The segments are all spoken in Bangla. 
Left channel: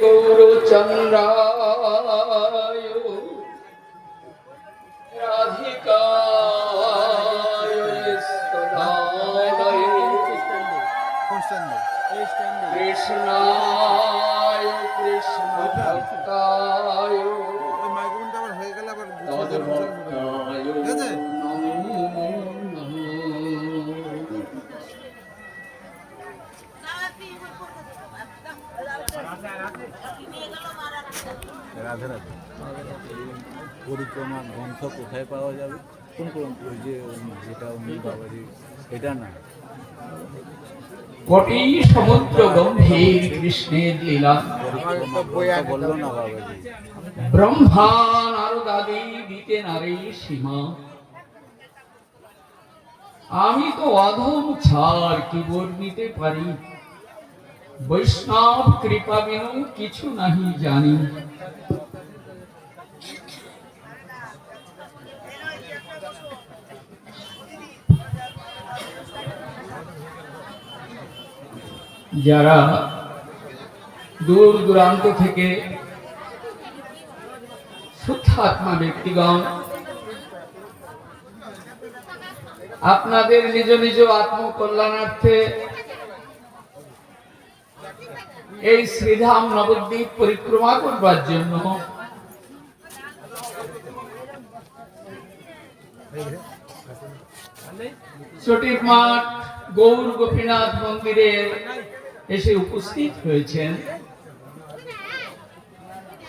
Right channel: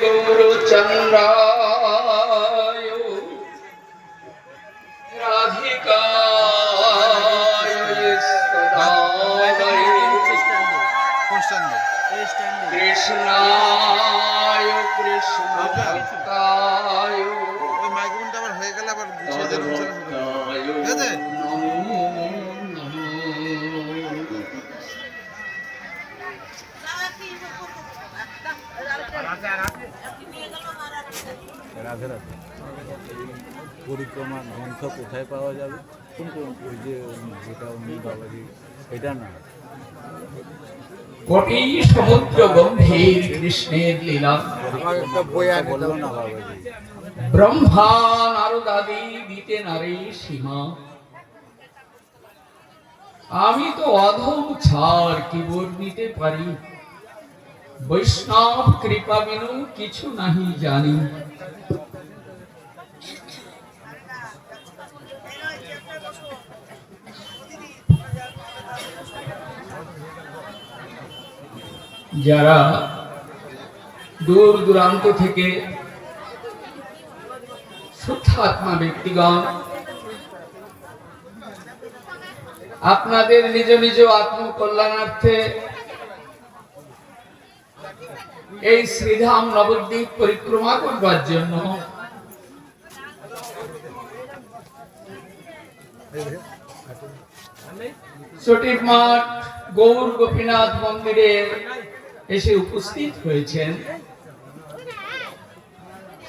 গৌরচন্দ্রায় রাধিকায় সদায় কৃষ্ণায় কৃষ্ণ ভক্তায় রাধে রাধে। পরিক্রমা গ্রন্থ কোথায় পাওয়া যাবে? কোন ওই যে যেটা উনি বাবাজি এটা না কোটি সমুদ্র গম্ভীর কৃষ্ণের লীলা বললো না বাবাজি। ব্রহ্মা নারদাদি দিতে নারী সীমা, আমি তো অধম ছাড় কি বর্ণিতে পারি, বৈষ্ণব কৃপা বিনু কিছু নাহি জানি। যারা দূর দূরান্ত থেকে শুদ্ধাত্মা ব্যক্তিগণ আপনাদের নিজ নিজ আত্মকল্যাণার্থে এই শ্রীধাম নবদ্বীপ পরিক্রমা করবার জন্য ছটির মাঠ গৌর গোপীনাথ মন্দিরে এসে উপস্থিত হয়েছেন,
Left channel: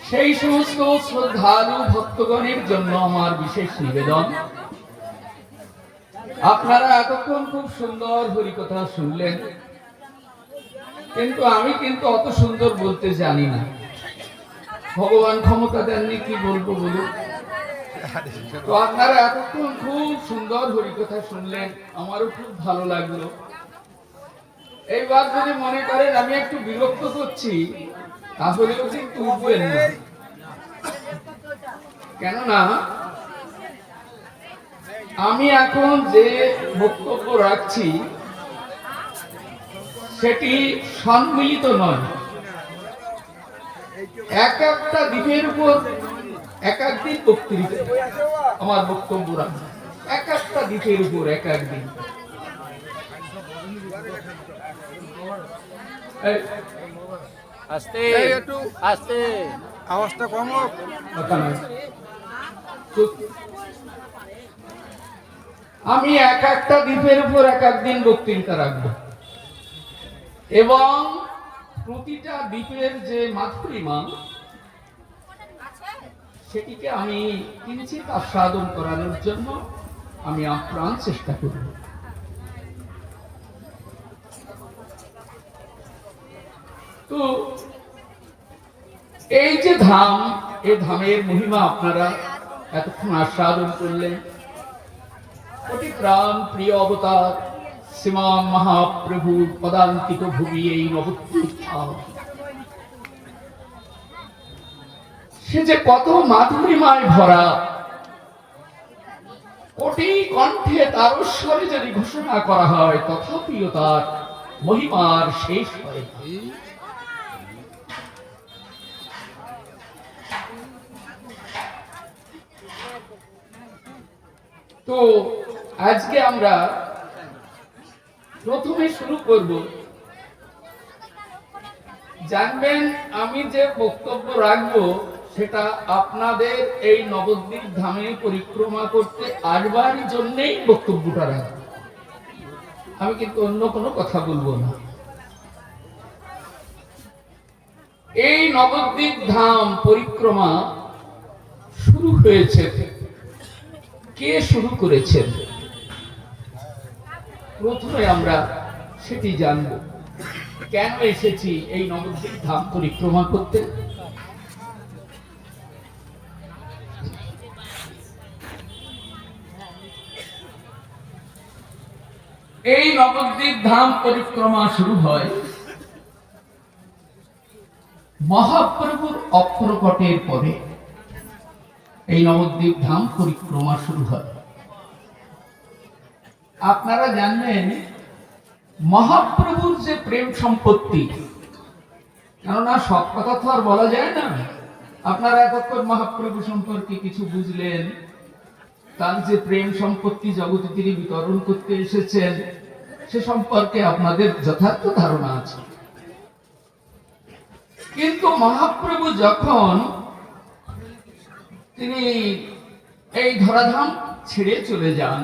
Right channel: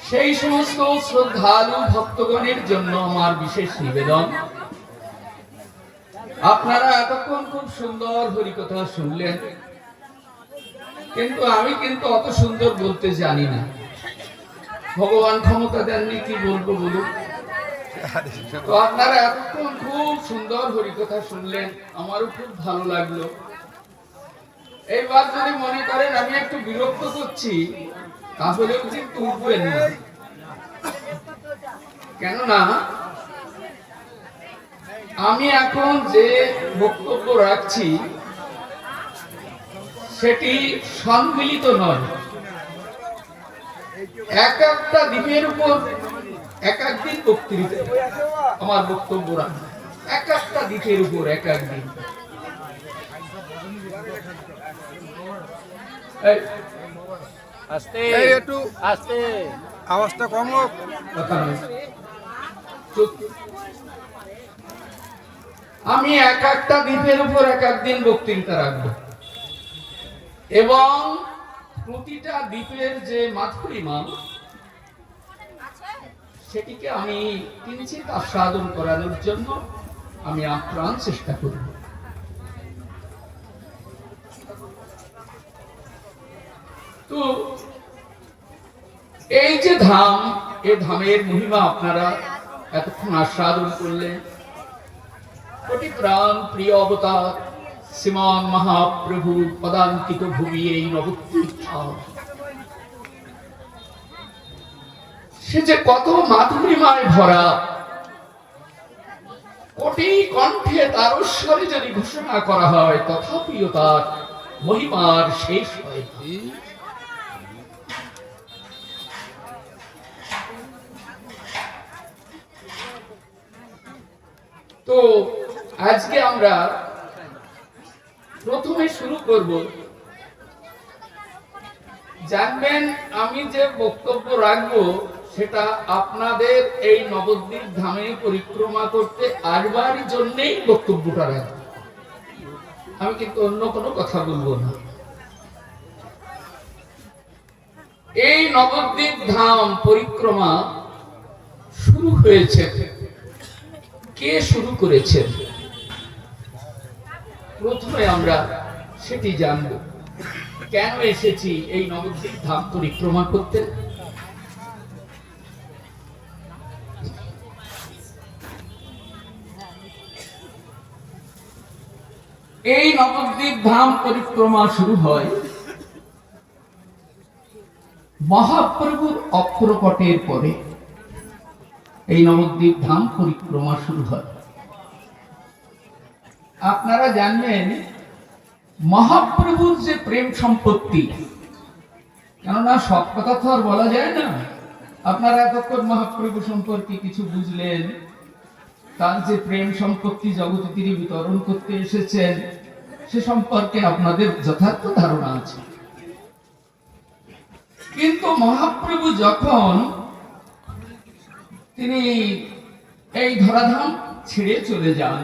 সেই সমস্ত শ্রদ্ধালু ভক্তগণের জন্য আমার বিশেষ নিবেদন। আপনারা এতক্ষণ খুব সুন্দর হরিকথা শুনলেন, কিন্তু আমি অত সুন্দর বলতে জানি না। ভগবান ক্ষমতা দেননি, কি বলবো বলুন। তো আপনারা এতক্ষণ খুব সুন্দর হরিকথা শুনলেন, আমারও খুব ভালো লাগলো। এইবার যদি মনে করেন আমি একটু বিরক্ত করছি, তাহলেও কিন্তু উঠবেন না, কেননা আমি এখন যে বক্তব্য রাখছি সেটি সম্মিলিত নয়। এক একটা দ্বীপের উপর এক একদিন বক্তৃতা, আমার বক্তব্য রাখবো এক একটা দ্বীপের উপর এক একদিন। আস্তে একটু আস্তে, আওয়াজটা কম হোক। আমি এক একটা দ্বীপের উপর এক একদিন বক্তৃতা রাখবো, এবং প্রতিটা দ্বীপের যে মাধুরীমা সেটিকে আমি কিঞ্চিৎ আস্বাদন করানোর জন্য আমি আপ্রাণ চেষ্টা করব। তো এই যে ধাম, এই ধামের মহিমা আপনারা এতক্ষণ আস্বাদন করলেন। কোটি প্রাণ প্রিয় অবতার শ্রীমান মহাপ্রভু পদাঙ্কিত ভূমি এই নবদ্বীপ ধাম, সে যে কত মাধুরীমায় ভরা। কোটি কণ্ঠে তার স্বরে যদি ঘোষণা করা হয়, তথাপিও তার মহিমার শেষ হয়। তো আজকে আমরা প্রথমে শুরু করব। জানবেন, আমি যে বক্তব্য রাখবো সেটা আপনাদের এই নবদ্বীপ ধামে পরিক্রমা করতে আসবার জন্যই বক্তব্যটা রাখবো, আমি কিন্তু অন্য কোনো কথা বলবো না। এই নবদ্বীপ ধাম পরিক্রমা শুরু হয়েছে, কে শুরু করেছেন প্রথমে আমরা সেটি জানব। কেন এসেছি এই নবদ্বীপ ধাম পরিক্রমা করতে? এই নবদ্বীপ ধাম পরিক্রমা শুরু হয় মহাপ্রভুর অক্ষরকটের পরে। এই নবদ্বীপ ধাম পরিক্রমা শুরু হয়। আপনারা জানবেন, মহাপ্রভুর যে প্রেম সম্পত্তি, কেননা সব কথা তো আর বলা যায় না। আপনারা এতক্ষণ মহাপ্রভু সম্পর্কে কিছু বুঝলেন, তার যে প্রেম সম্পত্তি জগতে তিনি বিতরণ করতে এসেছেন সে সম্পর্কে আপনাদের যথার্থ ধারণা আছে। কিন্তু মহাপ্রভু যখন তিনি এই ধরাধাম ছেড়ে চলে যান,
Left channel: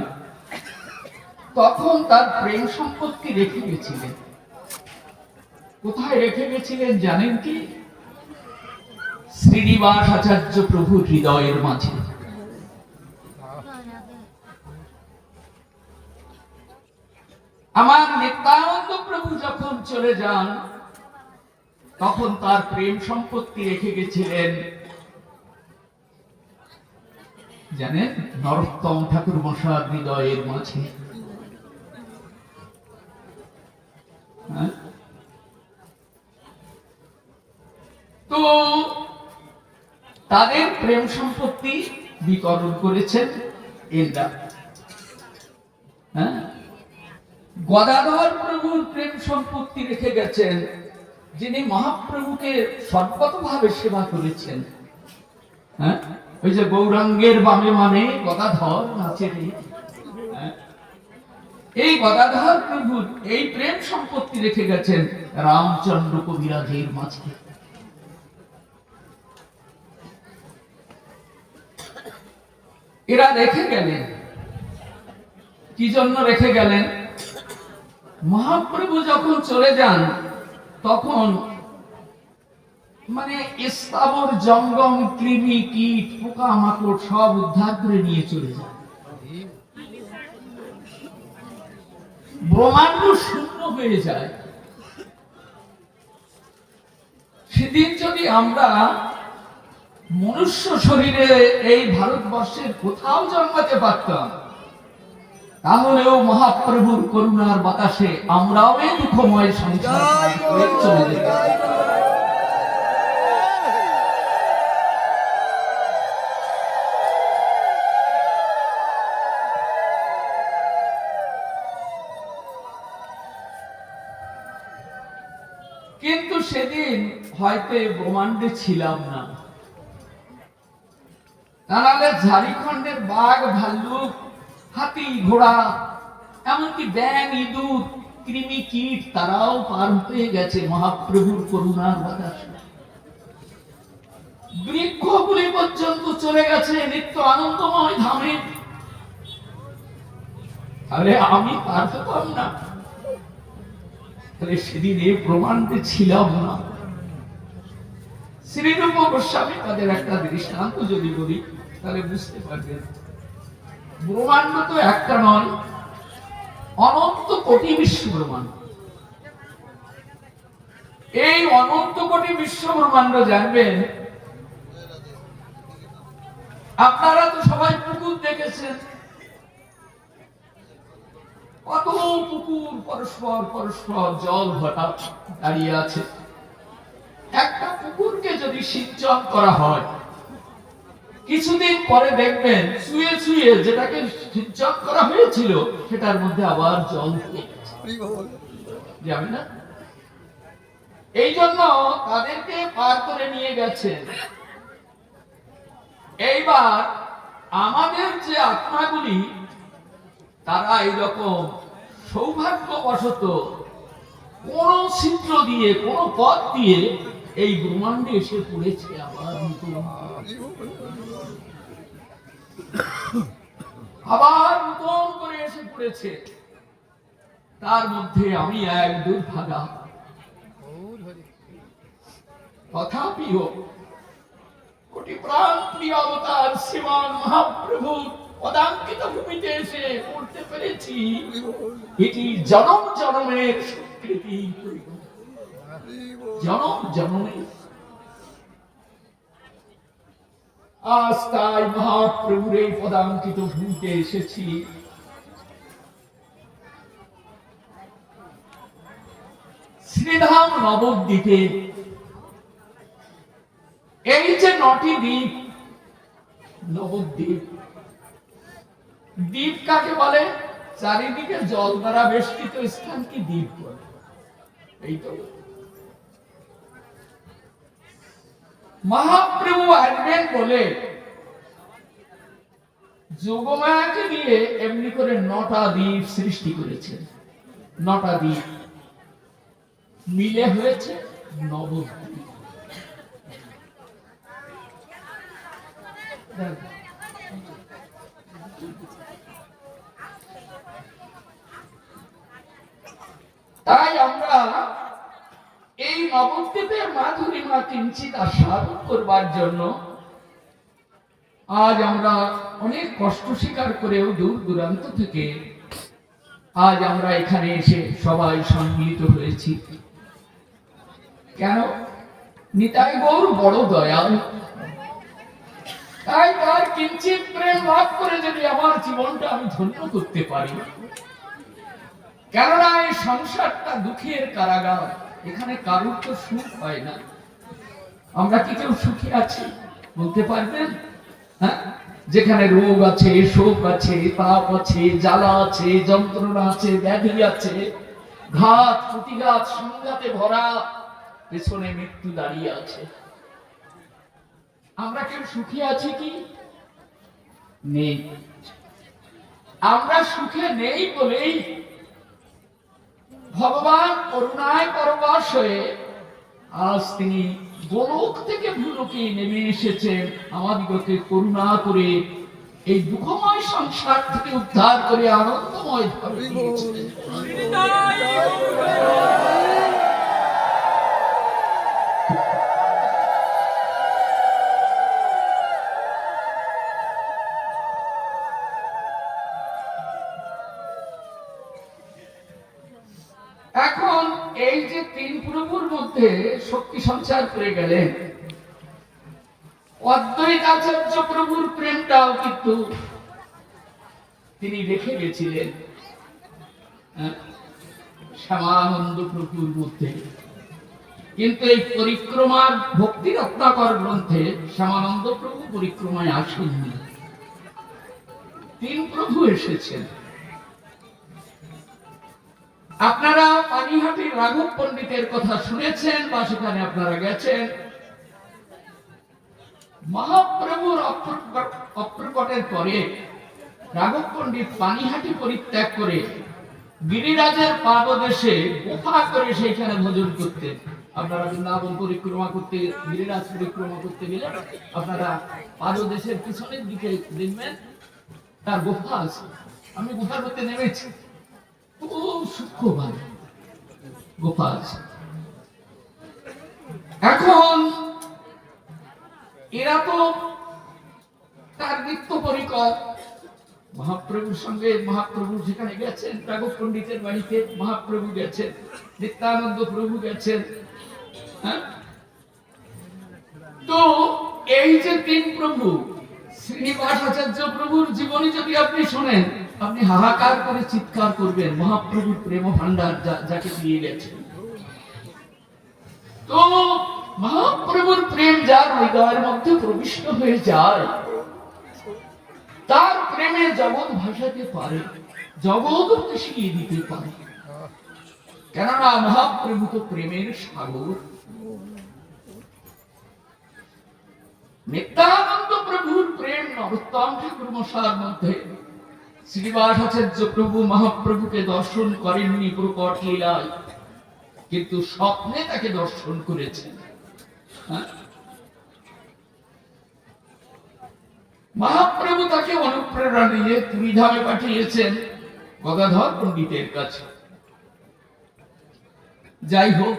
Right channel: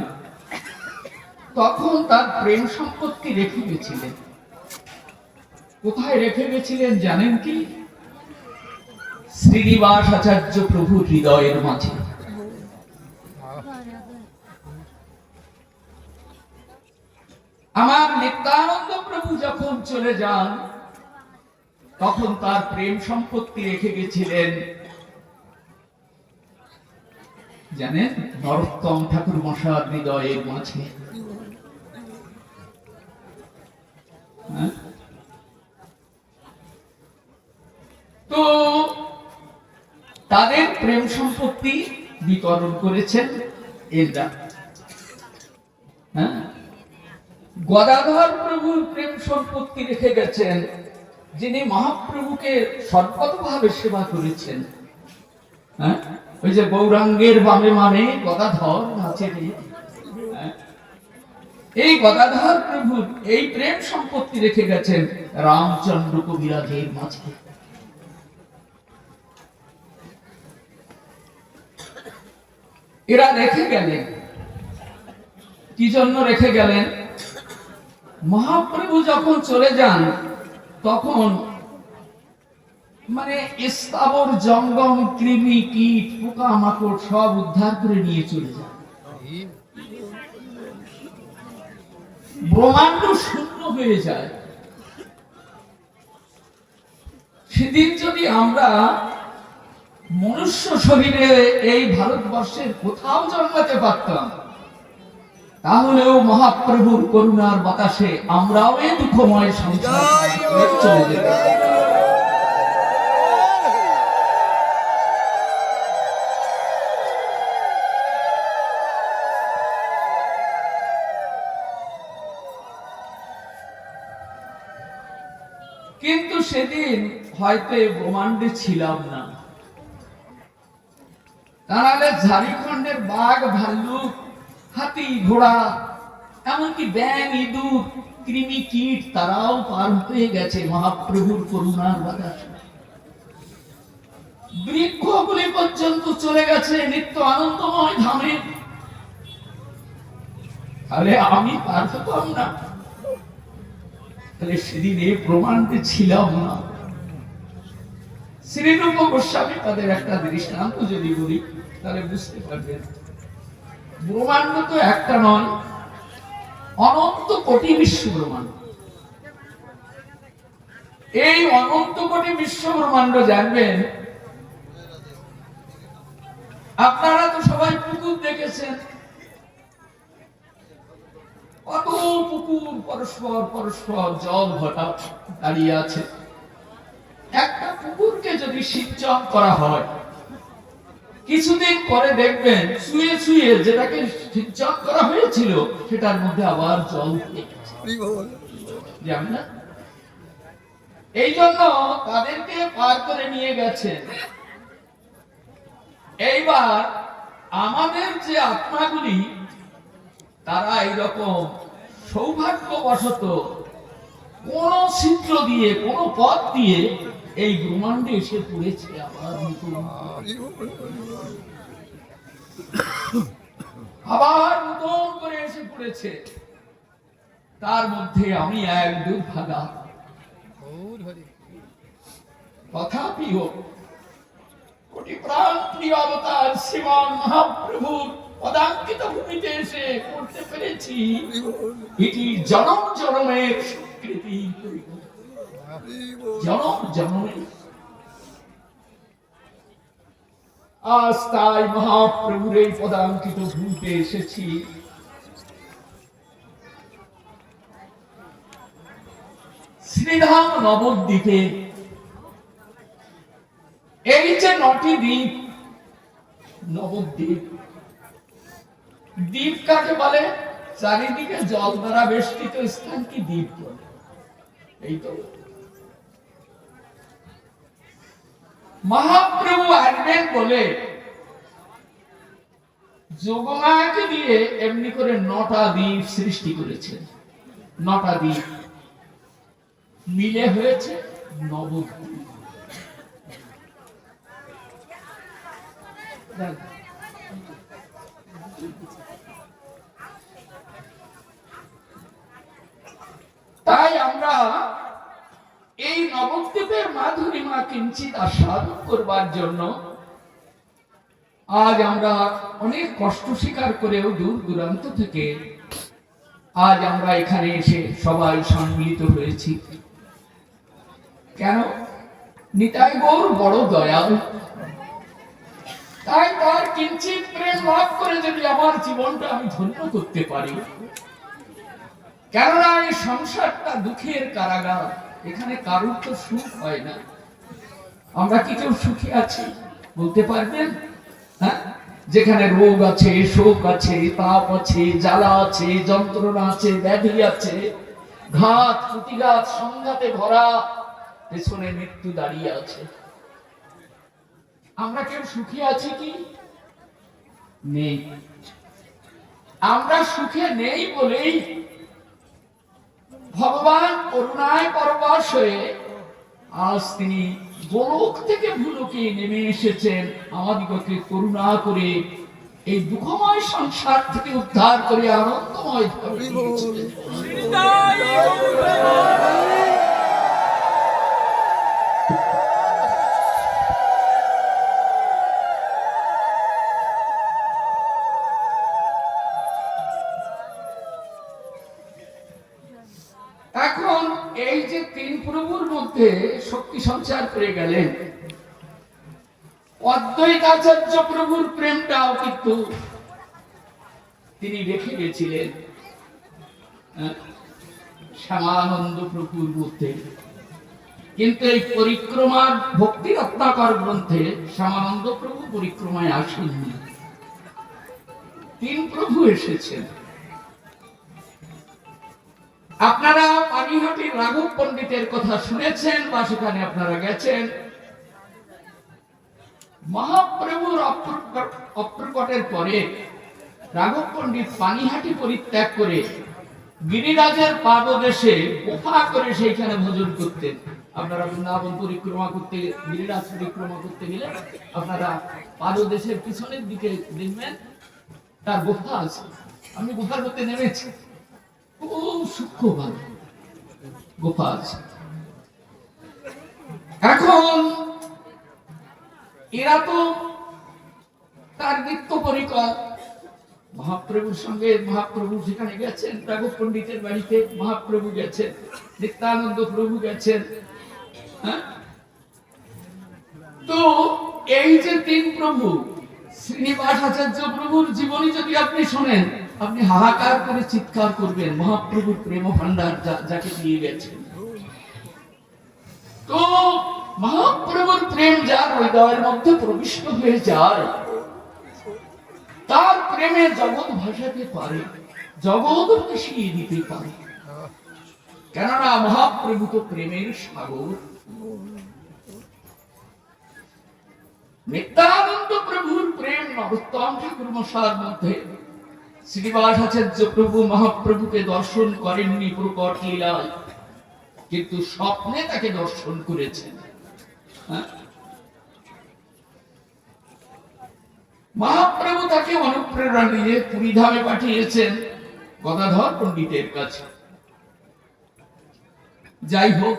তখন তার প্রেম সম্পত্তি রেখে গেছিলেন। কোথায় রেখে গেছিলেন জানেন কি? শ্রীনিবাস আচার্য প্রভু হৃদয়ের মাঝে। আমার নিত্যানন্দ প্রভু যখন চলে যান, তখন তার প্রেম সম্পত্তি রেখে গেছিলেন জানেন নরোত্তম ঠাকুর মশার হৃদয়ের মাঝে। তো তাদের প্রেম সম্পত্তি বিতরণ করেছেন এরা। গদাধর প্রভুর প্রেম সম্পত্তি রেখে গেছেন যিনি মহাপ্রভুকে সর্বতভাবে সেবা করেছেন। ওই যে গৌরাঙ্গের বামে মানে গদাধর নাচে রে, এই গদাধর প্রভুর এই প্রেম সম্পত্তি রেখে গেছেন রামচন্দ্র কবিরাজের মাঝে। এরা রেখে গেলেন কি জন্য রেখে গেলেন? মহাপ্রভু যখন চলে যান তখন মানে স্থাবর জঙ্গম কৃমি কীট পোকা মাকড় সব উদ্ধার করে নিয়ে চলে যায়। ব্রহ্মাণ্ড শূন্য হয়ে যায়। সেদিন যদি আমরা মনুষ্য শরীরে এই ভারতবর্ষের কোথাও জন্মাতে পারতাম, তাহলেও মহাপ্রভুর করুণার বাতাসে আমরাও এই দুঃখময় সংসার চলে যেতাম। কিন্তু সেদিন হয়তো ব্রহ্মাণ্ডে ছিলাম না, তাহলে ঝাড়খণ্ডের বাঘ ভাল্লুক হাতি ঘোড়া এমনকি ব্যাঙ ইঁদুর কৃমি কীট তারাও পার হয়ে গেছে মহাপ্রভুর করুণার বাতাসে। বৃক্ষগুলি পর্যন্ত চলে গেছে নিত্য আনন্দময় ধামে। তাহলে আমি পার হতাম না? তাহলে সেদিন এই ব্রহ্মাণ্ডে ছিলাম না। শ্রীরূপ গোস্বামী তাদের একটা দৃষ্টান্ত যদি বলি তাহলে বুঝতে পারবেন। ব্রহ্মাণ্ড তো একটা নয়, অনন্ত কোটি বিশ্ব ব্রহ্মাণ্ড। এই অনন্ত কোটি বিশ্ব ব্রহ্মাণ্ড জানবেন আপনারা তো সবাই পুকুর দেখেছেন। কত পুকুর পরস্পর পরস্পর জল ভরা দাঁড়িয়ে আছে। একটা পুকুরকে যদি সিঞ্চন করা হয়, কিছুদিন পরে দেখবেন শুয়ে শুয়ে যেটাকে সিঞ্চন করা হয়েছিল সেটার মধ্যে আবার জল যাবে না। এই জন্য তাদেরকে পার করে নিয়ে গেছেন। এইবার আমাদের যে আত্মাগুলি তারা এইরকম সৌভাগ্যবশত কোন ছিদ্র দিয়ে কোন পথ দিয়ে এই ব্রহ্মাণ্ডে এসে পড়েছে। আবার নতুন করে এসে পড়েছে। তার মধ্যে আমি এক দুর্ভাগা। তথাপিও কোটি প্রাণ প্রিয় অবতার শ্রীমান মহাপ্রভুর পদাঙ্কিত ভূমিতে এসে পড়তে পেরেছি। এটি জনম জনমের স্বীকৃতি, জনম জনমের। আজ তাই মহাপ্রভুর এই পদাঙ্কিত ভূমিতে এসেছি। শ্রীধাম নবদ্বীপে এই যে 9টি দ্বীপ, নবদ্বীপ। দ্বীপ কাকে বলে? চারিদিকে জল দ্বারা বেষ্টিত স্থানকে দ্বীপ বলে। এই তো মহাপ্রভু আসবেন বলে যোগমায়াকে দিয়ে এমনি করে 9টা দ্বীপ সৃষ্টি করেছেন। 9টা দ্বীপ মিলে হয়েছে নবদ্বীপ। তাই আমরা এই নবদ্বীপের মাধুরীমা কিঞ্চিত আস্বাদন করবার জন্য আজ আমরা অনেক কষ্ট স্বীকার করেও দূর দূরান্ত থেকে আজ আমরা এখানে এসে সবাই সম্মিলিত হয়েছি। কেন? নিতাই গৌর বড় দয়াল, তাই তার কিঞ্চিত প্রেম লাভ করে যদি আমার জীবনটা আমি ধন্য করতে পারি। কেননা এই সংসারটা দুঃখের কারাগার, এখানে কারোর তো সুখ হয় না। আমরা কি কেউ সুখী আছি বলতে পারবেন? হ্যাঁ, যেখানে রোগ আছে, শোক আছে, তাপ আছে, জ্বালা আছে, যন্ত্রণা আছে, ব্যাধি আছে, ঘাত প্রতিঘাত সংঘাতে ভরা, পেছনে মৃত্যু দাঁড়িয়ে আছে। আমরা কেউ সুখী আছি কি? নেই। আমরা সুখে নেই বলেই ভগবান করুণায় পরবশ হয়ে আজ তিনি গোলক থেকে ভূলোকে নেমে এসেছেন আমাদিগকে করুণা করে এই দুঃখময় সংসার থেকে উদ্ধার করে আনন্দময় ধর্মে দিয়েছিলেন। এখন এই যে 3 প্রভুর মধ্যে শক্তি সঞ্চার করে গেলেন, অদ্বৈতাচার্য প্রভুর প্রেমটাও কিন্তু তিনি রেখে গেছিলেন শ্যামানন্দ প্রভুর মধ্যে। কিন্তু এই পরিক্রমার ভক্তি রত্নাকর গ্রন্থে শ্যামানন্দ প্রভু পরিক্রমায় আসেননি, 3 প্রভু এসেছেন। আপনারা পানিহাটির রাঘব পণ্ডিতের কথা শুনেছেন বা সেখানে আপনারা গেছেন। মহাপ্রভুর অপ্রকটের পরে রাঘব পণ্ডিত পানিহাটি পরিত্যাগ করে গিরিরাজের পাদদেশে গুফা করে সেইখানে ভজন করতেন। আপনারা বৃন্দাবন পরিক্রমা করতে, গিরিরাজ পরিক্রমা করতে গেলে আপনারা পাদদেশের পিছনের দিকে দেখবেন তার গুফা আছে। আমি গুফার মধ্যে নেমেছি, খুব সূক্ষ্মভাবে গুফা আছে। এখন এরা তো তার নিত্য পরিকর মহাপ্রভুর সঙ্গে, মহাপ্রভু যেখানে গেছেন রাঘব পণ্ডিতের বাড়িতে মহাপ্রভু গেছেন, নিত্যানন্দ প্রভু গেছেন। তো এই যে 3 প্রভু, শ্রীনিবাস আচার্য প্রভুর জীবনী যদি আপনি শোনেন, আপনি হাহাকার করে চিৎকার করবেন মহাপ্রভুর প্রেম ভান্ডার যাকে দিয়ে গেছেন। তো মহাপ্রভুর প্রেম যার হৃদয়ের মধ্যে প্রবিষ্ট হয়ে যায়, তার প্রেমে জগৎ ভাসাতে পারে, জগৎ মিশিয়ে দিতে পারে। কেননা মহাপ্রভু তো প্রেমের সাগর। নিত্যানন্দ প্রভুর প্রেম নরোত্তম ঠাকুর মশাইয়ের মধ্যে শ্রীনিবাস আচার্য প্রভু মহাপ্রভুকে দর্শন করেননি প্রকট লীলায়, কিন্তু স্বপ্নে তাকে দর্শন করেছেন। মহাপ্রভু তাকে অনুপ্রেরণা দিয়ে পুরীধামে পাঠিয়েছেন গদাধর পণ্ডিতের কাছে। যাই হোক,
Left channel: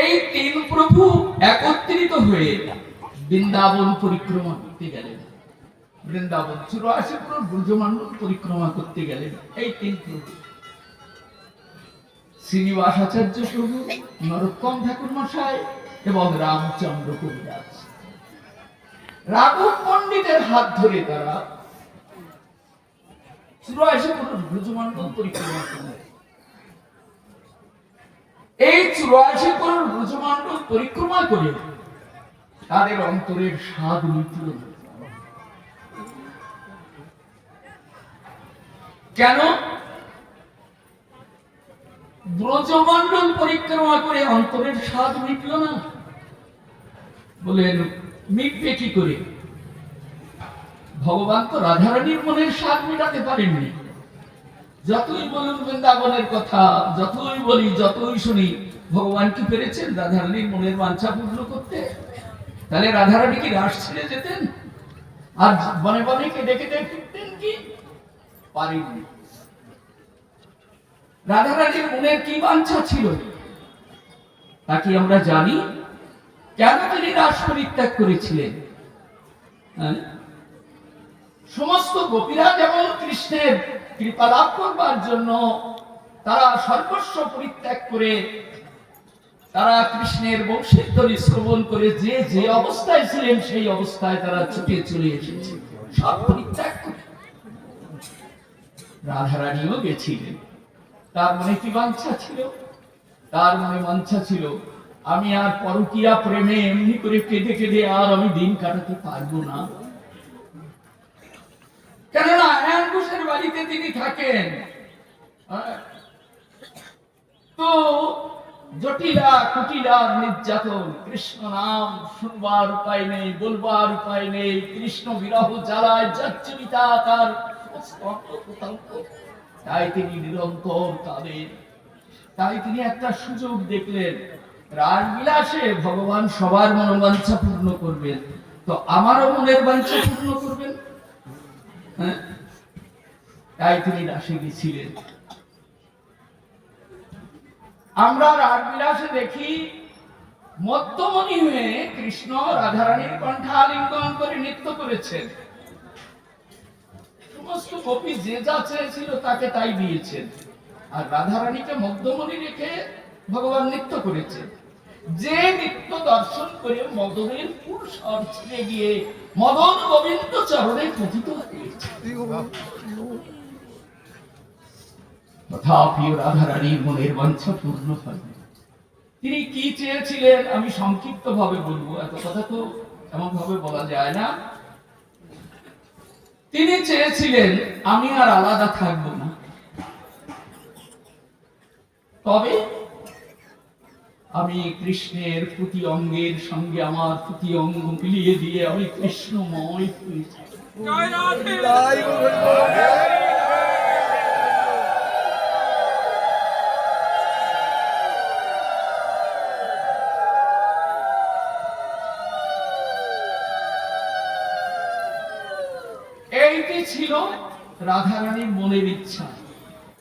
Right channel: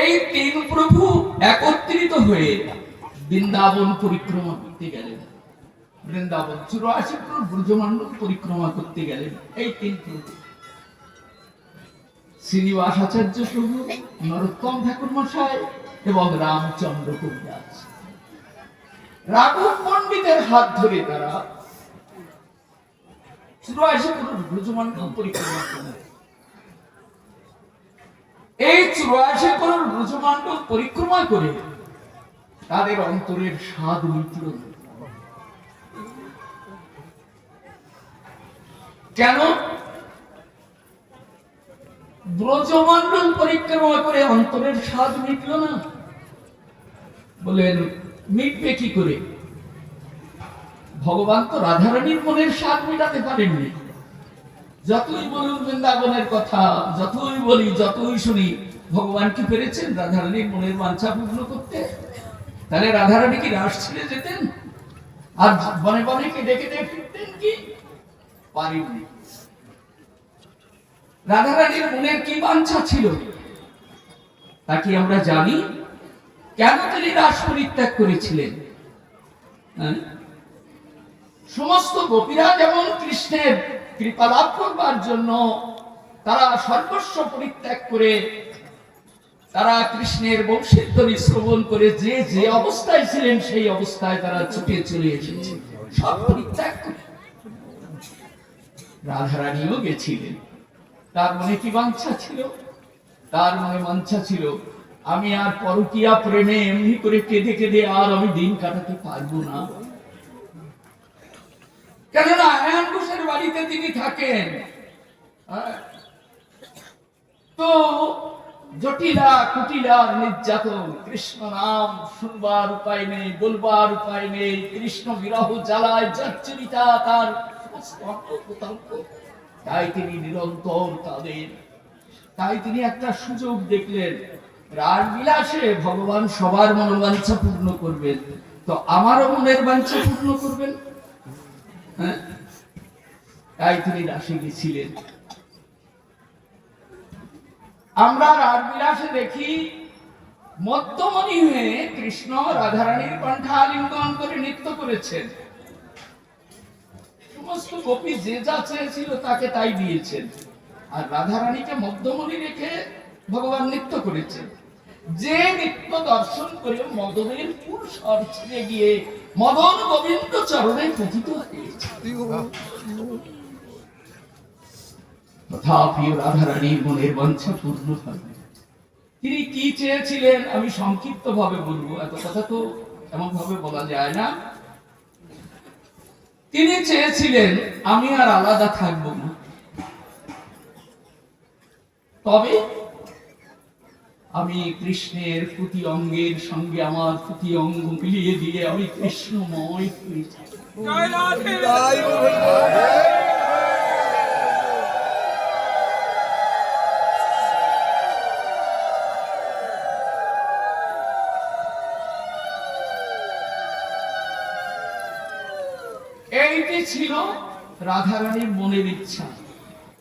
এই 3 প্রভু একত্রিত হয়ে বৃন্দাবন পরিক্রমা করতে গেলেন। বৃন্দাবন 84 পুর ব্রজমণ্ডল পরিক্রমা করতে গেলেন এই 3 প্রভু, শ্রীনিবাস আচার্য প্রভু, নরোত্তম ঠাকুর মশাই এবং রামচন্দ্র কবিরাজ। রাঘব পণ্ডিতের হাত ধরে তারা 84 পুর ব্রজমণ্ডল পরিক্রমা করলেন। এই 84 পুর ব্রজমণ্ডল পরিক্রমা করে তাদের অন্তরের স্বাদ মিটল। কেন? ব্রজমণ্ডল পরিক্রমা করে অন্তরের স্বাদ মিটল না। বলেন মিটবে কি করে? ভগবান তো রাধারানীর মনের স্বাদ মেটাতে পারেননি। যতই বলুন বৃন্দাবনের কথা, যতই বলি, যতই শুনি, ভগবান কি পেরেছেন রাধারানীর মনের বাঞ্ছা পূর্ণ করতে? তাহলে রাধারানী কি রাস ছেড়ে যেতেন আর বনে বনে কেঁদে কেঁদে ফিরতেন কি? পারেননি। রাধারানীর মনের কি বাঞ্ছা ছিল তা কি আমরা জানি? কেন তিনি রাস পরিত্যাগ করেছিলেন? সমস্ত গোপীরা যেমন কৃষ্ণের কৃপা লাভ করবার জন্য তারা সর্বস্ব পরিত্যাগ করে, তারা কৃষ্ণের বংশীধ্বনি শ্রবণ করে যে যে অবস্থায় ছিলেন সেই অবস্থায় তারা ছুটে চলে এসেছে, সব পরিত্যাগ করে। রাধারানীও গেছিলেন। তার মনে কি বাঞ্ছা ছিল? তার মনে বাঞ্ছা ছিল, আমি আর পরকীয়া প্রেমে এমনি করে কেঁদে কেঁদে আর আমি দিন কাটাতে পারবো না। কেননা আয়ান ঘোষের বাড়িতে তিনি থাকেন, তো জটিলা কুটিলা নির্যাতন, কৃষ্ণ নাম শুনবার উপায় নেই, বলবার উপায় নেই, কৃষ্ণ বিরহ জ্বালায় জর্জরিতা তার সমস্ত অঙ্গ। তাই তিনি নিরন্তর কাঁদেন। তাই তিনি একটা সুযোগ দেখলেন, রাসবিলাসে ভগবান সবার মনোবাঞ্ছা পূর্ণ করবেন, তো আমারও মনের বাঞ্ছা পূর্ণ করবেন। তাই তিনি রাসে গেছিলেন। আমরা রাসবিলাসে দেখি মধ্যমণি হয়ে কৃষ্ণ রাধারানীর কণ্ঠে আলিঙ্গন করে নৃত্য করেছেন। সমস্ত গোপী যে যা চেয়েছিল তাকে তাই দিয়েছেন, আর রাধারানীকে মধ্যমণি রেখে ভগবান নৃত্য করেছেন। যে নৃত্য দর্শন করে মদনের ফুল সর ছেড়ে গিয়ে মদন গোবিন্দ চরণে পতিত হয়েছে। তথাপি রাধারানীর মনের বাঞ্ছা পূর্ণ হবে। তিনি কি চেয়েছিলেন আমি সংক্ষিপ্ত ভাবে বলবো, এত কথা তো এমন ভাবে বলা যায় না। তিনি চেয়েছিলেন আমি আর আলাদা থাকবো না, তবে আমি কৃষ্ণের প্রতি অঙ্গের সঙ্গে আমার প্রতি অঙ্গ মিলিয়ে দিয়ে আমি কৃষ্ণময় হয়ে যাব। এইটি ছিল রাধারানীর মনের ইচ্ছা।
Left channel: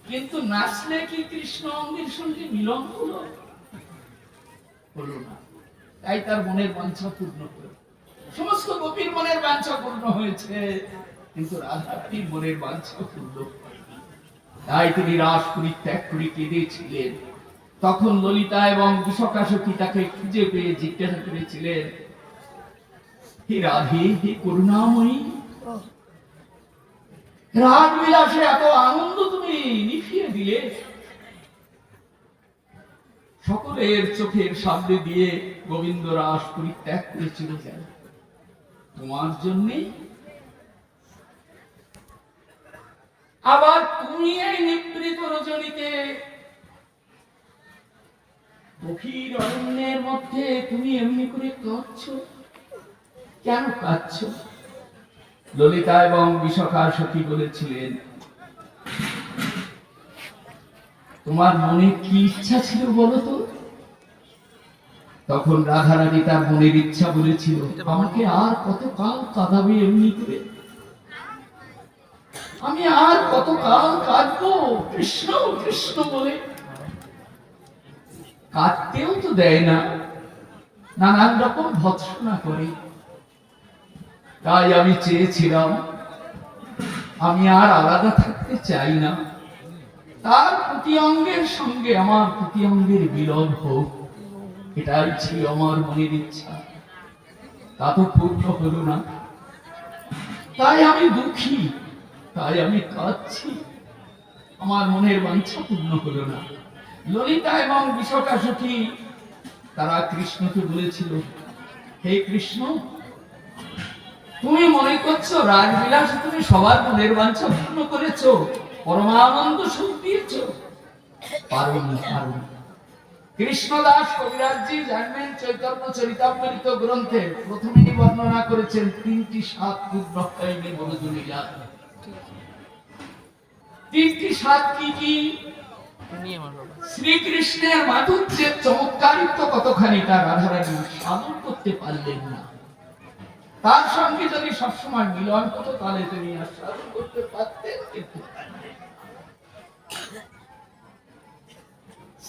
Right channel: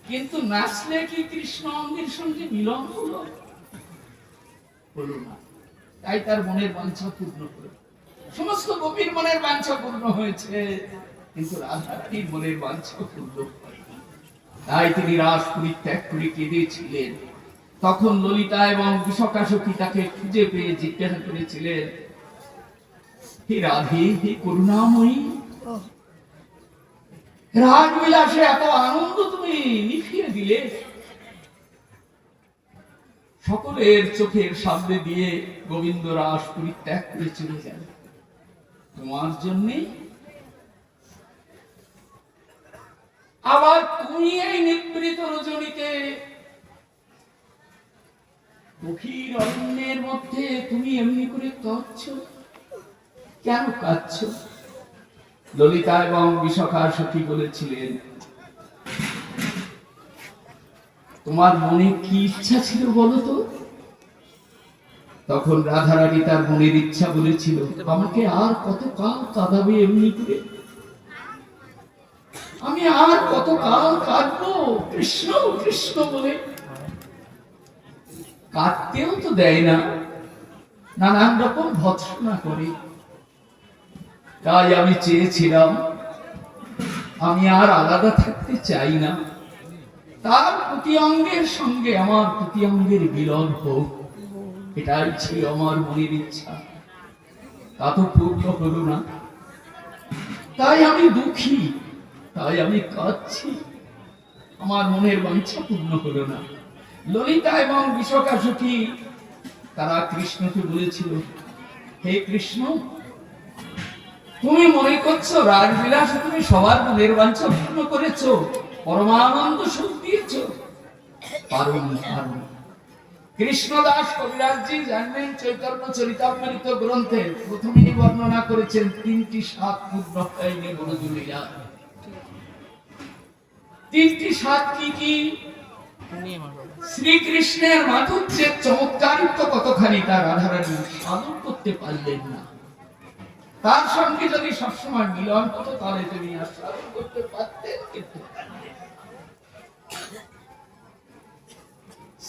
কিন্তু নাচলে কি কৃষ্ণ অঙ্গের সঙ্গে মিলন হলো? হলো না। তাই তার মনের বাঞ্ছা পূর্ণ করে। সমস্ত গোপীর মনের বাঞ্ছা পূর্ণ হয়েছে, কিন্তু রাধারানীর মনের বাঞ্ছা পূর্ণ হয়নি। তাই তিনি রাস পরিত্যাগ করে কেঁদেছিলেন। তখন ললিতা এবং বিশকাসখী তাকে খুঁজে পেয়ে জিজ্ঞাসা করেছিলেন, হে রাধে, হে করুণাময়ী, রাসবিলাসে এত আনন্দ তুমি নিভিয়ে দিলে, সকলের চোখের সামনে দিয়ে গোবিন্দ রাস পরিত্যাগ করে চলে যান তোমার জন্যে। আবার তুমি এই নিবৃত রজনীতে গভীর অরণ্যের মধ্যে তুমি এমনি করে কাঁদছো, কেন কাঁদছো? ললিতা এবং বিশাখা সখী বলেছিলেন, তোমার মনে কি ইচ্ছা ছিল বলো তো? তখন রাধারানী তার মনের ইচ্ছা বলেছিল, আমাকে আর কত কাল কাঁদাবে এমনি করে? আমি আর কত কাল কাঁদবো কৃষ্ণ কৃষ্ণ বলে? কাঁদতেও তো দেয় না, নানান রকম ভৎসনা করে। তাই আমি চেয়েছিলাম আমি আর আলাদা থাকতে চাই না, তার প্রতি অঙ্গের সঙ্গে আমার প্রতি অঙ্গের মিলন হোক, এটাই ছিল আমার মনের ইচ্ছা। তা তো পূর্ণ হলো না, তাই আমি দুঃখী, তাই আমি কাঁদছি। আমার মনের বাঞ্ছা পূর্ণ হলো না। ললিতা এবং বিশাখাসখী তারা কৃষ্ণকে বলেছিল, হে কৃষ্ণ, তুমি মনে করছো রাসবিলাসে তুমি সবার মনের বাঞ্ছা পূর্ণ করেছো, পরমানন্দ সুখ দিয়েছো? পারোনি, পারোনি। কৃষ্ণদাস কবিরাজজি জানবেন চৈতন্য চরিতামৃত গ্রন্থে প্রথমেই বর্ণনা করেছেন 3টি স্বাদ পূর্ণ হয়নি গুরুজনীরা। 3টি স্বাদ কি কি? শ্রীকৃষ্ণের মাধুর্যের চমৎকারিত্ব কতখানি তা রাধারানী সাধন করতে পারলেন না। তার সঙ্গে যদি সবসময় মিলন হতো তাহলে তিনি আর সাধন করতে পারতেন, কিন্তু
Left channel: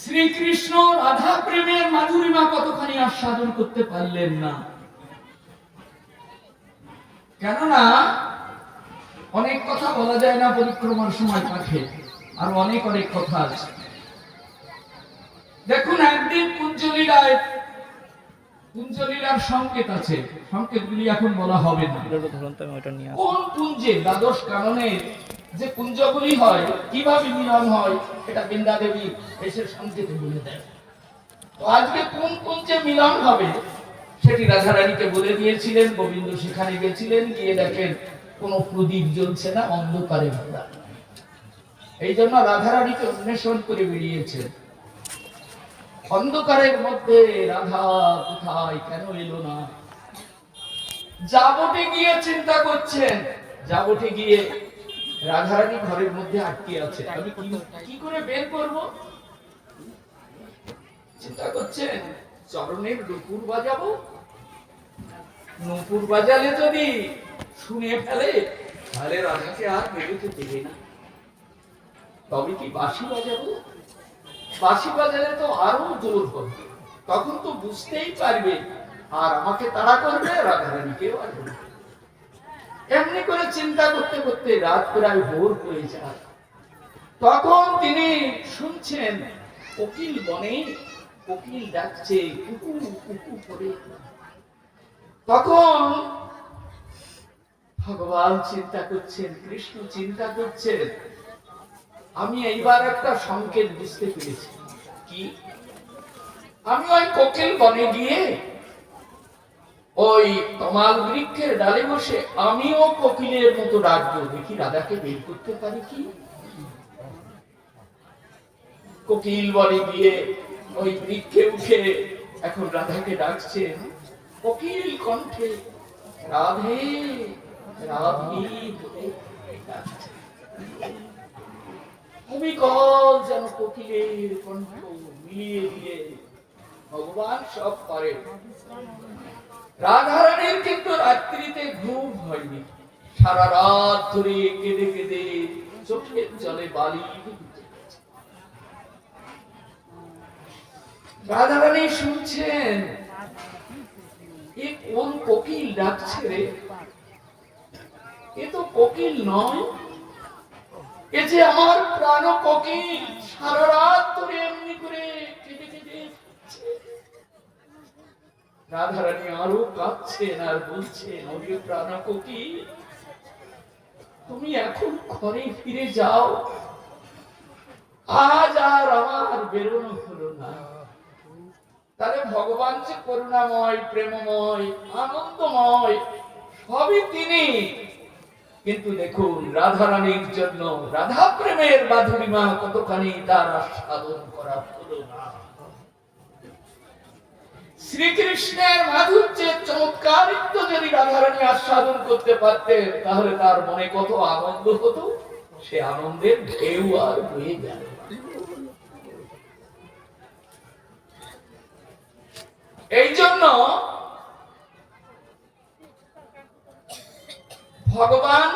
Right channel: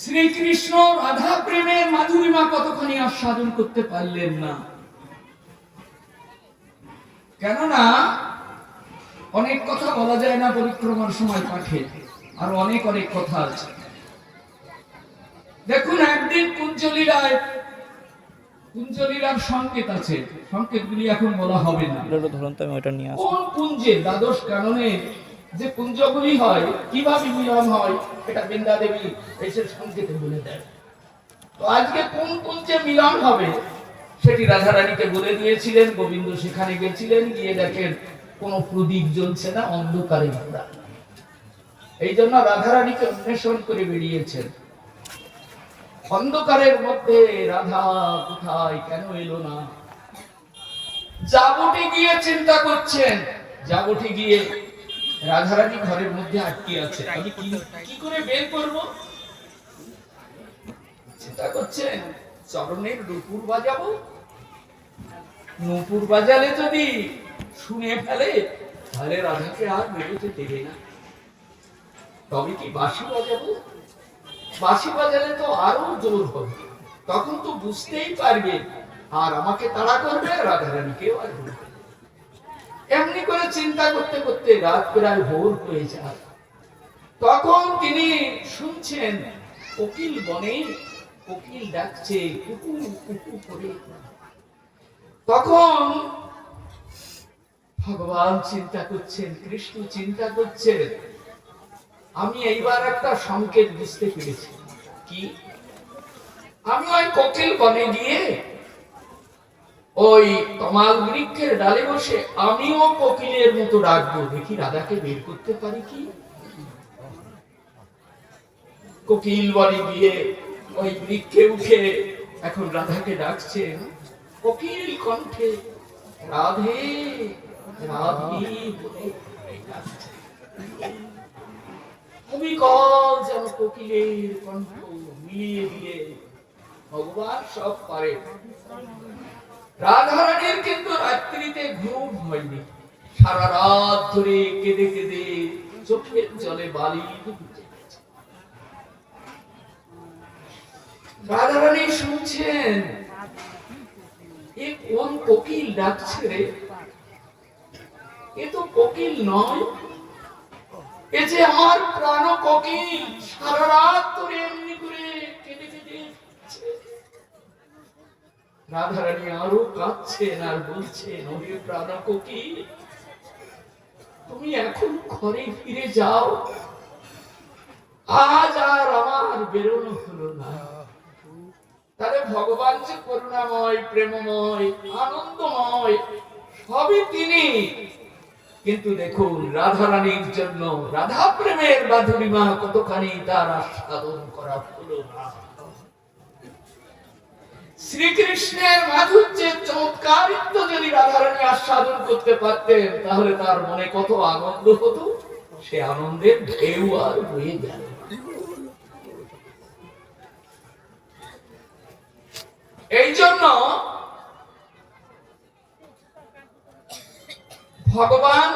শ্রীকৃষ্ণ রাধা প্রেমের মাধুরিমা কতখানি আস্বাদন করতে পারলেন না। কেননা অনেক কথা বলা যায় না পরিক্রমার সময় পাঠে, আর অনেক অনেক কথা আছে। দেখুন, একদিন কুঞ্জলীলার সংকেত আছে, সংকেতগুলি এখন বলা হবে না। কোন কুঞ্জে দ্বাদশ কাননের যে কুঞ্জগুলি হয়, কিভাবে মিলন হয়, এটা বৃন্দা দেবী এসের সংকেতে বলে দেয়। তো আজকে কোন কুঞ্জে মিলন হবে সেটি রাধারানীকে বলে দিয়েছিলেন। গোবিন্দ সেখানে গেছিলেন, গিয়ে দেখেন কোনো প্রদীপ জ্বলছে না, অন্ধকারে ঘোরা। এই জন্য রাধারানীকে অন্বেষণ করে বেরিয়েছেন। অন্ধকারের মধ্যে রাধা কোথায়, কেন এলো না? যাবটে গিয়ে চিন্তা করছেন, যাবটে গিয়ে রাধারানী ঘরের মধ্যে আটকে আছে, আমি কি করে বের করব? চিন্তা করছেন, চরণের নুপুর বাজাবো, নুপুর বাজালে যদি শুনে ফেলে তাহলে রাধাকে আর বেরোতে দেবে না। তবে কি বাঁশি বাজাবো? বাঁশি বাজালে তো আরো জোর হবে, তখন তো বুঝতেই পারবে আর আমাকে তাড়া করবে, রাধারানীকেও আর বলবে। এমনি করে চিন্তা করতে করতে রাত প্রায় ভোর হয়ে যায়। তখন তিনি শুনছেন কোকিল বনে কোকিল ডাকছে কুকু কুকু করে। তখন ভগবান চিন্তা করছেন, কৃষ্ণ চিন্তা করছেন, আমি এইবার একটা সংকেত বুঝতে পেরেছি। কি? আমি ওই কোকিল বনে গিয়ে ওই তমাল বৃক্ষের ডালে বসে আমিও কোকিলের মতো ডাকবো, দেখি রাধাকে বের করতে পারি কি। কোকিল বনে গিয়ে ওই বৃক্ষে উঠে এখন রাধাকে ডাকছেন কোকিল কণ্ঠে, রাধে রাধে বলে ডাকছে। অবিকল যেন কোকিলের কণ্ঠ মিলিয়ে দিয়ে ভগবান সব পারে। রাধারানীর কিন্তু রাত্রিতে ঘুম হয়নি, সারা রাত ধরে কেঁদে কেঁদে চোখের জলে বালি। রাধারানী শুনছেন এ কোন কোকিল ডাকছে রে, এ তো কোকিল নয়, এ যে আমার প্রাণ কোকিল, সারা রাত ধরে এমনি করে কেঁদে কেঁদে। রাধারানী আরো কাঁদছেন আর বলছেন, ওরে প্রাণ কোকিল, তুমি এখন ঘরে ফিরে যাও, আজ আর আমার বেরোনো হলো না। তাহলে ভগবান যে করুণাময়, প্রেমময়, আনন্দময়, সবই তিনি। কিন্তু দেখুন রাধারানীর জন্য রাধা প্রেমের মাধুরিমা কতখানি তার আস্বাদন করা হলো না। শ্রীকৃষ্ণের মাধুর্যের চমৎকারিত্ব যদি রাধারানী আস্বাদন করতে পারতেন তাহলে তার মনে কত আনন্দ হতো, সে আনন্দের ঢেউ আর বয়ে যায়। এই জন্য ভগবান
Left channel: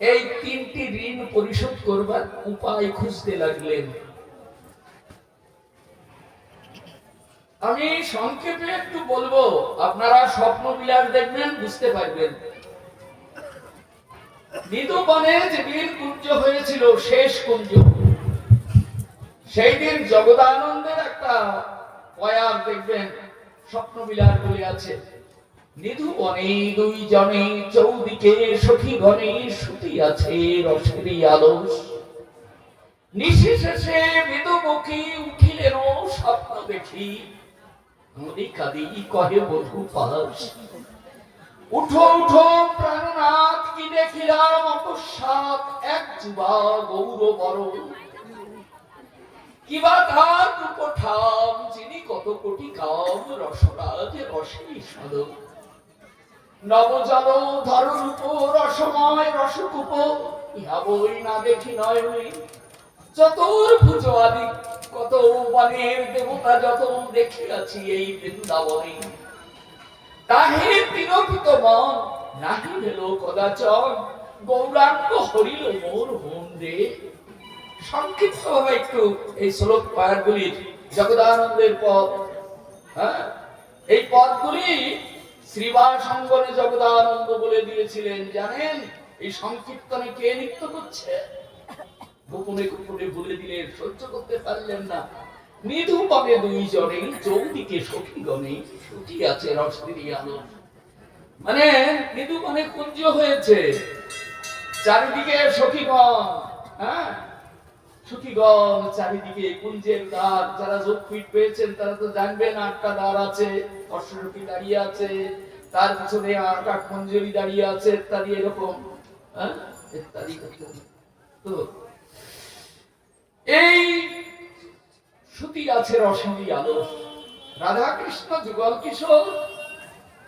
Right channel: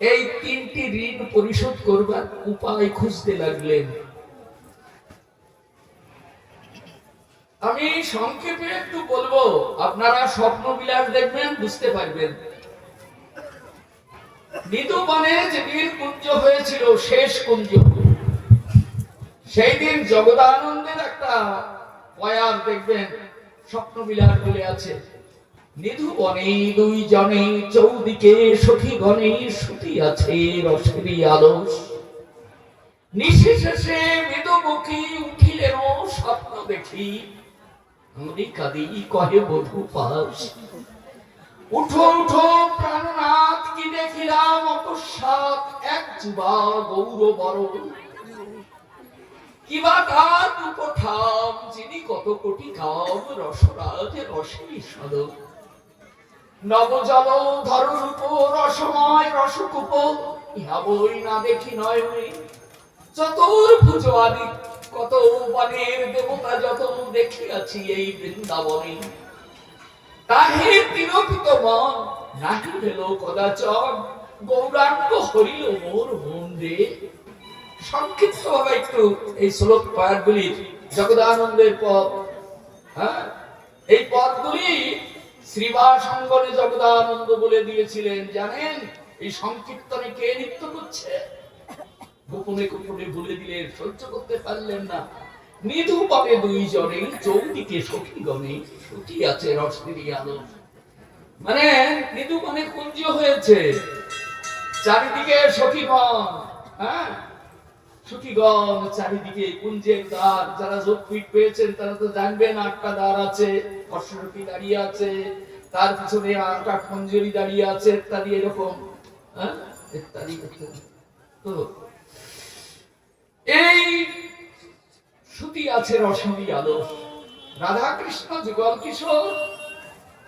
এই 3টি ঋণ পরিশোধ করবার উপায় খুঁজতে লাগলেন। আমি সংক্ষেপে একটু বলবো, আপনারা স্বপ্ন বিলাস দেখবেন, বুঝতে পারবেন। নিধুবনে যেদিন কুঞ্জ হয়েছিল, শেষ কুঞ্জ, সেই দিন জগদানন্দের একটা পয়ার দেখবেন স্বপ্ন বিলাস বলে আছে। নিধুবনে 2 জনে চৌদিকে সখী গণে শুতি আছে রসেরই আলস, নিশেষে মৃদুমুখী উঠিলেন স্বপ্ন দেখি, নদী কাঁদি কহে বধূ পাশ, উঠো উঠো প্রাণনাথ কি দেখিলাম অকস্মাৎ, এক যুবা গৌর বরণ, কিবা তার রূপঠাম, যিনি কত কোটি কাম, রসরাজ রসেরই সাধক। নবজল ধর রূপ, রসময় রসকূপ, ইহা বই না দেখি নয়নে। চতুর্ভুজ আদি কত বনের দেবতা যত দেখিয়াছি এই বৃন্দাবনে। তাহে তিরোপিত মন, নাহি ভেল কদাচন, গৌরাঙ্গ হরিল মোর মন রে। সংক্ষিপ্ত ভাবে একটু এই শ্লোক পাঠগুলির জগদানন্দের পদ, হ্যাঁ, এই পদগুলি শ্রীবাসঙ্গরে জগদানন্দ বলে দিয়েছিলেন। জানেন এই সংকীর্তনে কে নৃত্য করছে? গোপনে গোপনে বলে দিলে সহ্য করতে পারলেন না। নিধু পাবে দুই জনে, চৌদিকে সখী গণে, সখী আছে রসেরই আলো। মানে নিধু মানে কুঞ্জ হয়েছে, চারিদিকে সখীগণ, হ্যাঁ, সখীগণ চারিদিকে কুঞ্জের দ্বার। যারা যোগপীঠ পেয়েছেন তারা তো জানবেন 8টা দ্বার আছে, অশ্বসখী দাঁড়িয়ে আছে, তার পিছনে 8টা কুঞ্জরি দাঁড়িয়ে আছে, ইত্যাদি এরকম, হ্যাঁ, ইত্যাদি। তো এই শ্রুতি আছে রসেরই আলো। রাধা কৃষ্ণ যুগল কিশোর,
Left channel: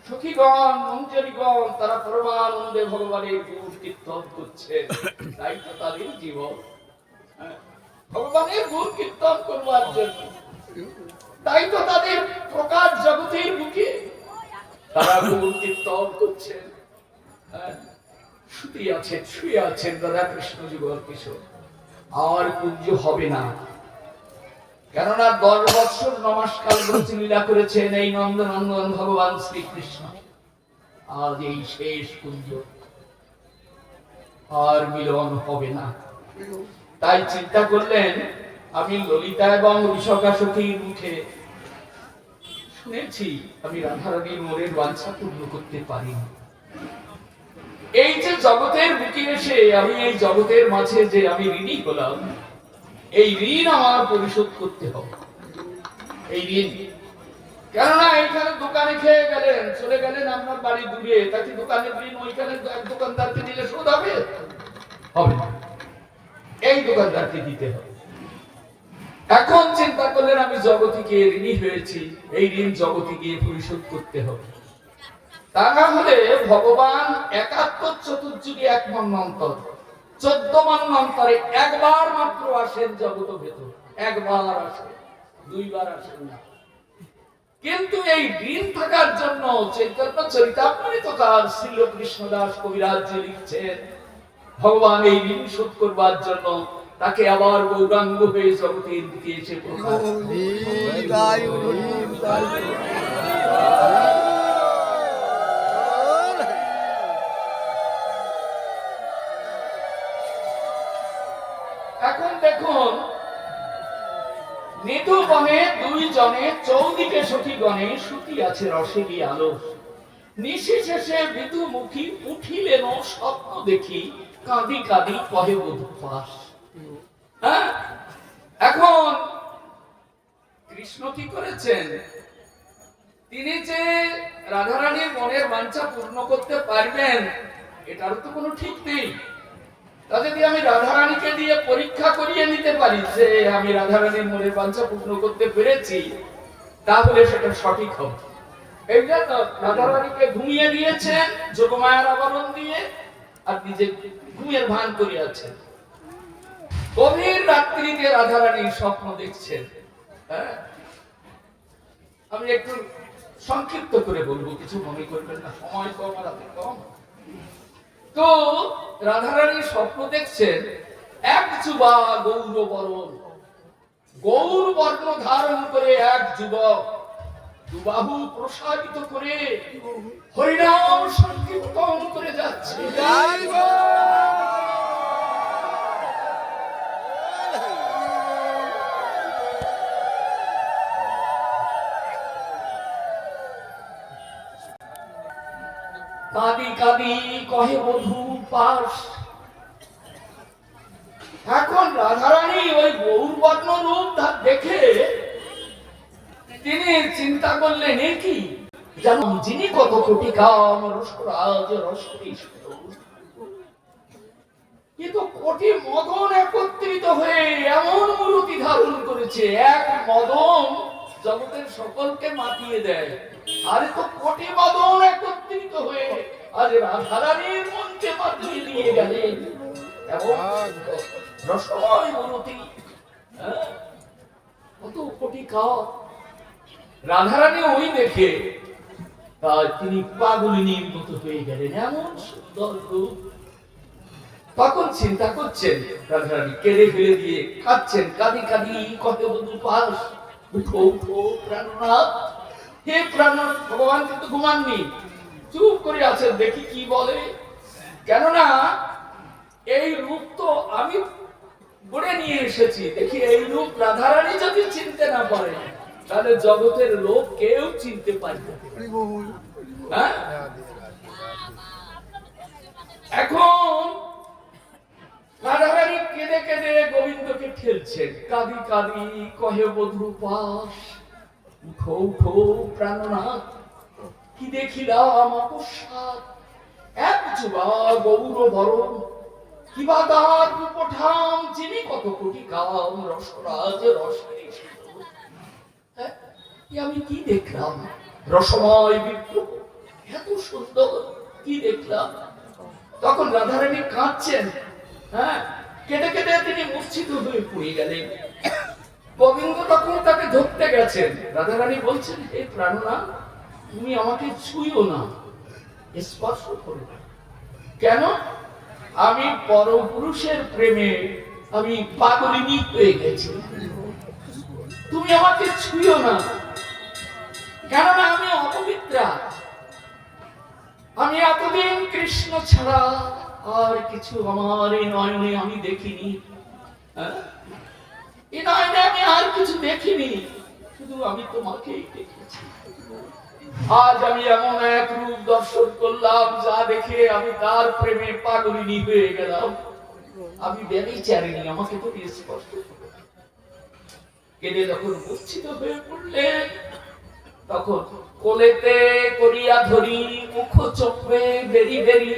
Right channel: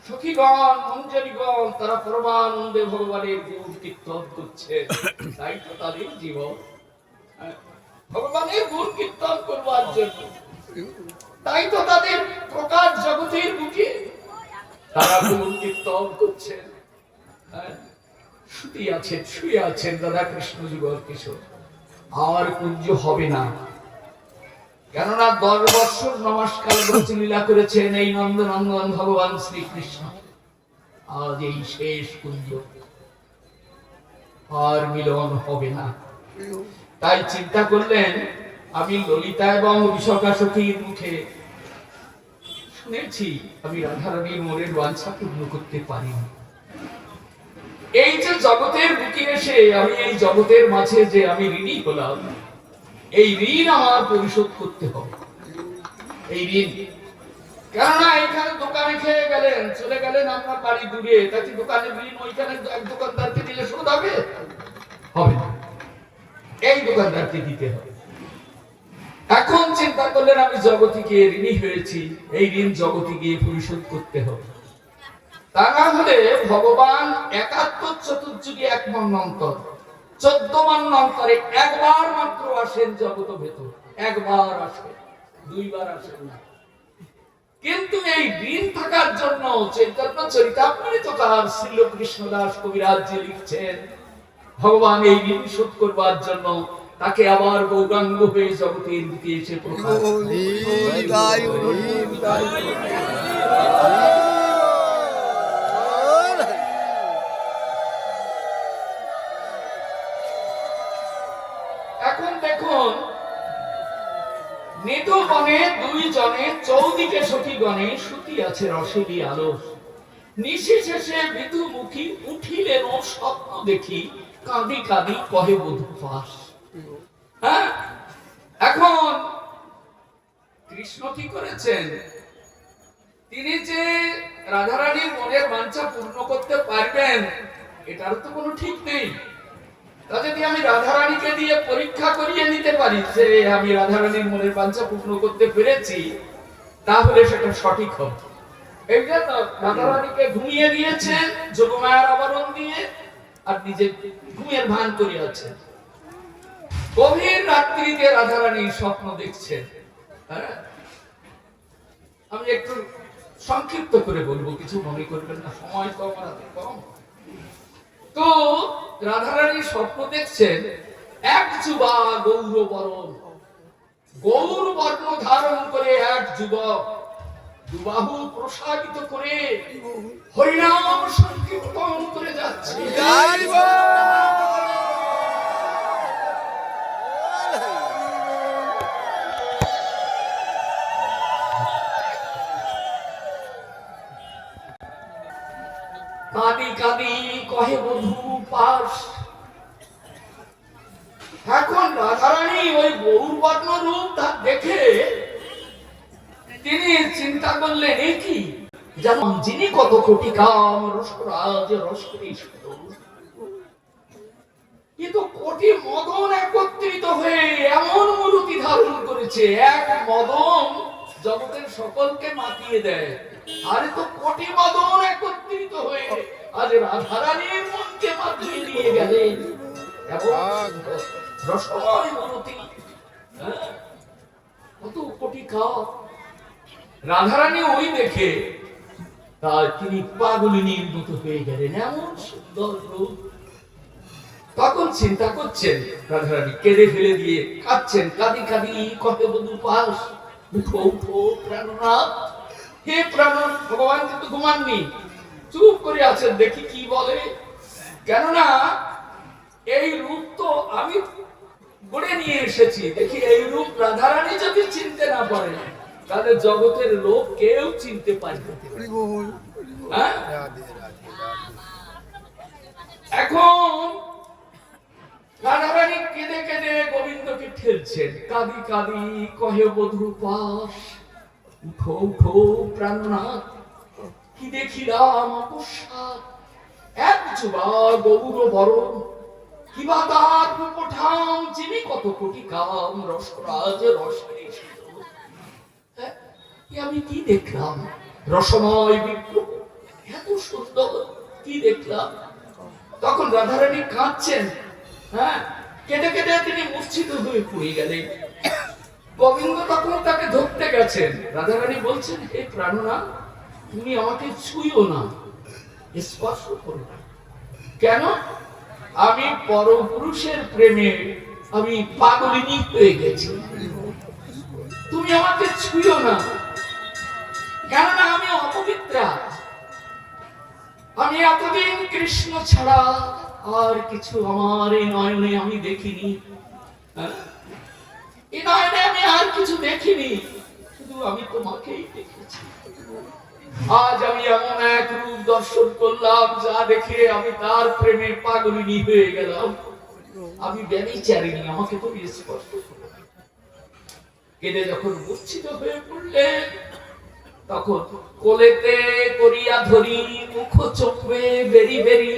সখীগণ মঞ্জরীগণ তারা পরমানন্দে ভগবানের গুণ কীর্তন করছে। তাই তো তাদের জীবন ভগবানের গুণ কীর্তন করবার জন্য। তাই তো তাদের প্রকাশ জগতের বুকে তারা গুণ কীর্তন করছেন। শুয়ে আছেন, শুয়ে আছেন রাধা কৃষ্ণ যুগল কিশোর। আর কুঞ্জ হবে না, কেননা 10 বৎসর নমস্কার লীলা করেছেন এই নন্দনন্দন ভগবান শ্রীকৃষ্ণ। আজ এই শেষ কুঞ্জ, আর মিলন হবে না। তাই চিন্তা করলেন, আমি ললিতা এবং বিশাখা সখীর মুখে শুনেছি আমি রাধারানীর মনের বাঞ্ছা পূর্ণ করতে পারিনি। এই যে জগতের বুকে এসে আমি এই জগতের মাঝে যে আমি ঋণী হলাম, এই ঋণ আমার পরিশোধ করতে হবে। এই ঋণ, কেননা এখানে দোকানে খেয়ে গেলেন, চলে গেলেন আপনার বাড়ি দূরে, তাকে দোকানের ঋণ ওইখানে এক দোকানদারকে দিলে শোধ হবে? হবে না, এই দোকানদারকে দিতে হবে। এখন চিন্তা করলেন আমি জগতে গিয়ে ঋণী হয়েছি, এই ঋণ জগতে গিয়ে পরিশোধ করতে হবে। তা না হলে ভগবান 71 চতুর্যুগে 1 মন্বন্তর 14 মন্বন্তরে একবার মাত্র আসেন জগত ভেতর, একবার আসেন, 2 বার আসেন না। কিন্তু এই ঋণ থাকার জন্য চৈতন্য চরিতামৃতকার শ্রীল কৃষ্ণদাস কবিরাজ জি লিখছেন, ভগবান এই ঋণ শোধ করবার জন্য তাকে আবার গৌরাঙ্গ হয়ে জগতের বুকে এসে প্রকাশ। এখন দেখুন, নিধু বনে 2 জনে, চৌদিকে সখীগণে, শুতি আছে রসেরই আলো। নিশি শেষে বিধুমুখী উঠিলেন স্বপ্ন দেখি, কাঁদি কাঁদি কহে বধূ পাশ। হ্যাঁ, এখন কৃষ্ণ কি করেছেন? তিনি যে রাধারানীর মনের বাঞ্ছা পূর্ণ করতে পারবেন এটার তো কোনো ঠিক নেই। তা যদি আমি রাধারানীকে দিয়ে পরীক্ষা করিয়ে নিতে পারি যে আমি রাধারানীর মনের বাঞ্ছা পূর্ণ করতে পেরেছি, তাহলে সেটা সঠিক হবে। এই জন্য রাধারানীকে ঘুমিয়ে দিয়েছেন যোগমায়ার আবরণ দিয়ে, আর নিজে ঘুমের ভান করিয়াছেন। গভীর রাত্রিতে রাধারানীর স্বপ্ন দেখছেন। হ্যাঁ, আমি একটু সংক্ষিপ্ত করে বলবো, কিছু মনে করবেন না, সময় তো আমার হাতে কম। তো রাধারানীর স্বপ্ন দেখছেন, এক যুবা গৌরবরণ, গৌর বর্ণ ধারণ করে এক যুবক দুবাহু প্রসারিত করে হরিনাম সংকীর্তন করে যাচ্ছে। কাঁদি কাঁদি কহে বধূ পাশ। এখন রাধারানী ওই গৌর বর্ণ রূপ দেখে তিনি চিন্তা করলেন, এ কি জানো যিনি কত কোটি কাম, রসরাজ রসেরই সাধক। কিন্তু কোটি মদন একত্রিত হয়ে এমন মূর্তি ধারণ করেছে, এক মদন জগতের সকলকে মাতিয়ে দেয়। আরে তো কোটি মদন একত্রিত হয়ে আজ রাধারানীর মনকে মাতিয়ে দিয়ে গেলেন। এবং রসময় মূর্তি, কত কোটি কাপ। রাধারানী ওই দেখে তিনি পাগলিনীর মতো হয়ে গেলেন, এমন সুন্দর রূপ। তখন চিন্তা করছেন রাধারানী, কেঁদে ফেলে দিয়ে কাঁদছেন, কাঁদি কাঁদি কত বধূ পাস, উঠো উঠো প্রাণনাথ, হে প্রাণনাথ। ভগবান কিন্তু ঘুমাননি, চুপ করে আছেন, দেখি কি বলে। কেননা এই রূপ তো আমি গড়ে নিয়ে এসেছি, দেখি এই রূপ রাধারানী যদি চিনতে না পারে তাহলে জগতের লোক কেউ চিনতে পারবে না। এখন রাধারানী কেঁদে কেঁদে গোবিন্দকে ঠেলছেন, কাঁদি কাঁদি কহে বধূ পাস, উঠো উঠো প্রাণনাথ, কি দেখিলাম অকস্মাৎ, এক যুবা গৌর বরণ, কিবা তার রূপঠাম, যিনি কত কোটি কাম, রসরাজ রসে। আমি কি দেখলাম, রসময় বিগ্রহ, এত সুন্দর, কি দেখলাম। তখন রাধারানী কাঁদছেন, কেঁদে কেঁদে তিনি মূর্ছিত হয়ে পড়ে গেলেন। গোবিন্দ তখন তাকে ধরতে গেছেন। রাধারানী বলছেন, হে প্রাণনাথ, তুমি আমাকে ছুঁয়ো না, স্পর্শ করো না। কেন? আমি পরপুরুষের প্রেমে আমি পাগলিনী হয়ে গেছি, তুমি আমাকে ছুঁয়ো না। কেননা আমি অপবিত্রা, আমি এতদিন কৃষ্ণ ছাড়া আর কিছু আমার এই নয়নে আমি দেখিনি। এই নয়নে আমি আর কিছু দেখিনি, শুধু আমি তোমাকেই দেখেছি। আজ আমি এমন এক রূপ দর্শন করলাম, যা দেখে আমি তার প্রেমে পাগলিনী হয়ে গেলাম। আমি ব্যভিচারিণী, আমাকে তুমি স্পর্শ করো। কেঁদে যখন মূর্ছিত হয়ে পড়লেন, তখন কোলেতে করিয়া ধরি, মুখ চোখে বেরি বেরি,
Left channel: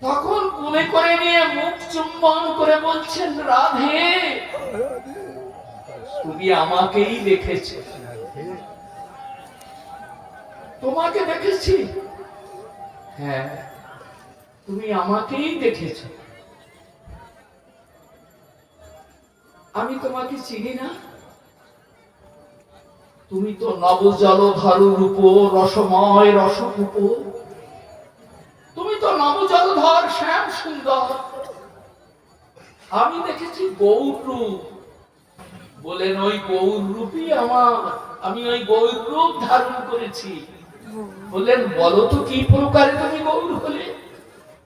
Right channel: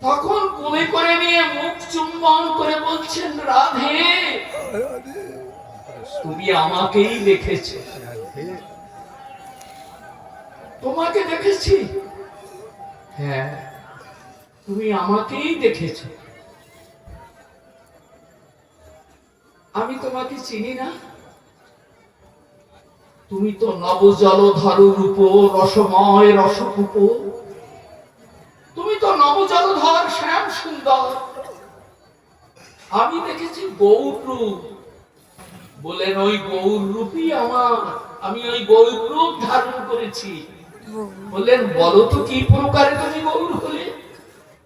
তখন কোলে করে নিয়ে মুখ চুম্বন করে বলছেন, রাধে তুমি আমাকেই দেখেছ, তোমাকে দেখেছি। হ্যাঁ, তুমি আমাকেই দেখেছ, আমি তোমাকে চিনি না। তুমি তো নবজলধর রূপ, রসময় রসরূপ, তুমি তো নবজলধর শ্যাম সুন্দর। আমি দেখেছি গৌর রূপ। বলেন, ওই গৌর রূপই আমার, আমি ওই গৌর রূপ ধারণ করেছি। বললেন, বলো তো কি প্রকারে তুমি গৌর হলে?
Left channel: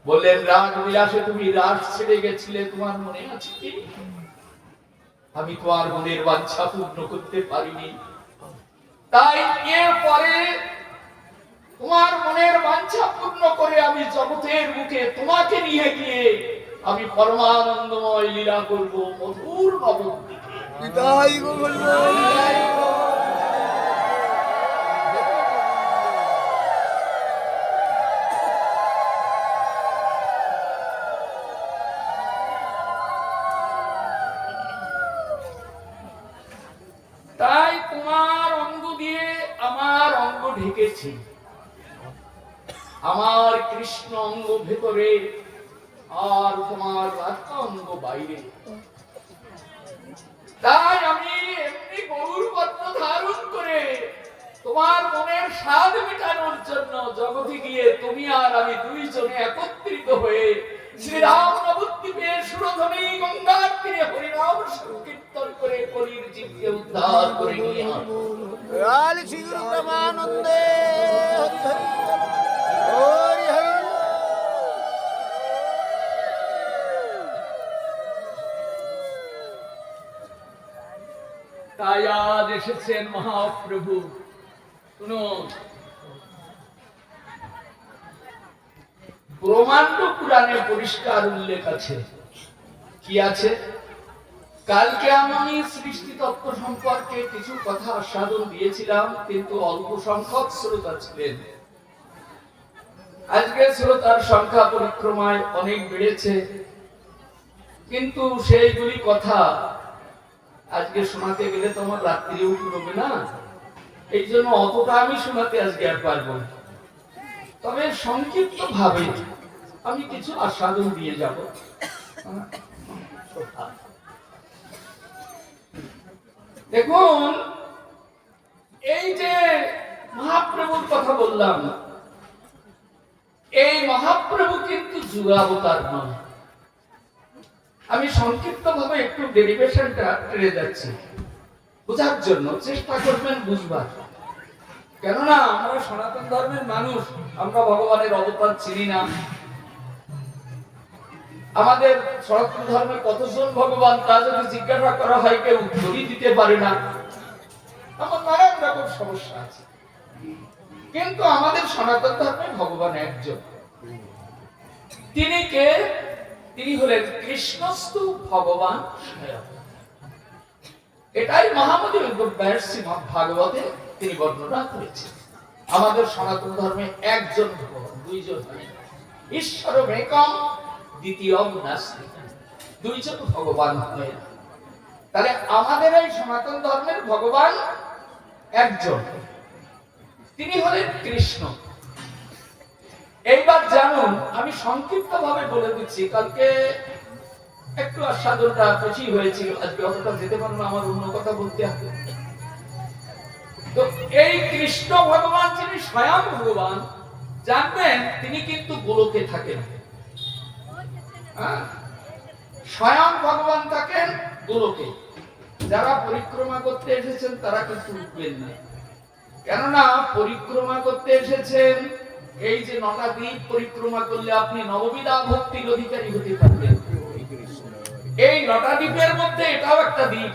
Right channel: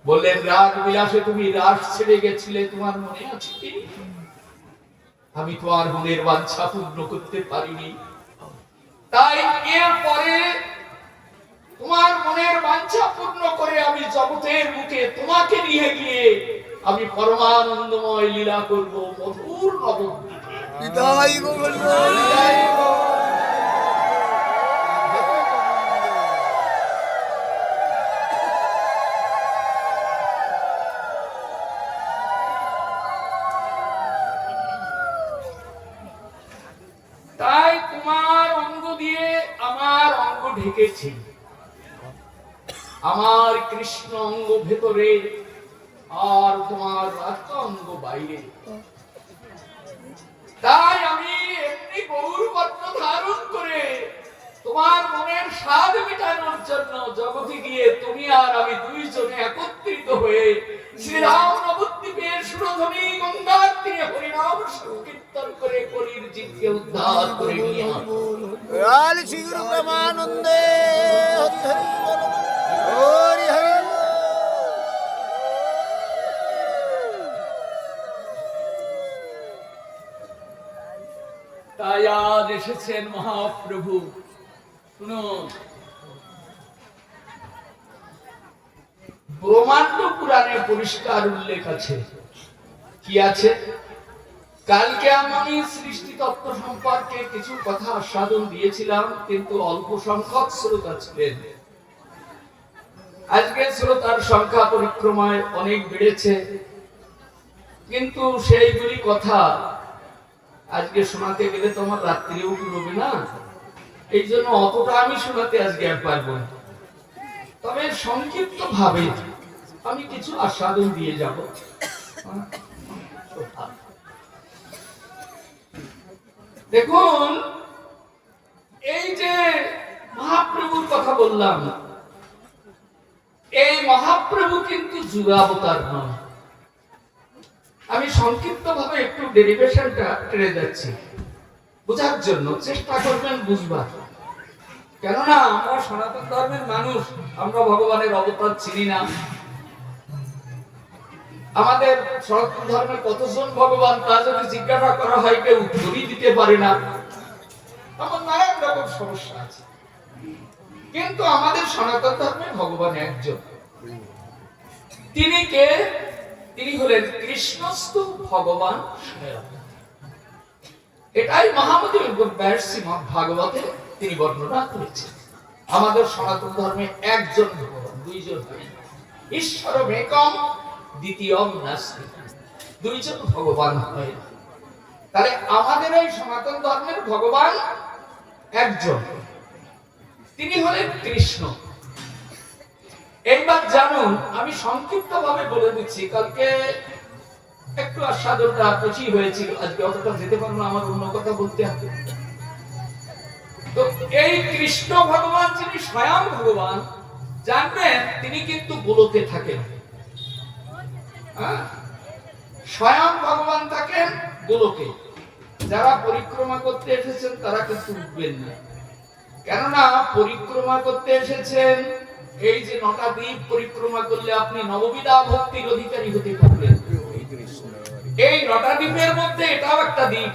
বললেন, রাগ বিলাসে তুমি রাস ছেড়ে গেছিলে, তোমার মনে আছে কি? আমি তোমার মনের বাঞ্ছা পূর্ণ করতে পারিনি, তাই এরপরে তোমার মনের বাঞ্ছা পূর্ণ করে আমি জগতের মুখে তোমাকে নিয়ে গিয়ে আমি পরমানন্দময় লীলা করব মধুর নবদ্বীপে। তাই তোমার অঙ্গ দিয়ে আমার অঙ্গ ঢেকেছি, আমার কৃষ্ণ অঙ্গ ভেতরে আর তোমার রাধা অঙ্গ বাইরে। তাই আমি এমনি গৌর পদ্ম ধারণ করে তোমার মনের স্বাদ মেটানোর জন্য জগতে গিয়ে তুমি আর আমি দুইজনে একত্রিত হয়ে শ্রীরাম নবদ্বীপে সুরধ্বনি গঙ্গার তীরে হরিনাম সংকীর্তন করে কলির জীবকে উদ্ধার করে নিয়ে আসবো। তাই আজ এসেছেন মহাপ্রভু। শুনুন, ব্রহ্মাণ্ড পুরাণে পরিষ্কার উল্লেখ আছে। কি আছে? কালকে আমি সৃষ্টি তত্ত্ব সম্পর্কে কিছু কথা আস্বাদন দিয়েছিলাম, কিন্তু অল্প সংখ্যক শ্রোতা ছিলেন। আজকে শ্রোতার সংখ্যা পরিক্রমায় অনেক বেড়েছে, কিন্তু সেইগুলি কথা আজকে শোনাতে গেলে তো আমার রাত্রিও ফুরবে না, এই জন্য অতটা আমি শোনাতে আজকে আর পারবো না। তবে সংক্ষিপ্ত ভাবে আমি কিছু আস্বাদন দিয়ে যাব। দেখুন, এই যে মহাপ্রভুর কথা বললাম, এই মহাপ্রভু কিন্তু যুগাবতার নন। আমি সংক্ষিপ্ত ভাবে একটু ডেরিভেশনটা টেনে যাচ্ছি, বোঝার জন্য চেষ্টা করবেন বুঝবার। কেননা আমরা সনাতন ধর্মের মানুষ, আমরা ভগবানের অবতার চিনি না। আমাদের সনাতন ধর্মে কতজন ভগবান তা যদি জিজ্ঞাসা করা হয় কেউ উত্তরই দিতে পারে না। আমার নানান রকম সমস্যা আছে, কিন্তু আমাদের সনাতন ধর্মে ভগবান একজন। তিনি কে? তিনি হলেন কৃষ্ণস্তু ভগবান স্বয়ং। এটাই মহামতি ভাগবতে তিনি বর্ণনা করেছেন। আমাদের সনাতন ধর্মে একজন ভগবান, দুইজন হয়। ঈশ্বরম একম দ্বিতীয়ম নাস্তি, দুইজন ভগবান হয়। তাহলে আমাদের এই সনাতন ধর্মের ভগবান একজন, তিনি হলেন কৃষ্ণ। এইবার জানুন, আমি সংক্ষিপ্ত ভাবে বলে দিচ্ছি, কালকে একটু আস্বাদনটা বেশি হয়েছিল, আজকে অতটা যেতে পারবো না, আমার অন্য কথা বলতে হবে। তো এই কৃষ্ণ ভগবান যিনি স্বয়ং ভগবান, জানবেন তিনি কিন্তু গোলকে থাকেন। স্বয়ং ভগবান থাকেন গোলকে। যারা পরিক্রমা করতে এসেছেন তারা কিন্তু উঠবেন না, কেননা পরিক্রমা করতে এসেছেন, এই যে 9টা দ্বীপ পরিক্রমা করলে আপনি নববিধা ভক্তির অধিকারী হতে পারবেন। এই 9টা দ্বীপের মধ্যে এটাও একটা দ্বীপ,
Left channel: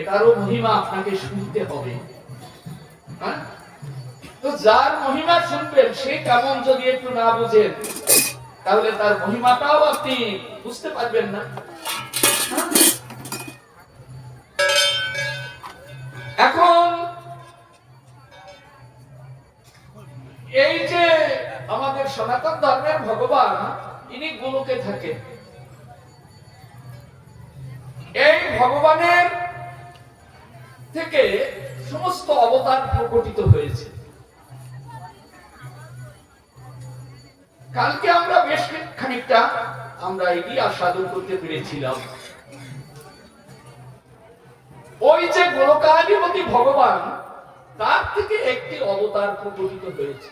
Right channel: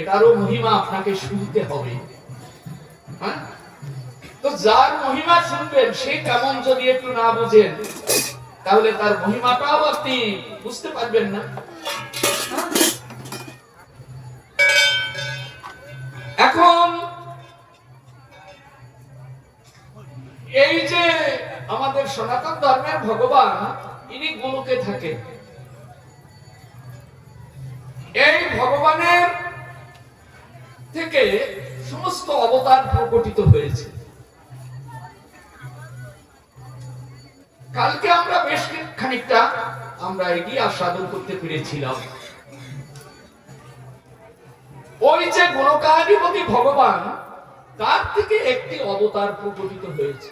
এটারও মহিমা আপনাকে শুনতে হবে। তো যার মহিমা শুনবেন সে কেমন যদি একটু না বুঝেন, তাহলে তার মহিমাটাও আপনি বুঝতে পারবেন না। এখন এই যে আমাদের সনাতন ধর্মের ভগবান, ইনি গোলকে থাকেন। এই ভগবানের থেকে সমস্ত অবতার প্রকটিত হয়েছে। কালকে আমরা বেশ খানিকটা আমরা এটি আস্বাদন করতে পেরেছিলাম। ওই যে গোলকাধিপতি ভগবান, তার থেকে একটি অবতার প্রকটিত হয়েছে।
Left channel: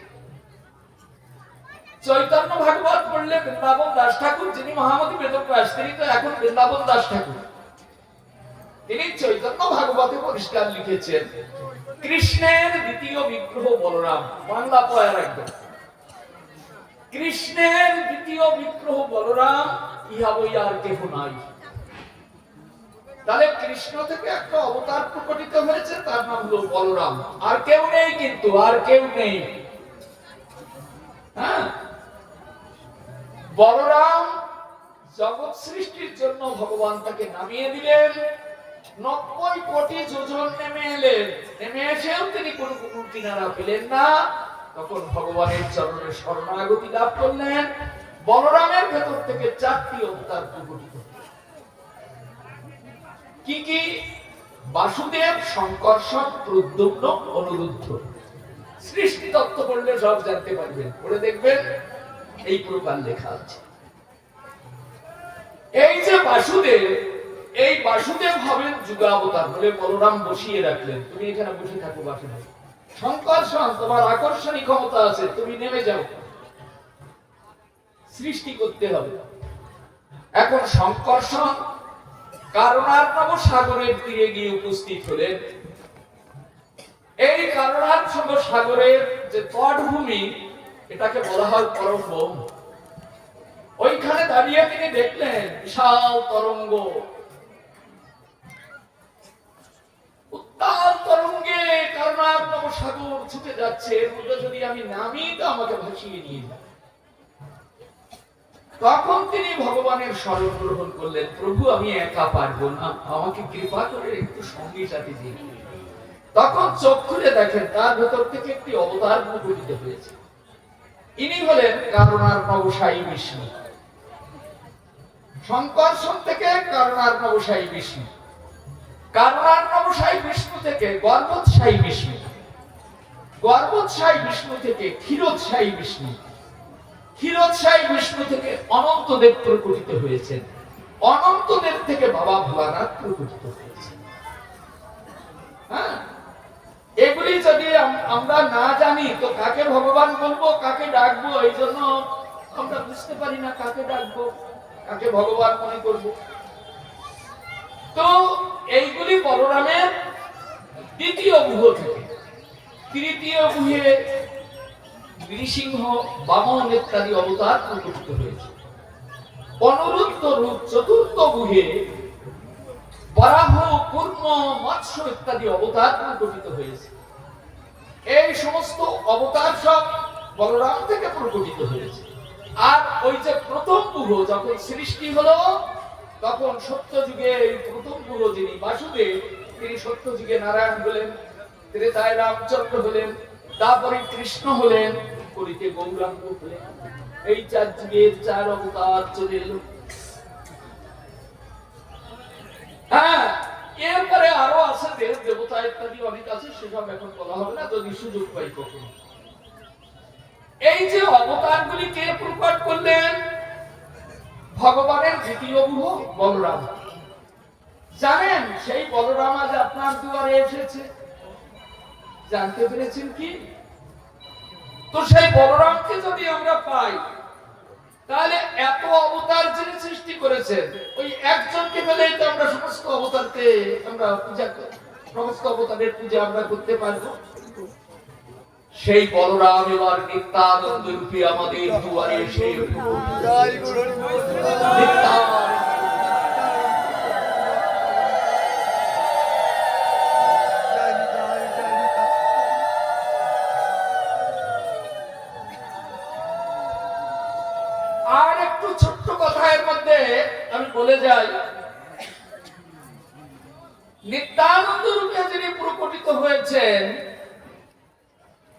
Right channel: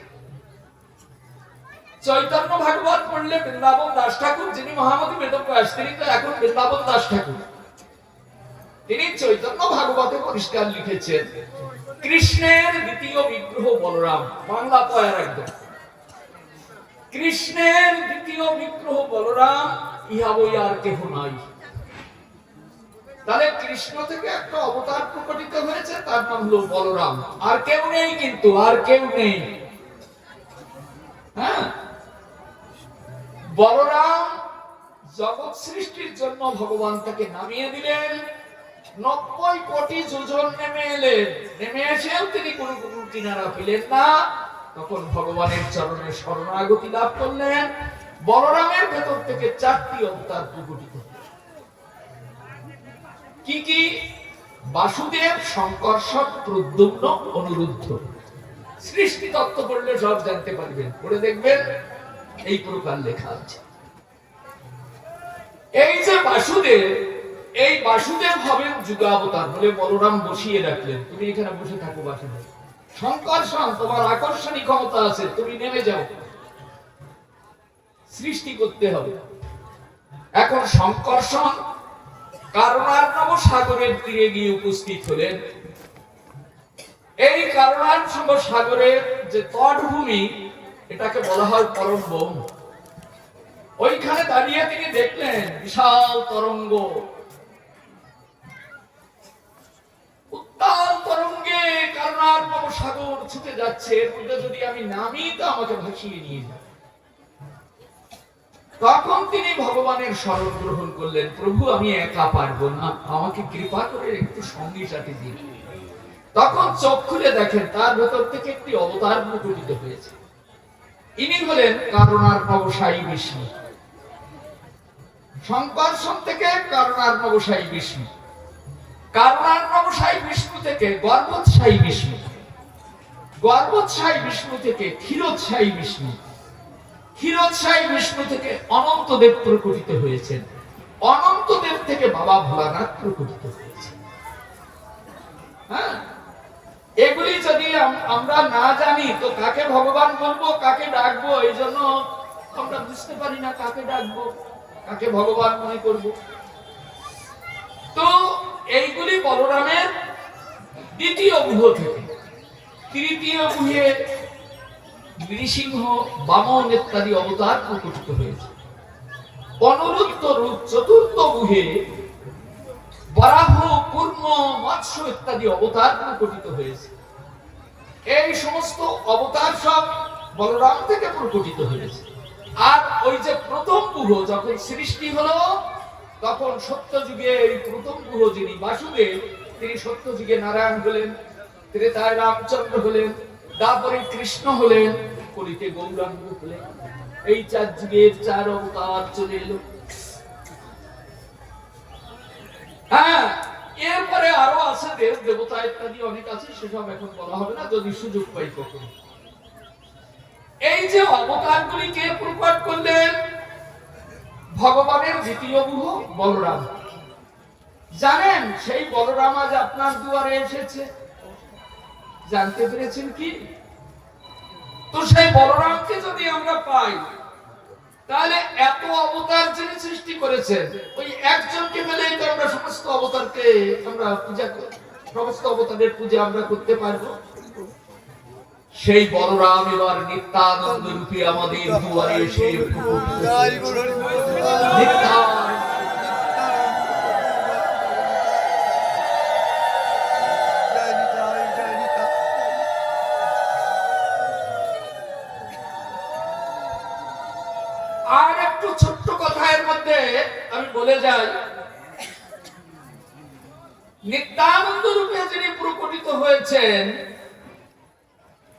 চৈতন্য ভাগবত পড়লে বৃন্দাবন দাস ঠাকুর, যিনি মহামতি বেদব্যাস, তিনি তো এখন বৃন্দাবন দাস ঠাকুর, তিনি চৈতন্য ভাগবতে পরিষ্কার লিখেছেন, কৃষ্ণের দ্বিতীয় বিগ্রহ বলরাম। বাংলা পয়ার একদম, কৃষ্ণের দ্বিতীয় বিগ্রহ বলরাম, ইহা বই আর কেহ নাই। তাহলে কৃষ্ণ থেকে একটা অবতার প্রকটিত হয়েছে, তার নাম হলো বলরাম। আর কেউ নেই, কিন্তু আর কেউ নেই। হ্যাঁ, বলরাম জগৎ সৃষ্টির জন্য ভগবান তাকে নামিয়ে দিলেন। 90 কোটি যোজন নেমে এলেন, নেমে এসেও তিনি কোনো কিনারা পেলেন না। তখন ভগবানের চরণে শরণাগতি লাভ করলেন। বলরামের ভেতর থেকে 4টি অবতার প্রকটিত। কি কি? বাসুদেব, শঙ্কর্ষণ, প্রদ্যুম্ন, অনিরুদ্ধ। সৃষ্টি তত্ত্ব পড়লে সব জানতে পারবেন, পড়ে দেখবেন এই প্রকার লেখা আছে। এই যে বাসুদেব, এই বাসুদেব হবেন যুগাবতার, বলে বলরাম বসিয়ে রাখলেন, তুমি এখানে বসে থাকো বাসুদেব। শঙ্কর্ষণ, তোমার আকর্ষণী ক্ষমতা আছে, তুমি নেমে যাও, সৃষ্টি করতে হবে। এখন শঙ্কর্ষণ কারণার্ণব সাগরের তীরে গিয়ে উপস্থিত হলেন। এই কারণার্ণব সাগরের যে তটভূমি, এটাকে বলা হয় পরম। ওইখানে দাঁড়িয়ে তিনি দেখলেন বিশাল তরঙ্গ, উত্তাল তরঙ্গে কারণার্ণব সাগর ছুটে যাচ্ছে। এর মধ্যে যদি আমি নামি তো আমাকে ভাসিয়ে নিয়ে যাবে। তখন তিনি ভগবানের শরণ গ্রহণ করলেন, প্রভু আমি একা পারবো না, আমাকে কৃপা করে একটু সঙ্গী সাথী দিন। তখন চোখ খুলে দেখেন তার ভেতর থেকে একটি অবতার প্রকটিত হয়েছে। ইনি হলেন কারণার্ণব সাই বিষ্ণু। শঙ্কর্ষণ থেকে কারণার্ণব সাই বিষ্ণু, কারণার্ণব সাই বিষ্ণু থেকে গর্বোৎসাই বিষ্ণু, গর্বোৎসাই বিষ্ণু থেকে ক্ষীরোৎসাই বিষ্ণু, ক্ষীরোৎসাই বিষ্ণু থেকে অনন্তদেব প্রকটিত হয়েছেন, অনন্তদেব থেকে বাবা ভোলানাথ প্রকটিত হয়েছে। হ্যাঁ, এগুলি যদি আমরা না জানি তো কাকে ভগবান বলবো, কাকে ডাকবো, এই জন্য আমরা বুঝতে পারি না কাকে ডাকবো, কাকে ভগবান মনে করব। তো এইগুলি বলরামের দ্বিতীয় গুহ থেকে। তৃতীয় গুহে নৃসিংহ, বামন ইত্যাদি অবতার প্রকটিত হয়েছে। অনুরুদ্ধ রূপ চতুর্থ গুহে বরাহ, কুর্ম, মৎস্য ইত্যাদি অবতার প্রকটিত হয়েছে। এই সমস্ত অবতার সব বলরাম থেকে প্রকটিত হয়েছে। আর ওই যে প্রথম গুহ যখন সৃষ্টি হলো, তখন সত্য যুগে এই প্রথম গুহ যিনি বাসুদেব, তিনি সত্য যুগে নারায়ণ হলেন, ত্রেতায় রামচন্দ্র হলেন, তারপরে কৃষ্ণ হলেন, কলিতে গৌরাঙ্গ হলেন। এই 4 যুগের 4 অবতার চলে এলো। হ্যাঁ, এরপরে আরো আছে দেব দেবতা ইত্যাদি অনেক আছে, সেসব এখন বলা হবে না, যদি সুযোগ পাই তখন। এই যে অবতারগুলি কে প্রকট করলেন? ভগবানের দ্বিতীয় গুহ বলরাম। জানেন সেই বলরাম আজ আপনার দুয়ারে এসেছে, জানতে পেরেছেন কি? তো সেই বলরামকে যদি আমরা পাই, তাহলে এত অবতার যিনি সৃষ্টি করেছেন, ওই একজনকে পেলেই তো আমরা সমস্ত অবতারকে আমরা পূজা করি, সমস্ত অবতারের পূজা আমরা করতে পারবো। সেই বলরাম এবার নিত্যানন্দ রূপে আমাদের দুয়ারে এসে আর একটু ছোট্ট কথা এর মধ্যে আমি বলে যাই। নিত্যানন্দ রূপে যিনি প্রকটিত হয়েছেন,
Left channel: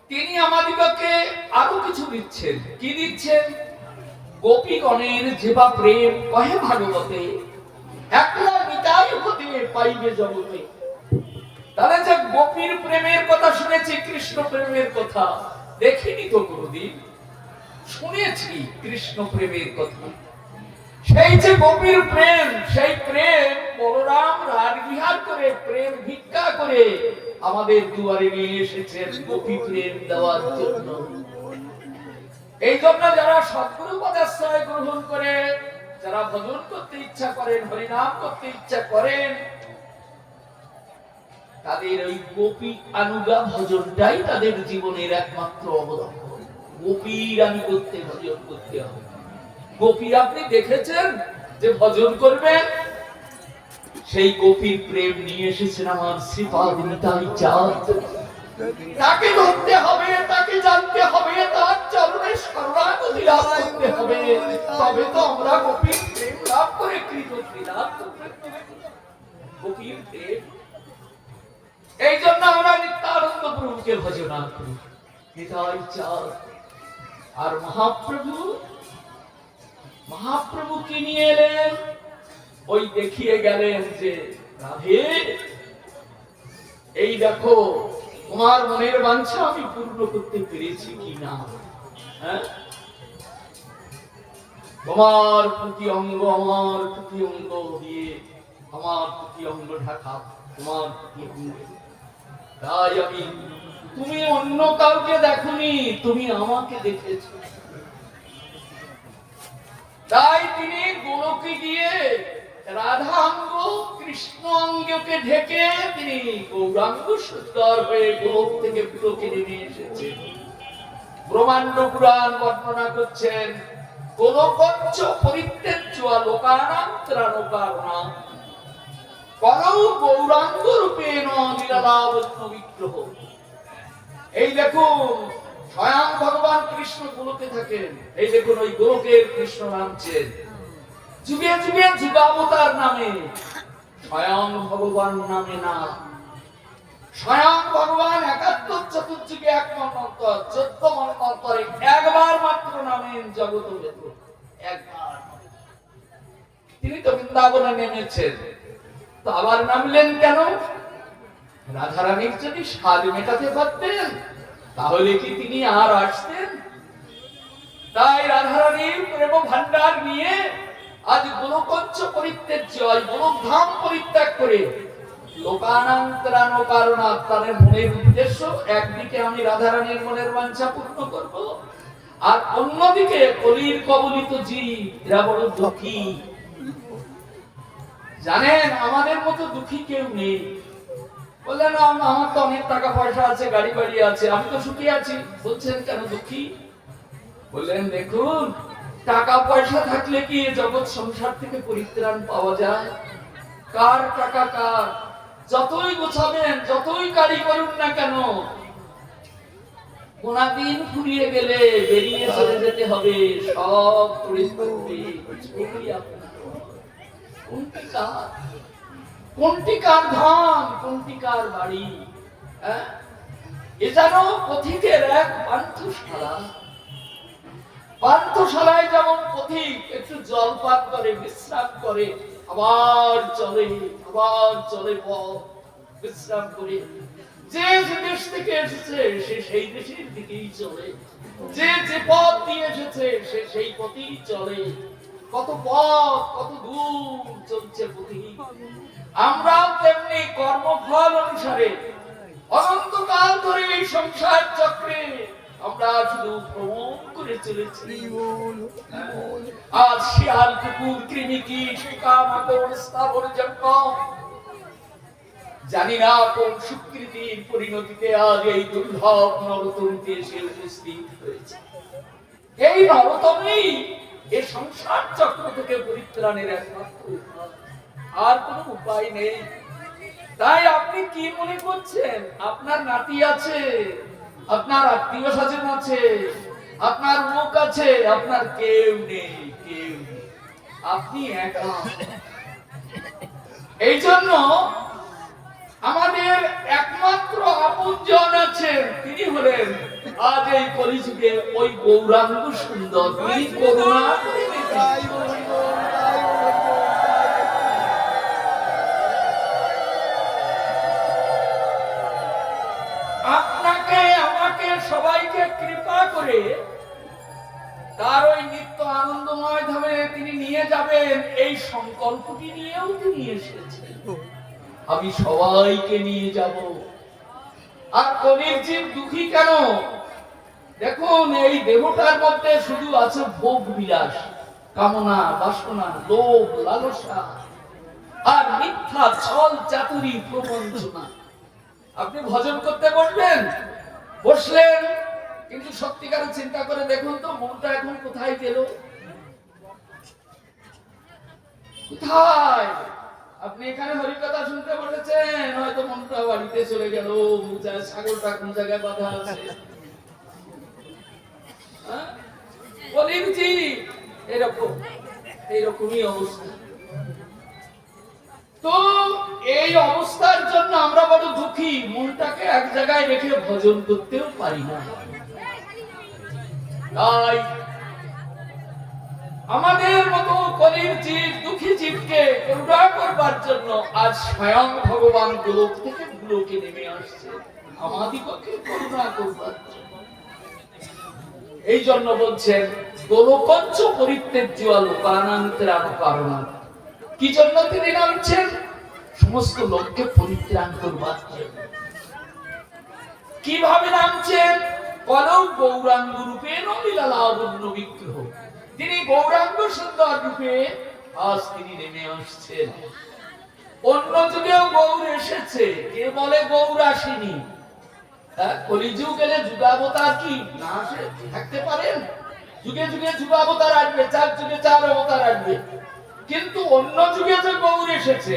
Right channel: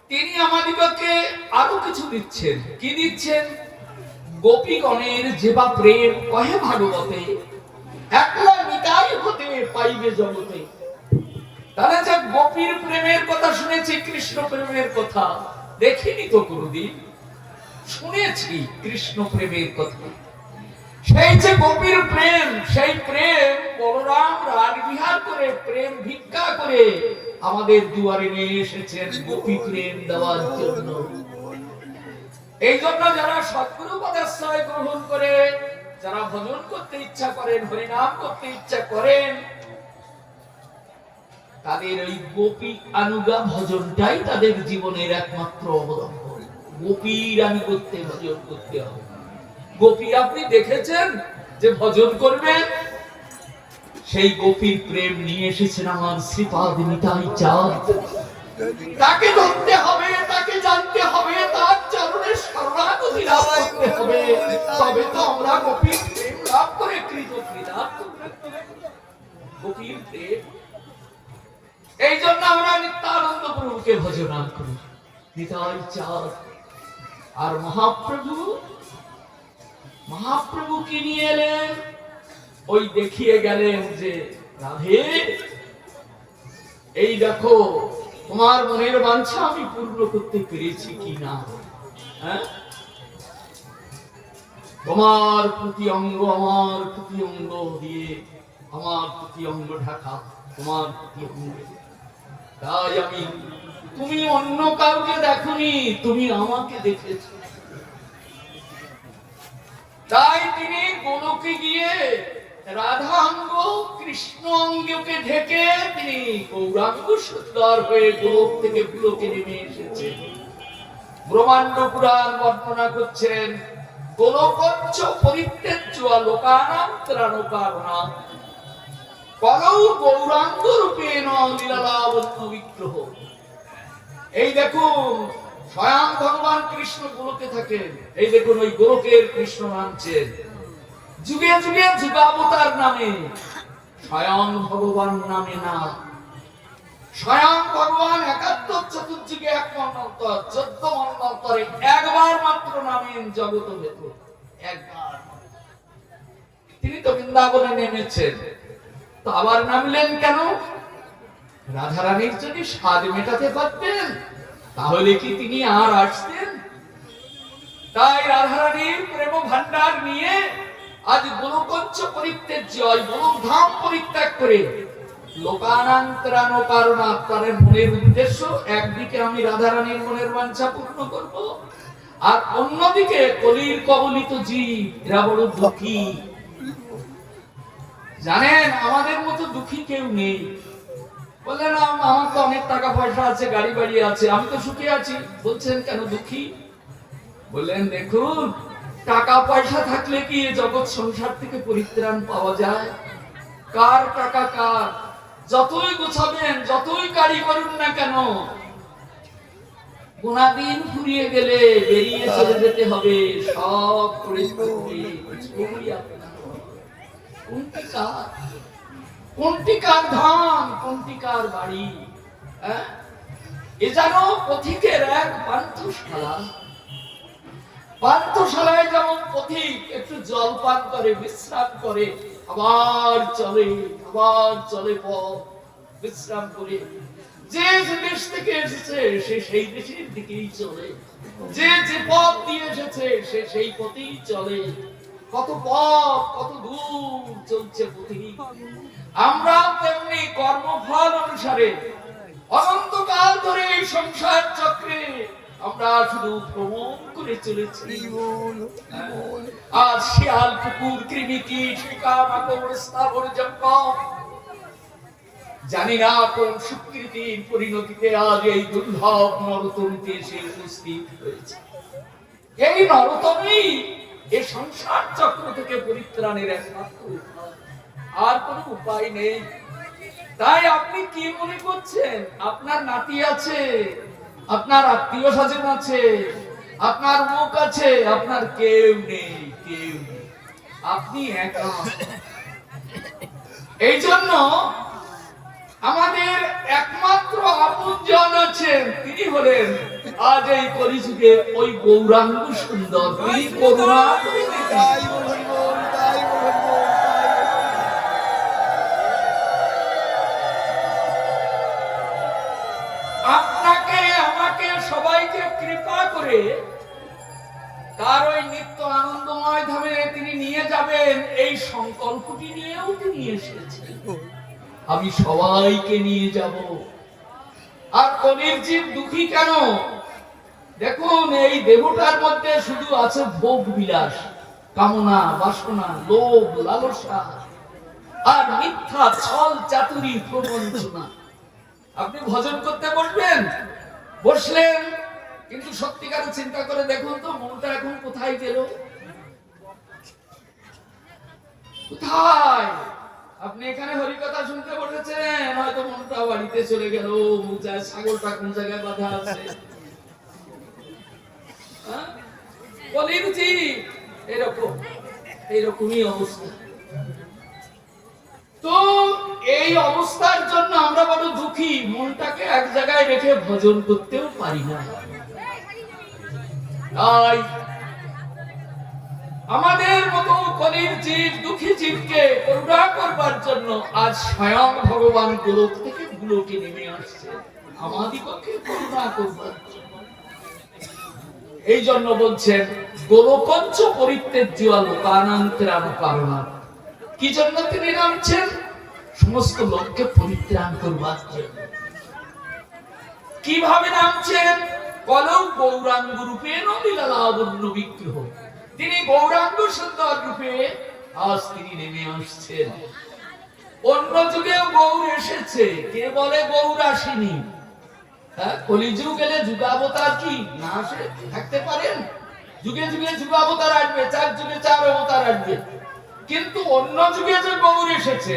তিনি আমাদিগকে আরো কিছু দিচ্ছেন। কি দিচ্ছেন? গোপীগণের যেবা প্রেম কহে ভাগবতে, একলা নিতাই হতে পাইবে জগতে। তাহলে যে গোপীর প্রেমের কথা শুনেছি, কৃষ্ণ প্রেমের কথা দেখিনি তো কোনদিন, শুনেছি কৃষ্ণ প্রেমের কথা। সেই যে গোপীর প্রেম, সেই প্রেম বলরাম রাজবিহার করে, প্রেম ভিক্ষা করে আমাদের দুয়ারে নিয়ে এসেছেন গোপী প্রেম দেওয়ার জন্য। এই জন্য যারা সদ্গুরু পদাশ্রয় গ্রহণ করে, যারা ভজন করতে ইচ্ছা করেন, হরিনাম করতে ইচ্ছা করেন, তাদের ওই গোপী আনুগা ভজনটাই তাদের জীবনের একমাত্র অবলম্বন। গোপীর আনুগত্যে ভজন করতে হবে। গোপী আপনি দেখেছেন যে ভজন করবেন, সেই গোপীর প্রেম নিয়ে এসেছেন আমার শ্রীপাদ নিতাই চাঁদ। তাকে ধরতে হবে, তাকে জানতে হবে, তার চরণে শরণাগতি লাভ করতে হবে, তবে তো আমরা গোপীর প্রেম লাভ করে কৃতজ্ঞ লাভ করতে পারব। গোপীর প্রেম, এই জন্য আমরা নিত্যানন্দ প্রভুকে ভজনা করি, নিতাই চাঁদ। আর মহাপ্রভু কি নিয়ে এলেন? ওই দেখিয়ে গেলেন যে রাধে, এই দেখো তোমার মনের বাঞ্ছা আমি পূর্ণ করতে পেরেছি কিনা। হ্যাঁ, তোমার প্রতি অঙ্গ আমার প্রতি অঙ্গ দিয়ে, আমার প্রতি অঙ্গ ঢাকা তোমার প্রতি অঙ্গ। তাই আমি, তুমি অন্য কাউকে দেখোনি, তুমি আমাকে দেখেছো। তাই তিনি গোলকে গিয়ে রাধাঙ্গ কৃষ্ণ অঙ্গকে ঢেকে তিনি গৌরাঙ্গ সুন্দর হয়ে গোলক থেকে পুলকে নেমে এসেছেন। ব্রহ্মাণ্ড পুরাণ বর্ণনা করছেন, গোলকঞ্চ পরিত্যজ্য লোকানাং ত্রাণকারণাং কলৌ গৌরাঙ্গ রূপেণ লীলালাবণ্য বিগ্রহ। এই দেখুন স্বয়ং ভগবান কৃষ্ণ গোলকে থাকেন। এই দেখুন ওই গোলকের কৃষ্ণ নামছেন যুগে যুগে যুগাবতার নামে, স্বয়ং ভগবান নামে না। স্বয়ং ভগবান একাত্তর চতুর্থ যুগে 1 মন্বন্তর, 14 মন্বন্তরে একবার মাত্র নামেন জগত বেদ। একবার তিনি তো বৃন্দাবনে নেমেছেন, তো আবার নামলেন কেন? রাধারানীর যদি স্বাদ মেটাতে পারতেন তাহলে কি তিনি আর আসতেন? তাই রাধারানীর প্রেম ভান্ডার নিয়ে আজ গোলকঞ্চ পরিত্যাজ্য, গোলকধাম পরিত্যাগ করে লোকানান্তরান কারণাত্মারের মনের উদ্দেশ্য, একদিকে আমি রাধারানীর মনের বাঞ্ছা পূর্ণ করব, আর অন্যদিকে কলির কবলিত জীব এরা বড় দুঃখী। জানেন আমাদের মতো দুঃখী কেউ নেই। বললেন আমার তো অনেক টাকা পয়সা আছে, গাড়ি বাড়ি আছে, আমি তো সুখী আছি। বলছেন কেন দুঃখী? বললেন দেখুন, টাকা পয়সা থাকলে কি জগৎ সংসার থেকে পরিত্রাণ পাওয়া যায়? কার টাকা কার, যতই গোছাবেন, যতই গাড়ি করুন না কেন, কোনদিন ফুরিয়ে গেলে বেরিয়ে চলে যেতে হবে, সব করে করবে। কোনটি কার ধাম, কোনটি কার বাড়ি? এ যেন পথিকের এক পান্থশালা। পান্থশালায় যেমন পথিক একটু জলপান করে, বিশ্রাম করে, আবার চলে পথ, বিশ্রাম করে। যে দেশ থেকে এসেছে সে সেই দেশের দিকেই চলে, যে পথ দিয়ে এসেছে সে সেই পথেই চলে। কত পথ, কত দূর চলছে পথিক। আমরা তেমনি কর্মফল অনুসারে অনন্তকাল ধরে এই সংসার চক্রে আমরা শুধু ভ্রমণ করে চলেছি। আর শিয়াল, কুকুর, কৃমি, কীট, পোকামাকড়, স্থাবর জঙ্গম, জানি না কোন সুকৃতির পরিণতিতে আজ এই দুর্লভ নরতমীতে এসে উপস্থিত হয়েছে। এই নরতমী এই সংসার চক্র থেকে পরিত্রাণের একমাত্র উপায়, আর কোনো উপায় নেই। তাই আপনি কি মনে করছেন আপনার নাতি আছে, আপনার আত্মীয় স্বজন আছে, আপনার মুখ আছে? আপনার কেউ নেই, কেউ নেই, আপনি একা। এই জন্য আমাদের একমাত্র আপনজন আছেন, তিনি হলেন আজ এই কলিযুগে ওই গৌরাঙ্গ সুন্দর। তিনি করুণা করে আপনাকে, আমাকে, সবাইকে কৃপা করে তার ওই নিত্য আনন্দময় ধামে তিনি নিয়ে যাবেন, এই সংকল্পটি নিয়েও তিনি এসেছেন। আমি সবাইকে নিয়ে যাব। আর কলির জীব দুঃখী কেন? দেখুন, এই দেহটার মধ্যে শুধু আছে ভোগ বিলাস, কামনা, বাসনা, লোভ, লালসা আর মিথ্যা ছল চাতুরি প্রবঞ্চনা। আপনি ভজন করতে বসবেন, বসলেন, কিন্তু সত্যিকার চিন্তা করে দেখুন তো মনটা এখন কোথায় গেল? কোথায়? আপনি এখানে হরিকথা শুনতে বসেছেন, হয়তো মনটা বাড়িতে চলে গেল, ছাগলটা কোন জায়গায় বাঁধা আছে। বলির জি এইরকমই অবস্থা। তো এই অবস্থার জন্য আমরা বড় দুঃখী, মনটাকে এক জায়গায় রেখে ভজন করতেও পারি না। তাই আমাদের মতো কলির জীব, দুঃখী জীবকে করুণা করবার জন্য আজ স্বয়ং ভগবান গোলক থেকে গোলকে নেমে আসছে আমাদিগকে করুণা করবার জন্য। এই জন্য বলছেন গোলকঞ্চ পরিত্যাজ্য লোকানান্তরান কারণা। কি জন্য তিনি নামছেন? সমস্ত লোককে পরিত্রাণ করবার জন্য। কিভাবে নামছেন? কলৌ গৌরাঙ্গ রূপে লীলা লাবণ্য বিগ্রহ। তিনি গৌরাঙ্গ সুন্দর রূপে আজ তিনি নেমে আসছেন। অন্য যুগেও গৌর এসেছে, কে বলে গৌর আসেনি? কলিযুগ এলে যুগাবতার কি না আসে থাকতে পারেন? যুগে যুগে যুগাবতার আসবে, 4 যুগে 4 অবতার আসবে, কিন্তু অন্য যুগে যে গৌর এসেছে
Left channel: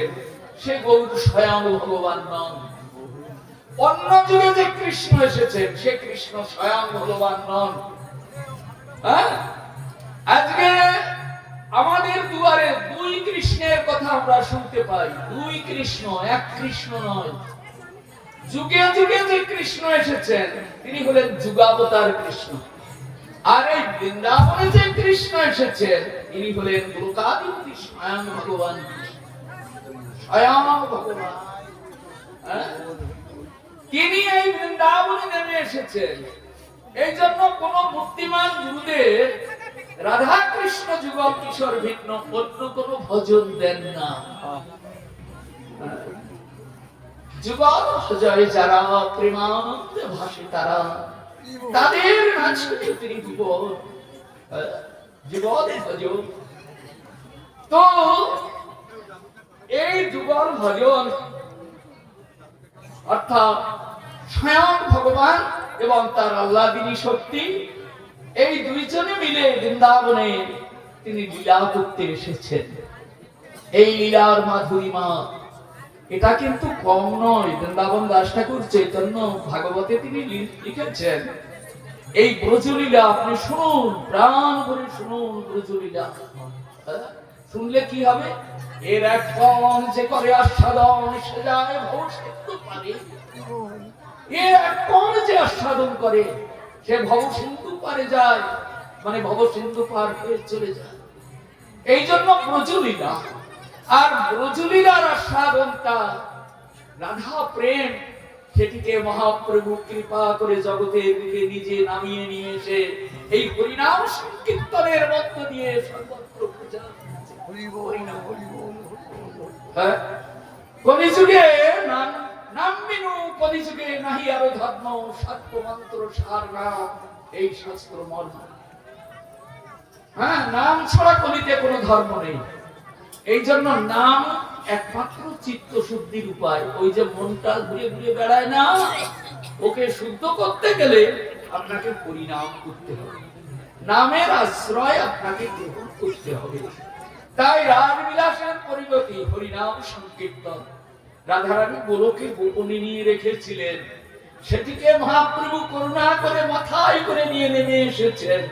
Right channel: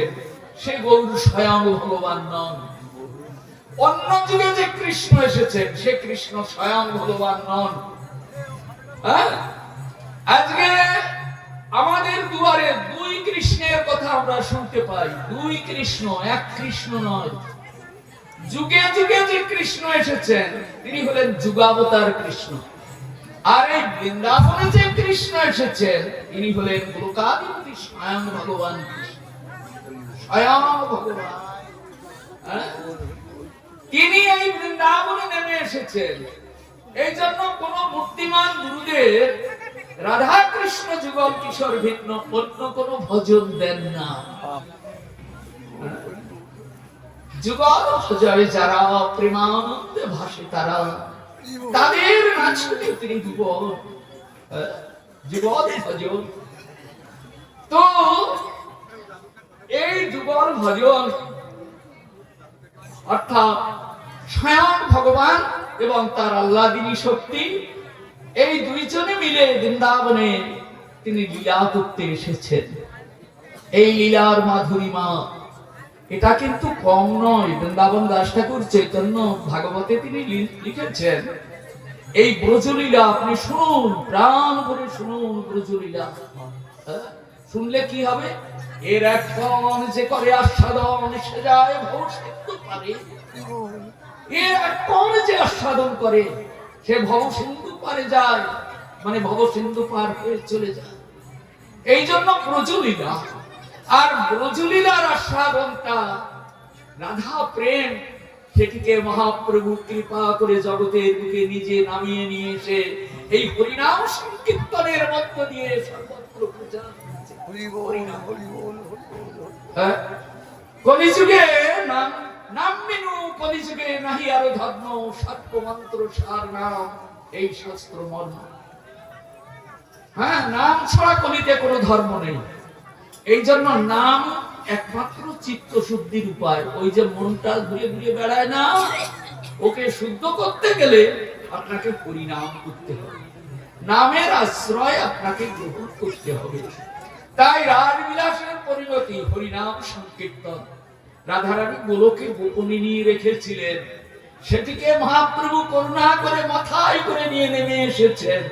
সে গৌর স্বয়ং ভগবান নন। অন্য যুগে যে কৃষ্ণ এসেছেন সে কৃষ্ণ স্বয়ং ভগবান নন। আজকে আমাদের দুয়ারে 2 কৃষ্ণের কথা আমরা শুনতে পাই। 2 কৃষ্ণ, এক কৃষ্ণ নয়। যুগে যুগে যে কৃষ্ণ এসেছেন তিনি হলেন যুগাবতার কৃষ্ণ, আর এই বৃন্দাবনে যে কৃষ্ণ এসেছেন তিনি হলেন লোকাধিপতি স্বয়ং ভগবান কৃষ্ণ, স্বয়ং ভগবান। তিনি এই বৃন্দাবনে নেমে এসেছেন। এই জন্য কোন বুদ্ধিমান গুরুদেব রাধা কৃষ্ণ যুগল কিশোর ভিন্ন অন্য কোন ভজন দেন না। যুগল ভজয় যারা প্রেমানন্দে ভাসে তারা, তাদের নাচতে তিনি যুগল যুগল ভজন। তো এই যুগল ভজন অর্থাৎ স্বয়ং ভগবান এবং তার আল্লাদিনী শক্তি, এই দুইজনে মিলে বৃন্দাবনে তিনি লীলা করতে এসেছেন। এই লীলার মাধুরিমা এটা কিন্তু কম নয়। বৃন্দাবন দাস ঠাকুর চৈতন্য ভাগবতে তিনি লিখেছেন, এই ব্রজলীলা আপনি শুনুন, প্রাণ ভরে শুনুন ব্রজলীলা। শুনলে কি হবে? এর এক কোণ যে করে আস্বাদন সে যায় ভব সিন্ধু পারে। এর এক কোণ যে আস্বাদন করে সে ভব সিন্ধু পারে যায়, মানে ভব সিন্ধু পার হয়ে চলে যায়। এই জন্য ব্রজলীলা, আর ব্রজলীলার আস্বাদনটা রাধা প্রেম, সেটিকে মহাপ্রভু কৃপা করে জগতের বুকে নিজে নামিয়ে নিয়ে এসে এই হরিনাম সংকীর্তনের মধ্য দিয়ে সর্বত্র প্রচার করছে। কলিযুগে নাম বিনু কলিযুগে নাহি আরো ধর্ম, সাত্য মন্ত্র সার নাম, এই শাস্ত্র মর্ম। নাম ছাড়া কলিতে কোনো ধর্ম নেই। এই জন্য নাম একমাত্র চিত্ত শুদ্ধির উপায়। ওই যে মনটা ঘুরে ঘুরে বেড়ায় না, ওকে শুদ্ধ করতে গেলে আপনাকে হরিনাম করতে হবে, নামের আশ্রয় আপনাকে গ্রহণ করতে হবে। তাই রাজবিলাসের পরিণতি হরিনাম সংকীর্তন। রাধারানী গোলকে গোপনে নিয়ে রেখেছিলেন, সেটিকে মহাপ্রভু করুণা করে মাথায় করে নিয়ে নেমে এসেছেন।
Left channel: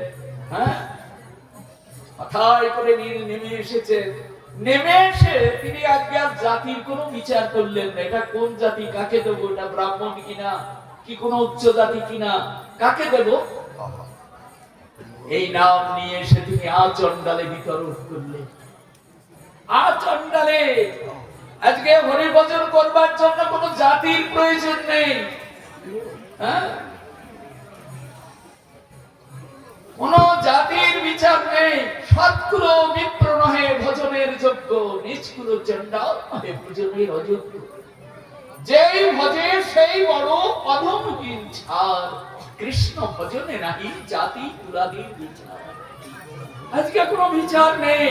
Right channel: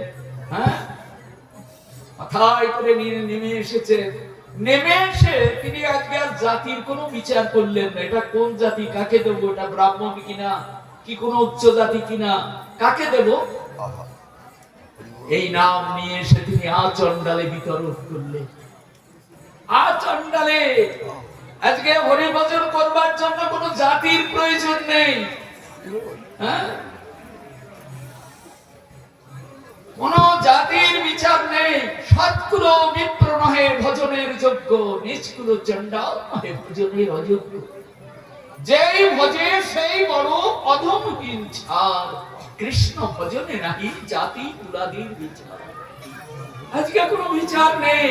মাথায় করে নিয়ে নেমে এসেছেন। নেমে এসে তিনি আজকে আর জাতির কোনো বিচার করলেন না, এটা কোন জাতি, কাকে দেবো, এটা ব্রাহ্মণ কিনা, কি কোন উচ্চ জাতি কিনা, কাকে দেব, এই নাম নিয়ে এসে তিনি আচণ্ডালে বিতরণ করলেন। আচণ্ডালে আজকে হরিভজন করবার জন্য কোন জাতির প্রয়োজন নেই, কোন জাতির বিচার নেই। সৎকুল বিপ্র নহে ভজনের যোগ্য, নিষ্কুল চণ্ডাল নহে ভজনের অযোগ্য। যেই ভজে সেই বড় অধমহীন ছাড়, কৃষ্ণ ভজনে নাহি জাতি কুলাদির বিচার। আজকে কোনো বিচার নেই,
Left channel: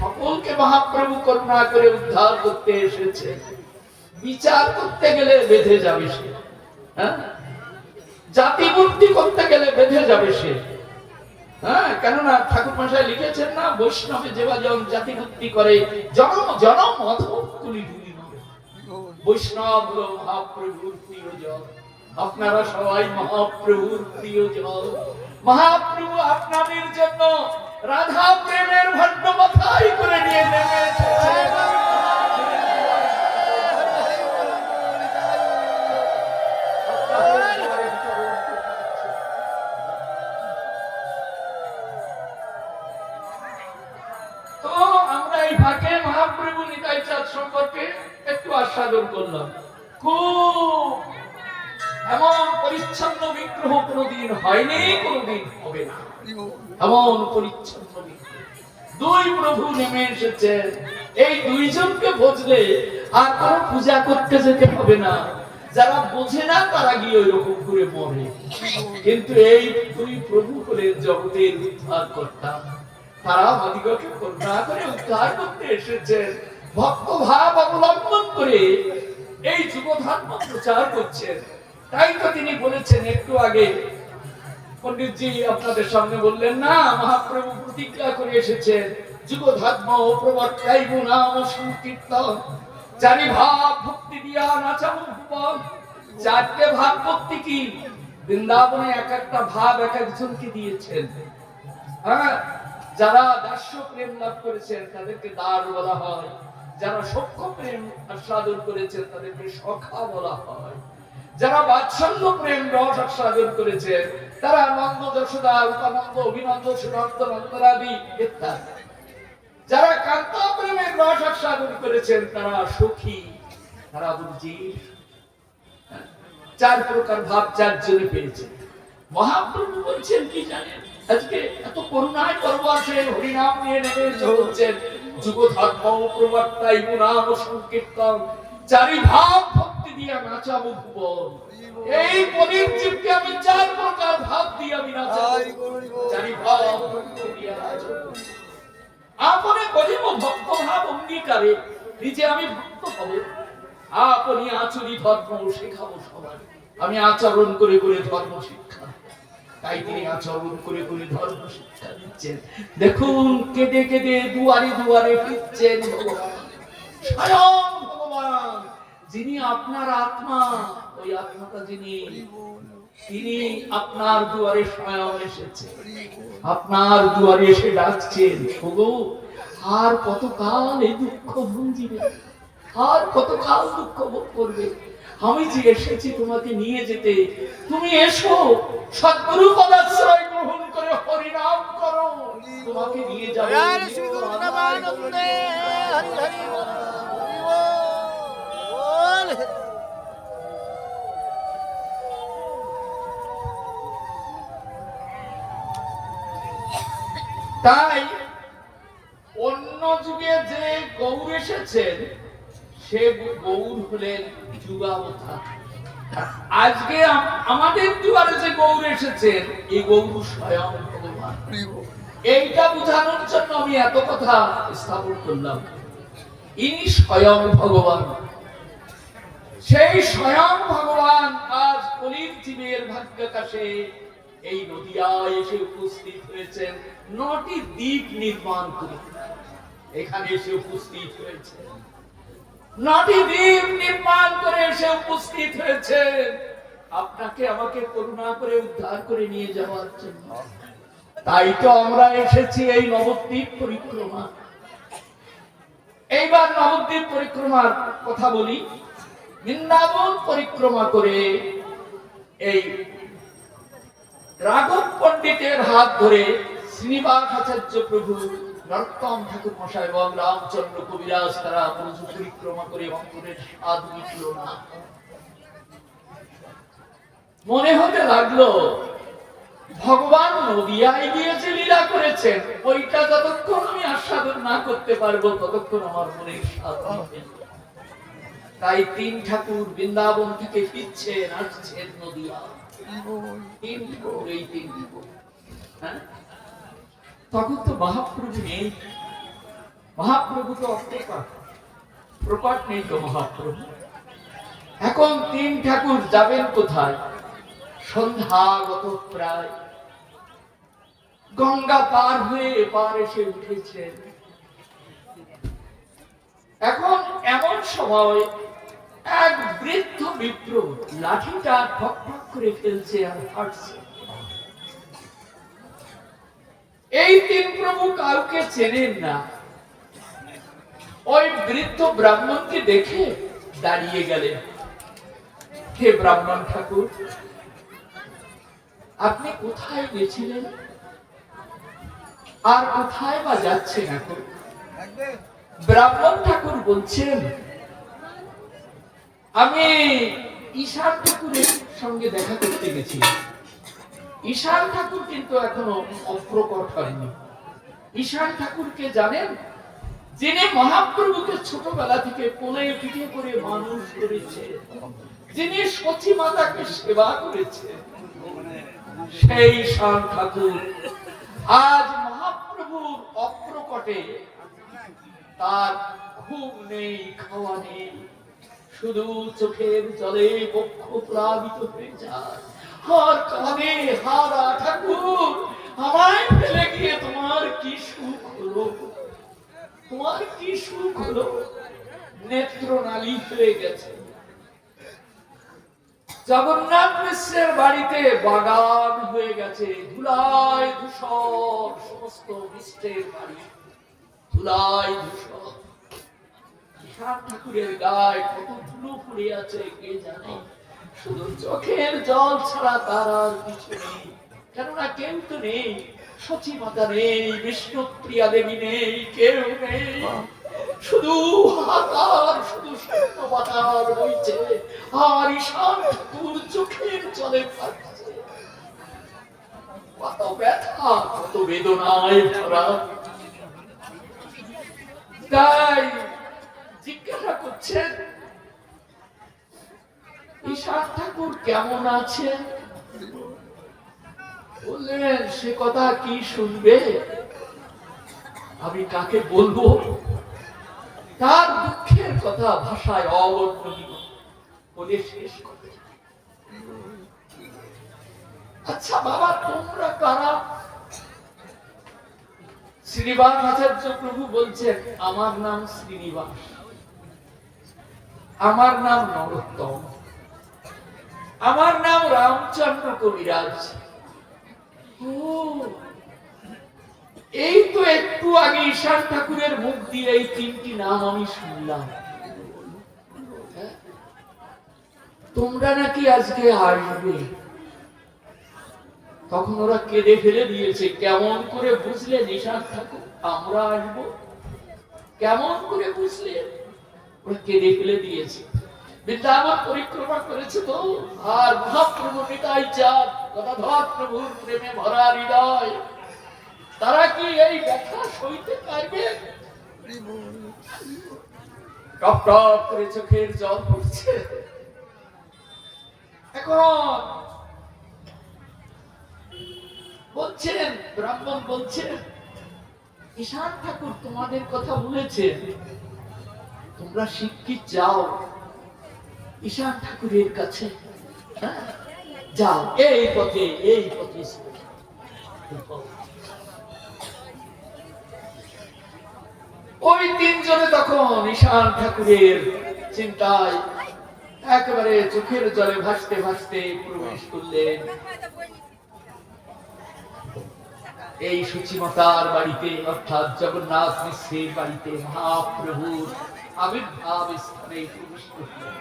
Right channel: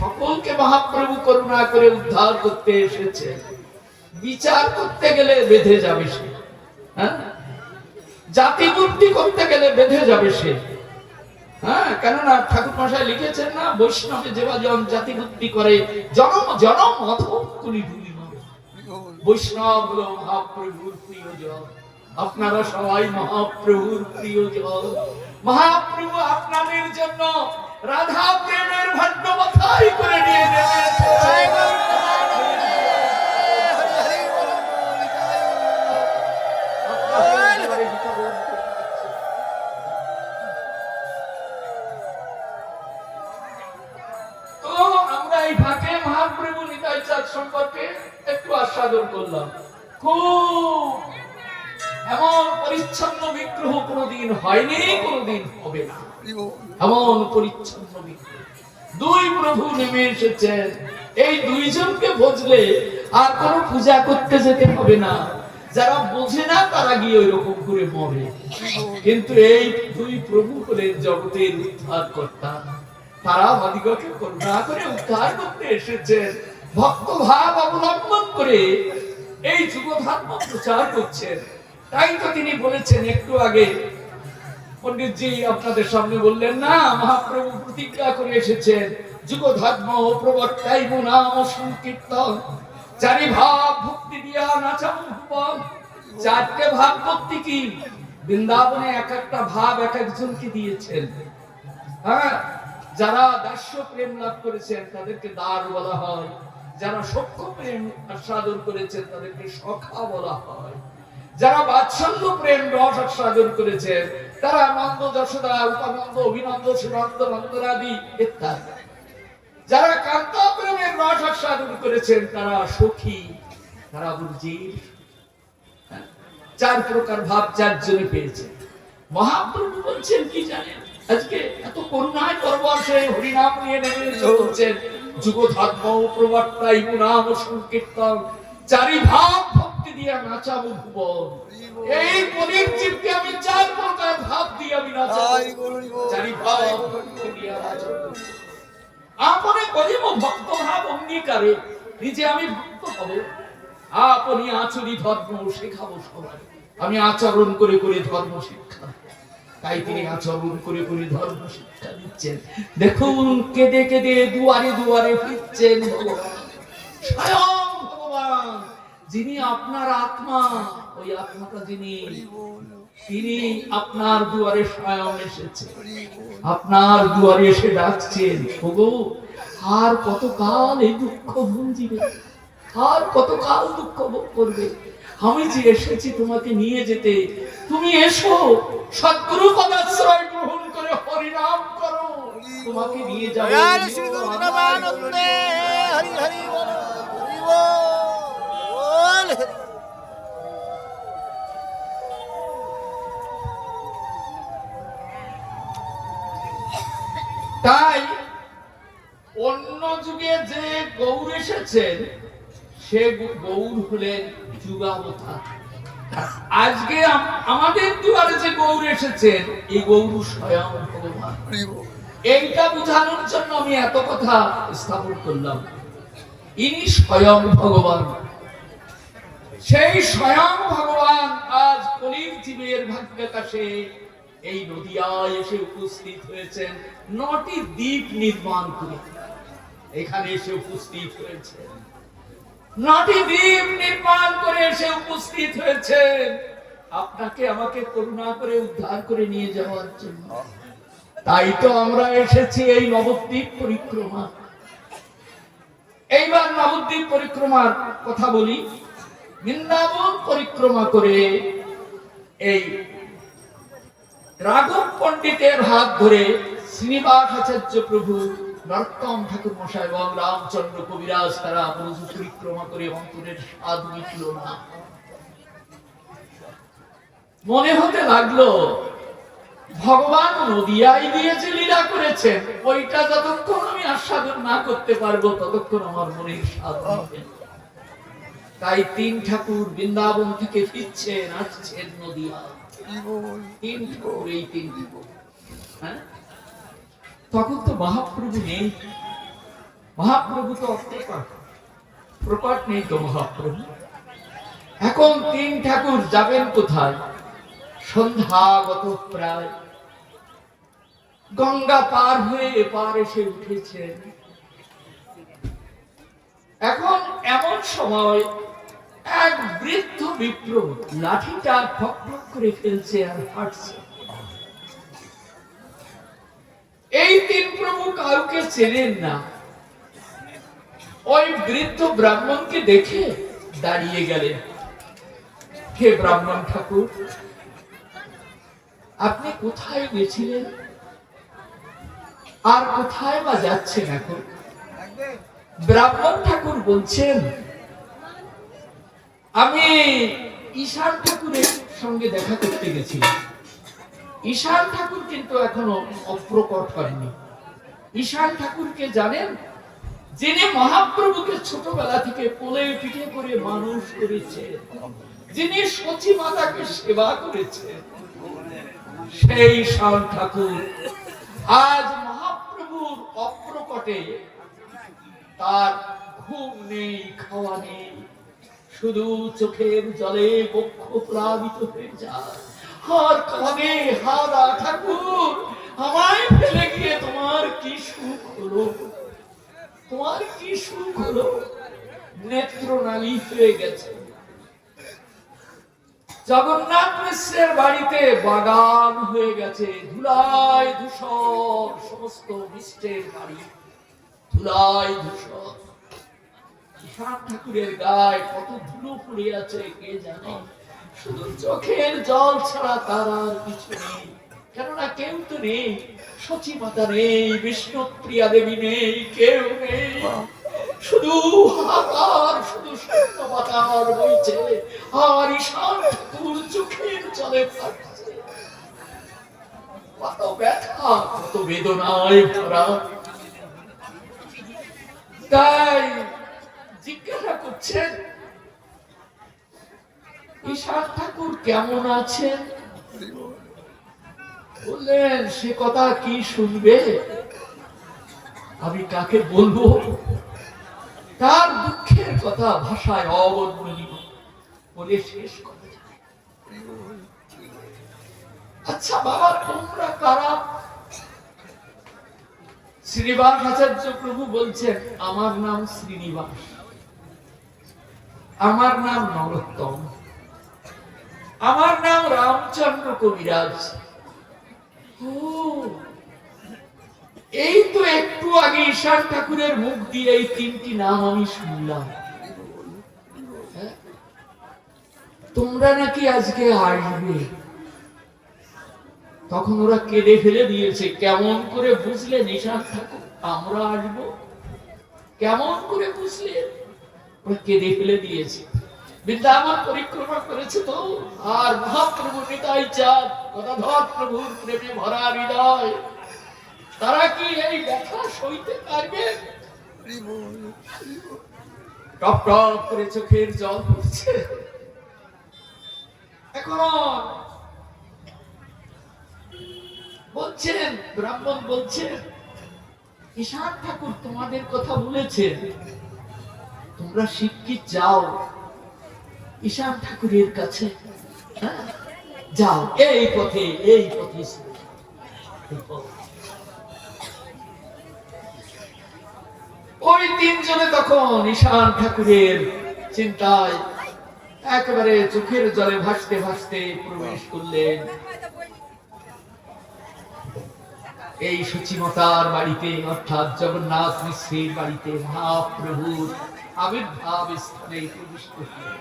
সকলকে মহাপ্রভু করুণা করে উদ্ধার করতে এসেছে। বিচার করতে গেলে বেঁধে যাবে সে, জাতি বুদ্ধি করতে গেলে বেঁধে যাবে সে। কেননা ঠাকুর মশাই লিখেছেন না, বৈষ্ণবে যেভাজন জাতি বুদ্ধি করে জনম জনম অধম কুলি ধুলি মারে। বৈষ্ণব হলো মহাপ্রভুর প্রিয়জন, আপনারা সবাই মহাপ্রভুর প্রিয়জন। মহাপ্রভু আপনাদের জন্য রাধা প্রেমের ভাণ্ড মাথায় করে নিয়ে নেমে মহাপ্রভু নিতাই চাঁদ সম্পর্কে একটু আস্বাদন করলাম। খুব এমন পরিচ্ছন্ন বিগ্রহ কোনদিন হয়নি, কোনদিন হবে না, এমন পরিচ্ছন্ন বিগ্রহ। দুই প্রভু নেমে এসেছেন। এই দুইজনকে বুঝলে আর কোন পূজা করতে যেতে হবে না। যারা বোঝে না তারা গিয়ে ওইরকম করে মরে, কিন্তু এই দুই প্রভু হলেন জগতের উদ্ধার কর্তা। তারা আমাদিগকে করুণা করে উদ্ধার করতে এসেছেন, ভক্ত ভাব অবলম্বন করে এই যুগ ধর্ম প্রচার করছেন। তাই তো তিনি বলেছেন একটু আগে, পণ্ডিতজি আপনাদের সামনে বললেন না, মহাপ্রভু প্রতিজ্ঞা করে এসেছেন, যুগ ধর্ম প্রবর্তাইব নাম সংকীর্তন, চারি ভাব ভক্তি দিয়া নাচাবো ভুবন। চারটে ভাব ভক্তি কি? বৃন্দাবনে এক একটা ভাব এক একজনকে দিয়েছেন। যারা দাস্য প্রেম লাভ করেছেন তাদেরকে দার বলা হয়, যারা সখ্য প্রেম আস্বাদন করেছেন তাদেরকে সখা বলা হয়। যারা বাৎসল্য প্রেম রস আস্বাদন করেছেন তারা নন্দ যশোদা উপানন্দ অভিনন্দ সুনন্দ নন্দরাদি ইত্যাদি। যারা কান্তা প্রেমের রস আস্বাদন করেছেন তারা সখী, তারা বুঝির। চার প্রকার ভাব চারজনে পেয়েছেন। মহাপ্রভু বলছেন কি জানেন, আজকে এত করুণায় পরবশে হরিনাম নিয়ে নেমে চলছেন, যুগ ধর্ম প্রবর্তাই নাম সংকীর্তন, চারি ভাব ভক্তি দিয়া নাচাবো ভুবন। এই পরীর জীবকে আমি চার প্রকার ভাব দিয়ে আমি নাচাবো, চারি ভাব ভক্তি দিয়া নাচাবো। আপনি করিব ভক্ত ভাব অঙ্গীকারে, নিজে আমি ভক্ত হব, আপনি আচরি ধর্ম শেখাবো সবাই। আমি আচরণ করে করে ধর্ম শিক্ষা, তাই তিনি আচরণ করে করে ধর্ম শিক্ষা দিচ্ছেন। দেখুন কেঁদে কেঁদে দুয়ারে দুয়ারে ফিরছেন ভগবান, স্বয়ং ভগবান, যিনি আপনার আত্মা। ওই আত্মাটা যিনি, তিনি আপনার দুয়ারে স্বয়ং এসেছেন, আপনার দুয়ারে এসে ডাকছেন, ওগো আর কতকাল এই দুঃখ ভুঞ্জিবে, আর কতকাল দুঃখ ভোগ করবে? আমি যে এসেছি তোমাকে নিয়ে যেতে, তুমি এসো, সদ্গুরু পদাশ্রয় গ্রহণ করে হরিনাম করো, তোমাকে নিয়ে যাবো। তাই অন্য যুগে যে গৌর এসেছেন সে গৌর হলেন যুগাবতার। আজকে আমাদের দুয়ারে যে গৌর এসেছেন এই গৌর স্বয়ং ভগবান। এইটা বোঝানোর জন্য আমি এত কথা স্থাপন করলাম। ইনি স্বয়ং ভগবান, সেই স্বয়ং ভগবান আজ কলির জীবের ভাগ্যাকাশে এই নদিয়ায় এসে উপস্থিত হয়েছেন। 9টি দ্বীপ নির্মাণ করে এখানে এসে উপস্থিত হয়েছেন, 9টি দ্বীপ নির্মাণ করে এসে উপস্থিত হয়েছেন আপনাকে আমাকে করুণা করে উদ্ধার করে নিয়ে যাওয়ার জন্য। তাই তো আমরা এসেছি এই নবদ্বীপ পরিক্রমা। এইবার নবদ্বীপ পরিক্রমার কথা বলি। বৃন্দাবন পরিক্রমা করে এই রাঘব পণ্ডিতের হাত ধরে শ্রীনিবাস আচার্য প্রভু, নরোত্তম ঠাকুর মশাই এবং রামচন্দ্র কবিরাজ তারা ব্রজ পরিক্রমা করে অন্তরের স্বাদ মিটল না। মনে হতে লাগলো ভগবান নদিয়ায় গিয়ে যে লীলা করেছেন ওইটা যতক্ষণ আমি আস্বাদন না করতে পারবো ততক্ষণ আমার মনের স্বাদ মিটবে না। তাই 3 ঠাকুর বৃন্দাবন থেকে ফিরছেন, আসছেন নদিয়া। 3 ঠাকুর, এই 3 ঠাকুর। হ্যাঁ, তখন তো মহাপ্রভু নেই, মহাপ্রভু তো প্রকট নেই তো মহাপ্রভু। এখন 3 ঠাকুর যাবেন কোথায়? সন্ধ্যাগত প্রায়, গঙ্গা পার হয়ে এপার এসে উঠেছেন। এখন এমন সময় এক বৃদ্ধ বিপ্র লাঠিটা ঠক ঠক করে ফেলছে আর হাঁটছে। এই 3 প্রভু কাউকে চেনেন না। ওই বৃদ্ধ ব্রাহ্মণকে দেখে দাঁড়িয়ে গেলেন। হে ব্রাহ্মণ ঠাকুর, আপনি কোথায় গেছিলেন আর কোথায় বা যাচ্ছেন এখন? ব্রাহ্মণ ঠাকুর বলছেন, আমি ঈশান ঠাকুরের সঙ্গে দেখা করতে গেছিলাম। ঈশান ঠাকুর কিন্তু এখনো অপ্রকট হয়নি। ঈশান ঠাকুরকে জানেন? যিনি মহাপ্রভুকে ছোটবেলা থেকে কোলে পিঠে করে মানুষ করেছে, যিনি সতী মাতাকে সেবা করেছে, সেই ঈশান ঠাকুর আজ মহাপ্রভুর অপ্রকটে তার ঘুম নেই, খাওয়া নেই, শুধু চোখের জলে বক্ষ প্লাবিত হয়ে যায় আর কাঁদে, হারা ঠাকুর আমায় ফেলে গিয়ে তোমার কি সুখ হলো, তোমার কি সুখ হলো? নেত্রনালী হয়ে গেছে। জগন্নাথ মিশ্রের বাড়িতে বাগান হয়ে গেছে, ধুলায় ধূসর, সমস্ত মিশ্রের বাড়ি ধুলায় ধূসর। ঈশান ঠাকুরের গায়ে কত ধুলো পড়ে আছে কে জানে। শুধু চোখের জল ছাড়া তার আর কিছু নেই। কেননা কেউ তো নেই, সচিমাতা নেই, বিষ্ণুপ্রিয়া দেবী নেই, কেউ নেই। শুধু হাহাকার, শুধু শূন্য বাতার বইছে, আর ঈশান ঠাকুর চোখের জলে ভাসছে। কত ব্যথা, কত বেদনায় ভরা। তাই জিজ্ঞাসা করছেন, ঈশান ঠাকুর কেমন আছেন? বললেন, সে কথা কি শুনবে, আমি কাকে বলবো? তার দুঃখের কথা ভাষায় অবর্ণনীয় বলে শেষ করে। আচ্ছা বাবা, তোমরা কারা? শ্রীনিবাস আচার্য প্রভু বলছেন, আমার নাম শ্রীনিবাস, আমার নাম নরোত্তম, আমার নাম রামচন্দ্র কবিরাজ। ও, এই তো একটু আগে ঈশান ঠাকুরের মুখ দিয়ে এই তিনটি নাম আমি শুনলাম। তোমরা নাকি আজকে আসবে। তখন ওরা কেঁদে ফেলে দিয়েছে। কেমন করে বুঝলেন ঈশান ঠাকুর আমরা আসবো? কেমন করে বুঝলেন? ওরা কেঁদে ফেলে দিয়েছে। বৃন্দাবন পরিক্রমা করেছে তো, আর মহাপ্রভু নিতাই চাঁদ গদাধর প্রভুর প্রেমে ভরা হৃদয়, তারা কি এই ব্যথা সইতে পারবে? টপ টপ করে চোখের জল পড়ছে। এখন বলছেন, ব্রাহ্মণ বলছেন, ঈশান ঠাকুর তোমাদের কথা বলেছেন, তোমরা শিগগির যাও ঈশান ঠাকুরের কাছে। হ্যাঁ, যাও, এই পথে, এই পথে। ওই তিনজনে তখন ঈশান ঠাকুরের চিন্তায় একেবারে চোখের জলে ভাসতে ভাসতে প্রবেশ করলেন এই সুচিমতার বাড়িতে, অর্থাৎ জগন্নাথ মিশ্রের বাড়িতে। মহাপ্রভুর আবির্ভাব স্থানে প্রবেশ করলেন।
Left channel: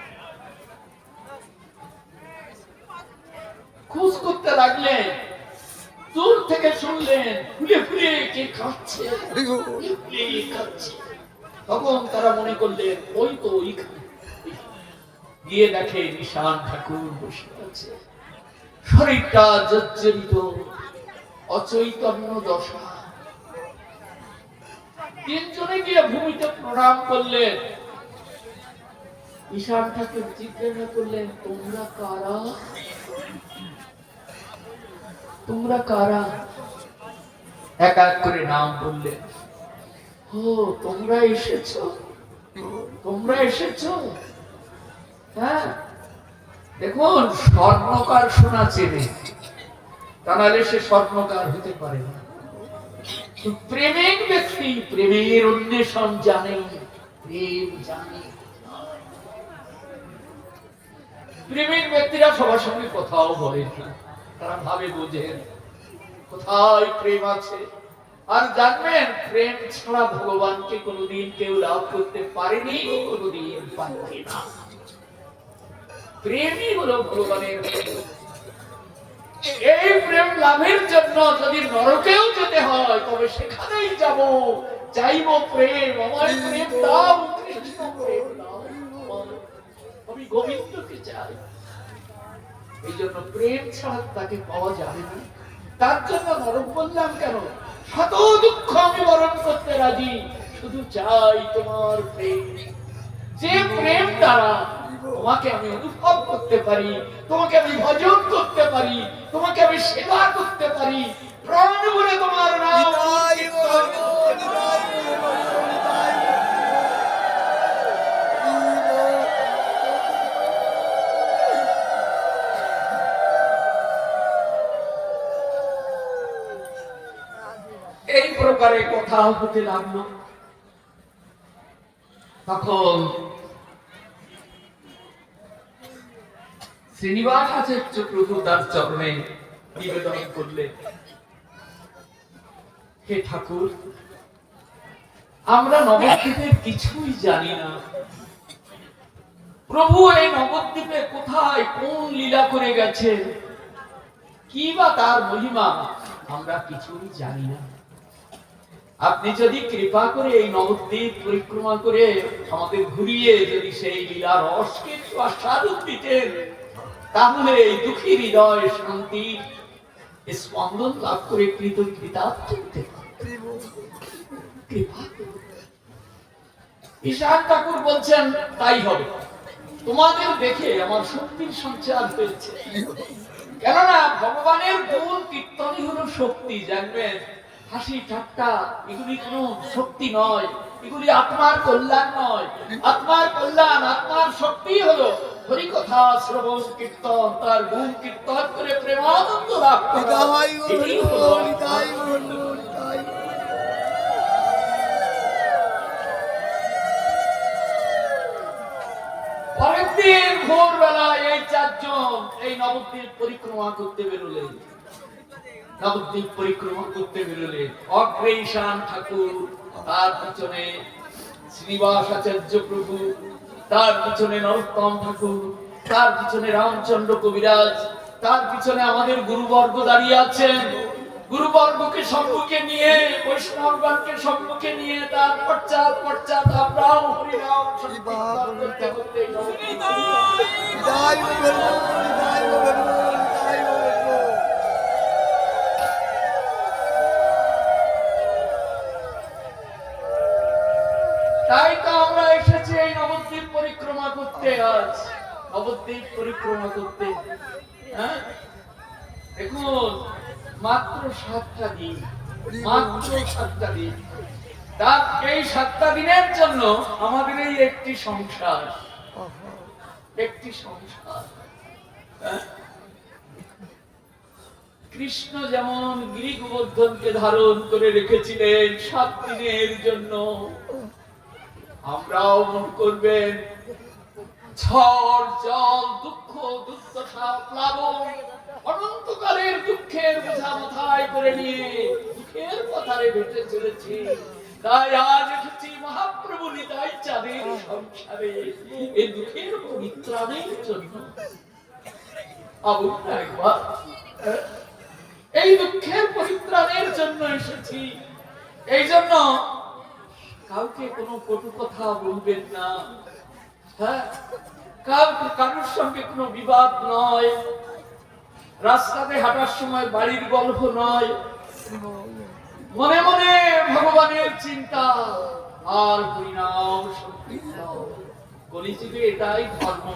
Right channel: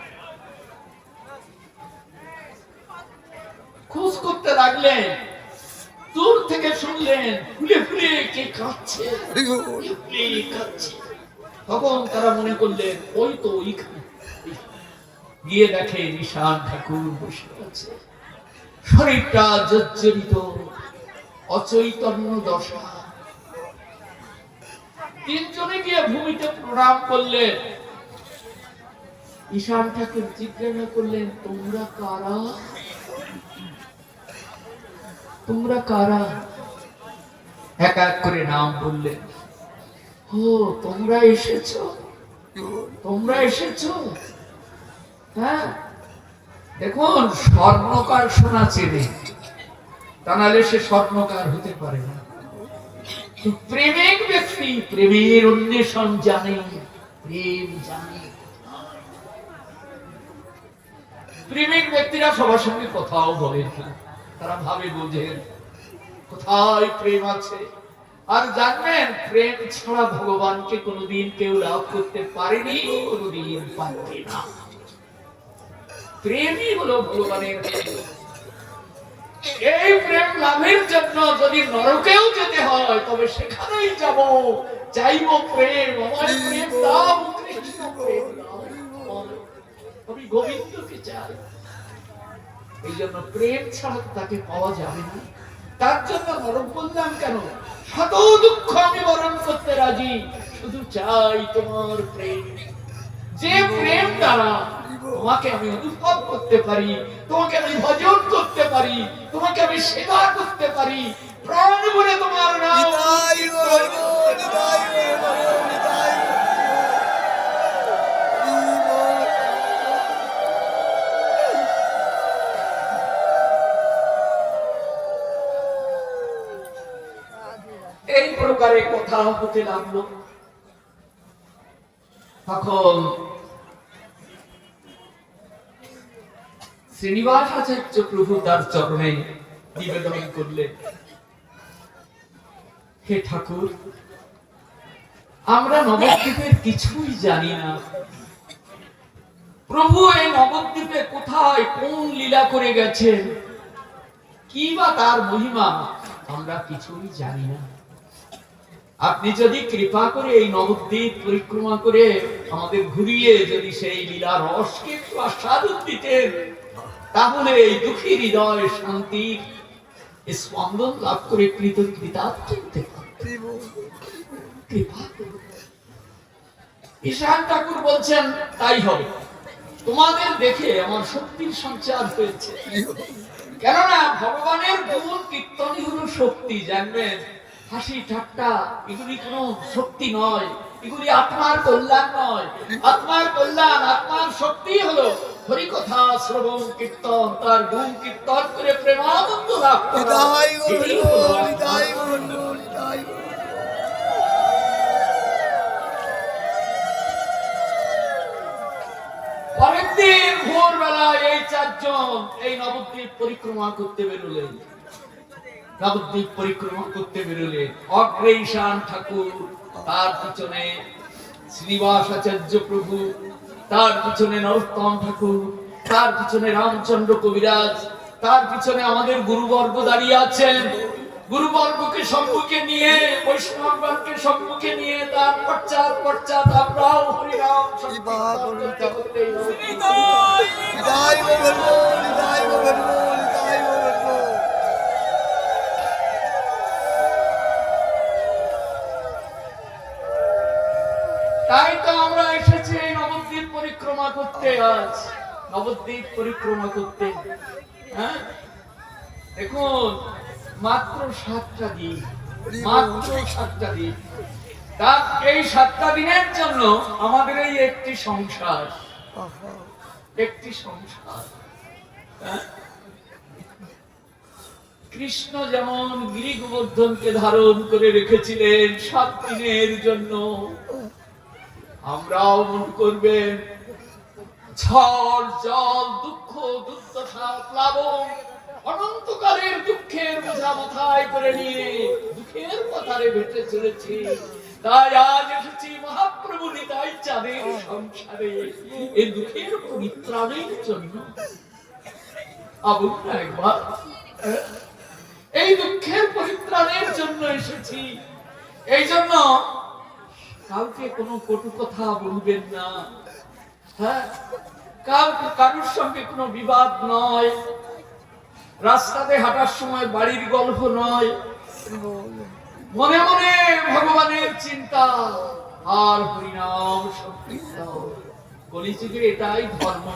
খোঁজ করতে লাগলেন, দূর থেকে শুনলেন ফুলে ফুলে কে কাঁদছে, কাঁদছে। তখন তারা মনে করলেন ওই তো ওইখানে। গিয়ে দেখে ঈশান ঠাকুর বসে আছে, শরীরটা জর্জরিত, অচৈতন্য দশা। তিনজনে গিয়ে ভূমিতে প্রণাম করলেন। ঈশান ঠাকুর জিজ্ঞাসা করলেন, তোমরা কারা? তোমরা কারা? এক এক করে নাম বললেন। ও, তোমরা এসেছো, তোমরা এসেছো। হ্যাঁ, দেখুন, স্বর্ণকার সোনা চেনে, তা নাহলে সে স্বর্ণকার হতে পারে না। প্রেমিক ব্যক্তি প্রেমের অন্বেষণ জানে, প্রেম জানে। প্রেমিক ব্যক্তিরা সবার সঙ্গে কথাও বলেন না, তারা ভাবে বোঝেন কোথায় প্রেম আছে। আর জানবেন, প্রেম ছাড়া ভগবানকে কোনোদিন কেউ লাভ করতে পারেনি, কোনোদিন পারবে না। প্রেমই হলো ভগবানের। এই প্রেম লাভের জন্য যদি নরকেও যেতে হয়, তবে সেখানেই যাব, চাইব প্রেম। আমার প্রেম দাও, কৃষ্ণ প্রেম দাও, আমি গোবিন্দকে চাই। এই জন্য প্রেম ছাড়া তাকে পাওয়া যাবে না। তার জন্য নরক বললাম কেন? শত দুঃখ আমি বরণ করতে রাজি, শুধু চাই তোমার প্রেম। যে প্রেম দ্বারা তোমাকে আমি অনুভব করতে পারি, তোমাকে আমি ভজন করতে পারি, তোমাকে আমি সেবা করতে পারি, প্রাণ ভরে তোমার নাম। এই প্রকারে কথা হতে লাগলো। তখন শ্রীনিবাস আচার্য প্রভু তার চরণে নিবেদন করলেন, হে ঠাকুর, আমরা নবদ্বীপের কিছুই জানি না, প্রভু এই নবদ্বীপে কোথায় কোন লীলা করে গেছেন, কি বা তার মহিমা আমরা কিছুই জানি না। আপনি যদি কৃপা করে এই নবদ্বীপ পরিক্রমা করে আমাদের ঘুরিয়ে যদি সেই লীলা রসকে একটু আস্বাদন দিতেন, তাহলে এই দুঃখী হৃদয় শান্তি স্পন্দন লাভ করে কৃতজ্ঞতা হতে পারতেন। ঈশান ঠাকুর বলছেন তাই হবে। তোমাদের দেখে আমার শক্তির সঞ্চার হয়েছে, কেননা ভগবানের গুণ কীর্তনই হলো শক্তি। জানবেন, হাসি ঠাট্টা এগুলি কোনো শক্তি নয়, এগুলি আত্মার কল্যাণ নয়। আত্মার কল্যাণ, আত্মার শক্তি হলো হরিকথা শ্রবণ কীর্তন, তার গুণ কীর্তন করে প্রেমানন্দ লাভ করা। এটাই হলো পরেরদিন ভোরবেলায় এই চারজন এই নবদ্বীপ পরিক্রমা করতে বেরোলেন। নবদ্বীপ পরিক্রমা করতে বেরোলেন। অগ্রে ঈশান ঠাকুর, তার পিছনে শ্রীনিবাস আচার্য প্রভু, তার পিছনে নরোত্তম ঠাকুর, তার পিছনে রামচন্দ্র কবিরাজ, তার পিছনে আমাদের গুরুবর্গ দাঁড়িয়ে আছেন। গুরুবর্গকে সম্মুখে নিয়ে, বৈষ্ণবগণকে সম্মুখে নিয়ে, তার পশ্চাৎ পশ্চাৎ আমরাও হরিনাম সংকীর্তন করতে করতে তাই তো আমরা এসেছি এই নবদ্বীপ পরিক্রমা করতে। আজ নবদ্বীপ পরিক্রমা করতে, হ্যাঁ দেখুন, মাত্র 7টা দিন, মাত্র 7টা দিন। তার এই 7টা দিনের জন্য আমাদের এই একটি সংসার, একটি সংসার। কৃষ্ণ যেমন গিরি গোবর্ধনকে ধারণ করে রেখেছিলেন 7 দিনের জন্য, আমরাও মন করবেন ঝড় জল দুঃখ দুর্দশা প্লাবন অনন্তকালের দুঃখের বোঝা মাথায় করে নিয়ে দুঃখের পথারে ভেসে চলেছি। তাই আজ এসেছি মহাপ্রভু নিতাই চাঁদের সংসারে এই দুঃখের পরিত্রাণের জন্য। একবার এই দুঃখের পরিত্রাণের জন্য এসেছি। এই জন্য কাউকে কোনো কটু কথা বলবেন না, হ্যাঁ, কারোর সঙ্গে কোনো বিবাদ নয়, রাস্তাতে হাঁটার সময় বাড়ির গল্প নয়, মনে মনে ভগবানের চিন্তা আর হরিনাম সংকীর্তন। কলিযুগে এটাই ধর্ম।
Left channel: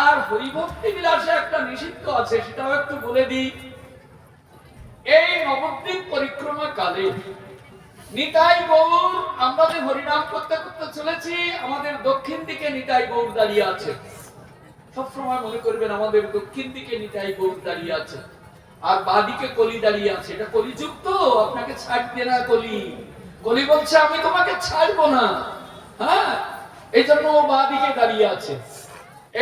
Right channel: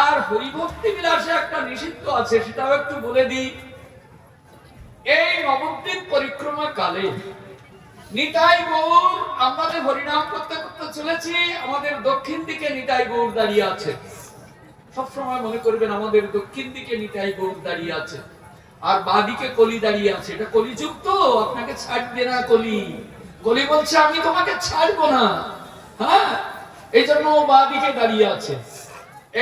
আর হরিভক্তি বিলাসে একটা নিষিদ্ধ আছে, সেটাও একটু বলে দিই। এই নবদ্বীপ পরিক্রমা কালে নিতাই গৌর, আমরা যে হরিনাম করতে করতে চলেছি, আমাদের দক্ষিণ দিকে নিতাই গৌর দাঁড়িয়ে আছে। সবসময় মনে করবেন আমাদের দক্ষিণ দিকে নিতাই গৌর দাঁড়িয়ে আছে, আর বাঁদিকে কলি দাঁড়িয়ে আছে। এটা কলিযুগ তো, আপনাকে ছাড়বে না কলি। কলি বলছে আমি তোমাকে ছাড়বো না, হ্যাঁ, এই জন্য ও বাঁদিকে দাঁড়িয়ে আছে।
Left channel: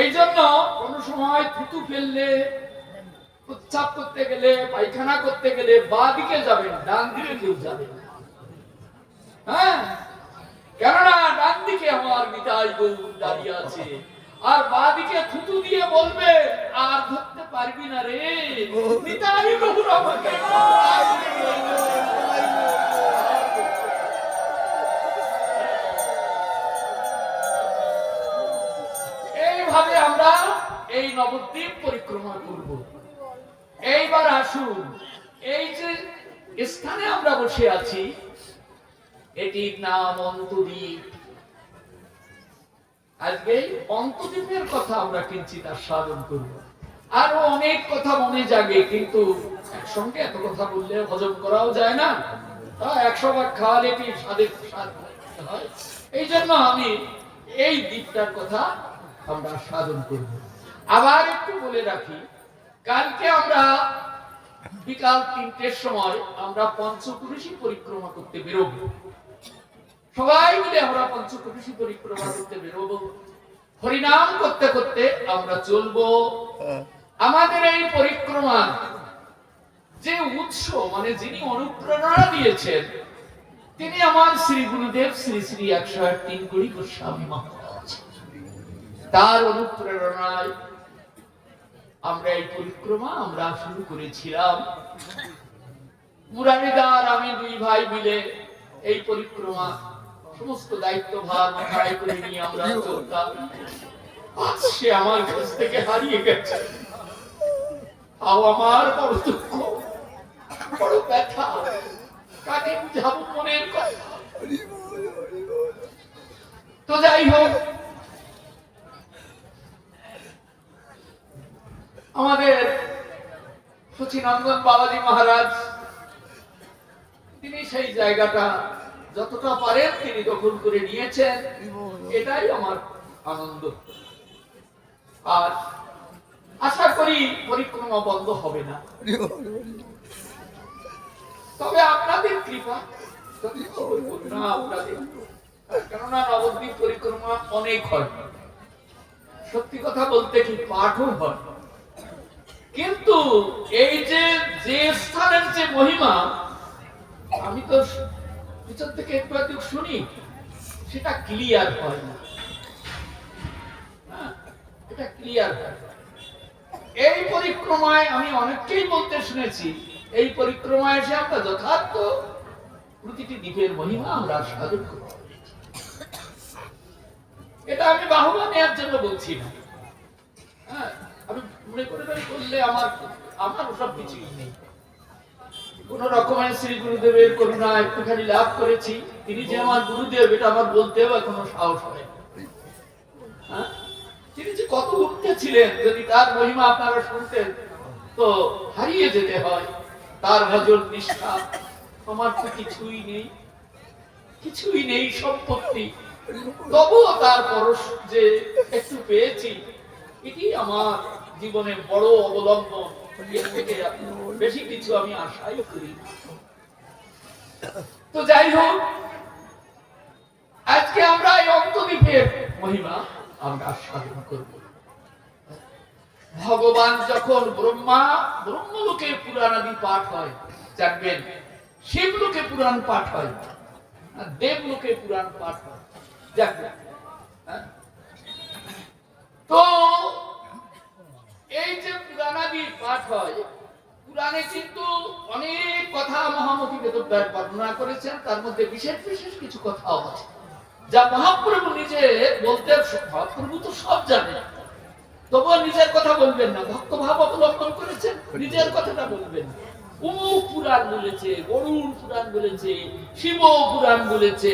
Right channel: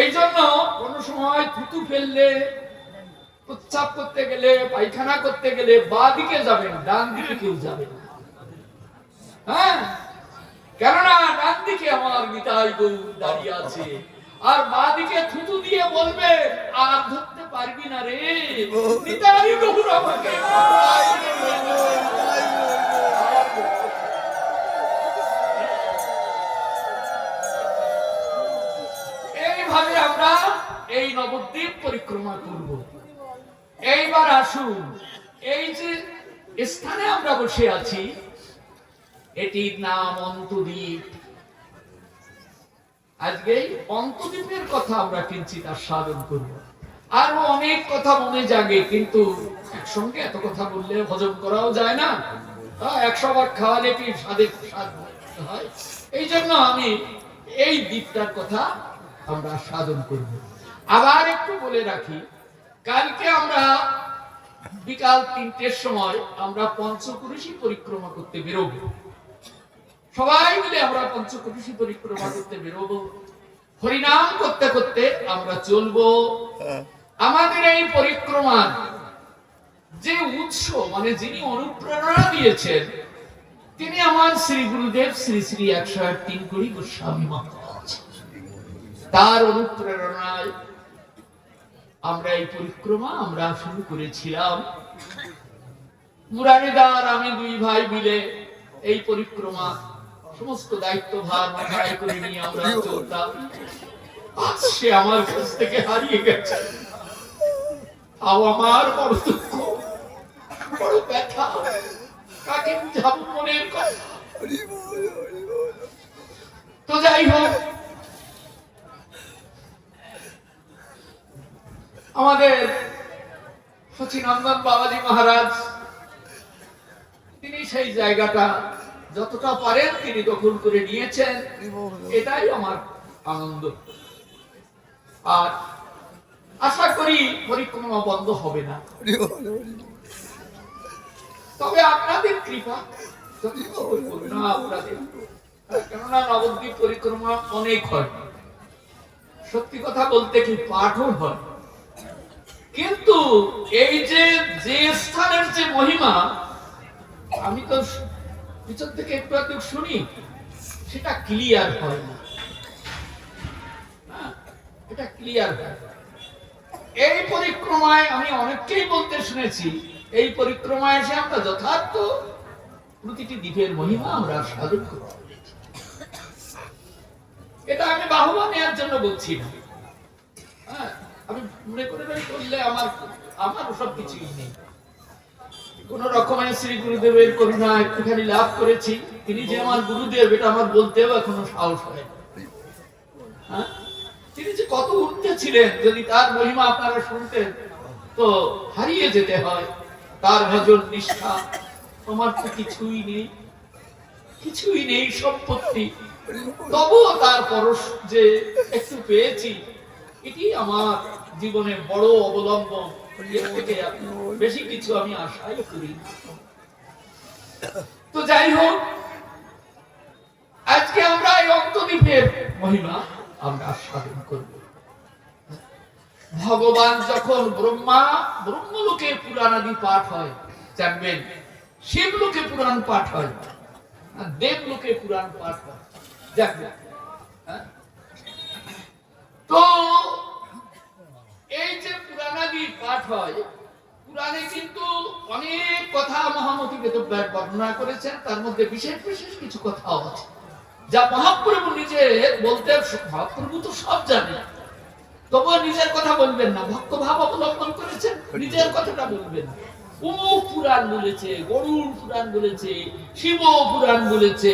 এই জন্য কোন সময় থুতু ফেললে, উচ্চাপ করতে গেলে, পায়খানা করতে গেলে বাঁদিকে যাবেন, ডান দিকে কেউ যাবে না, হ্যাঁ, কেননা ডান দিকে আমার নিতাই গৌর দাঁড়িয়ে আছে। আর বাঁদিকে থুতু দিয়ে বলবে আর ধরতে পারবি না রে, নিতাই গৌর আমাকে। এইভাবে আমরা এই নবদ্বীপ পরিক্রমা করব। এইবার আসুন, এই যে স্থানে আমরা বসে আছি, এটির নাম অন্তদ্বীপ। আজকে অন্তদ্বীপের কথা আমরা কিঞ্চিত আস্বাদন করব। আরো অনেক কথা মনে জাগে, কিন্তু একসঙ্গে এত কথা বললে হজম করাও যায় না। 100 বার খাওয়ালে কি স্বাদের স্বাদ হয়? এই জন্য আমি এই দ্বীপটার কথা আমরা আস্বাদন করব। আবার একটু বলে রাখি, কালকে আমরা বিকাল 3টের সময় আমরা পঞ্চকুরুষী পরিক্রমা করতে বেরোবো। সবাই মিলে আমরা পঞ্চকুরুষী পরিক্রমা করতে বেরোবো। হরিনাম করতে করতে আমরা চলবো। আমাদের এই পরিক্রমার যে উৎস, মানে যিনি অনুপ্রেরণা দিয়েছেন, তিনি আমার শ্রী গুরুদেব শ্রী শ্রী 108 গৌরী গোস্বামী মহারাজ। তার অনুপ্রেরণায় আমরা এই পরিক্রমা আমরা শুরু করেছিলাম। মুরারিদার আমি দুই ভাই মিলে এই পরিক্রমা সমস্ত দায়িত্বভার মাথায় করে নিয়ে আমরা চলতাম। আজ সে আমার কাছ থেকে হারিয়ে গেছে। তাও আমার বড় দুঃখ, বড় ব্যথা, কাকে বুঝাবো মনের কথা। তো যাই হোক, আমাদের সচিনন্দন বাবাজি মহারাজ তিনি সেই জায়গাটা যতটা পারেন তিনি দখল করে নিয়েছেন, এটাই আমার আনন্দ। আর আশা করি পরিক্রমা বন্ধ হবে না, তবে আপনাদের কৃপা, আপনাদের, কেননা নবদ্বীপ পরিক্রমা অনেক হয়, সত্যি কথা বলতে কি পাঠও হয়, কিন্তু এই যে স্থানের যে মহিমা আমি তো পিছন থেকে একটু একটু শুনি, সেটা ক্লিয়ার হয় না। এটা ক্লিয়ার হয়। এই পরিক্রমায় আমি অনেককেই বলতে শুনেছি, এই পরিক্রমায় এসে আমরা যথার্থ প্রতিটি দ্বীপের মহিমা আমরা সাধন করি। এটা আমি বাহুবা নেওয়ার জন্য বলছি না। আমি মনে করে বললে আমার ওসব কিছুই নেই। কোন রকমের শ্রী গুরুদেবের করুণা একটুখানি লাভ করেছি। তিনি যে আমার গুরুদেব, এটা আমার বলতেও এখনো সাহস হয়। তিনি যে কত উঠতে ছিলেন, যদি তার মহিমা আপনারা শুনতেন তো হারিয়ে যেতে হয়। তার ভজন নিষ্ঠা আমার তো কিছুই নেই, কিছুই নেই সম্পত্তি, তবুও তার পরশ যে একটু পেয়েছি, এটি আমার জীবনে বড় অবলম্বন। এর থেকে বেশি কিছু আমি আশাই করি। তো যাই হোক, আজকে আমরা এই অন্তদ্বীপের মহিমা আমরা সাধন করব। ভগবান যখন ব্রহ্মলোকের পুরাণাদি পাঠ হয়, জানবেন শিবলোকে পুরাণ পাঠ হয়, দেবলোকে পুরাণ পাঠ হয়। তো এই যে পুরাণাদি পাঠ হয়, পুরাণে কিন্তু অনেক কথা মহামতি বেদব্যাস বর্ণনা করেছেন, তার মধ্যে বিশেষ বিশেষ কিছু কথাও আছে যা মহাপ্রভু নিজে বলতে, মহাপ্রভু তো সব জানে, তবুও নিজের কথা বলবেন না, ভক্ত ভাব অবলম্বন করেছেন, নিজের কথাটা বলবেন। অমুক পুরাণ বলেছে, গরুড় পুরাণ বলেছে, শিব পুরাণ বলেছে,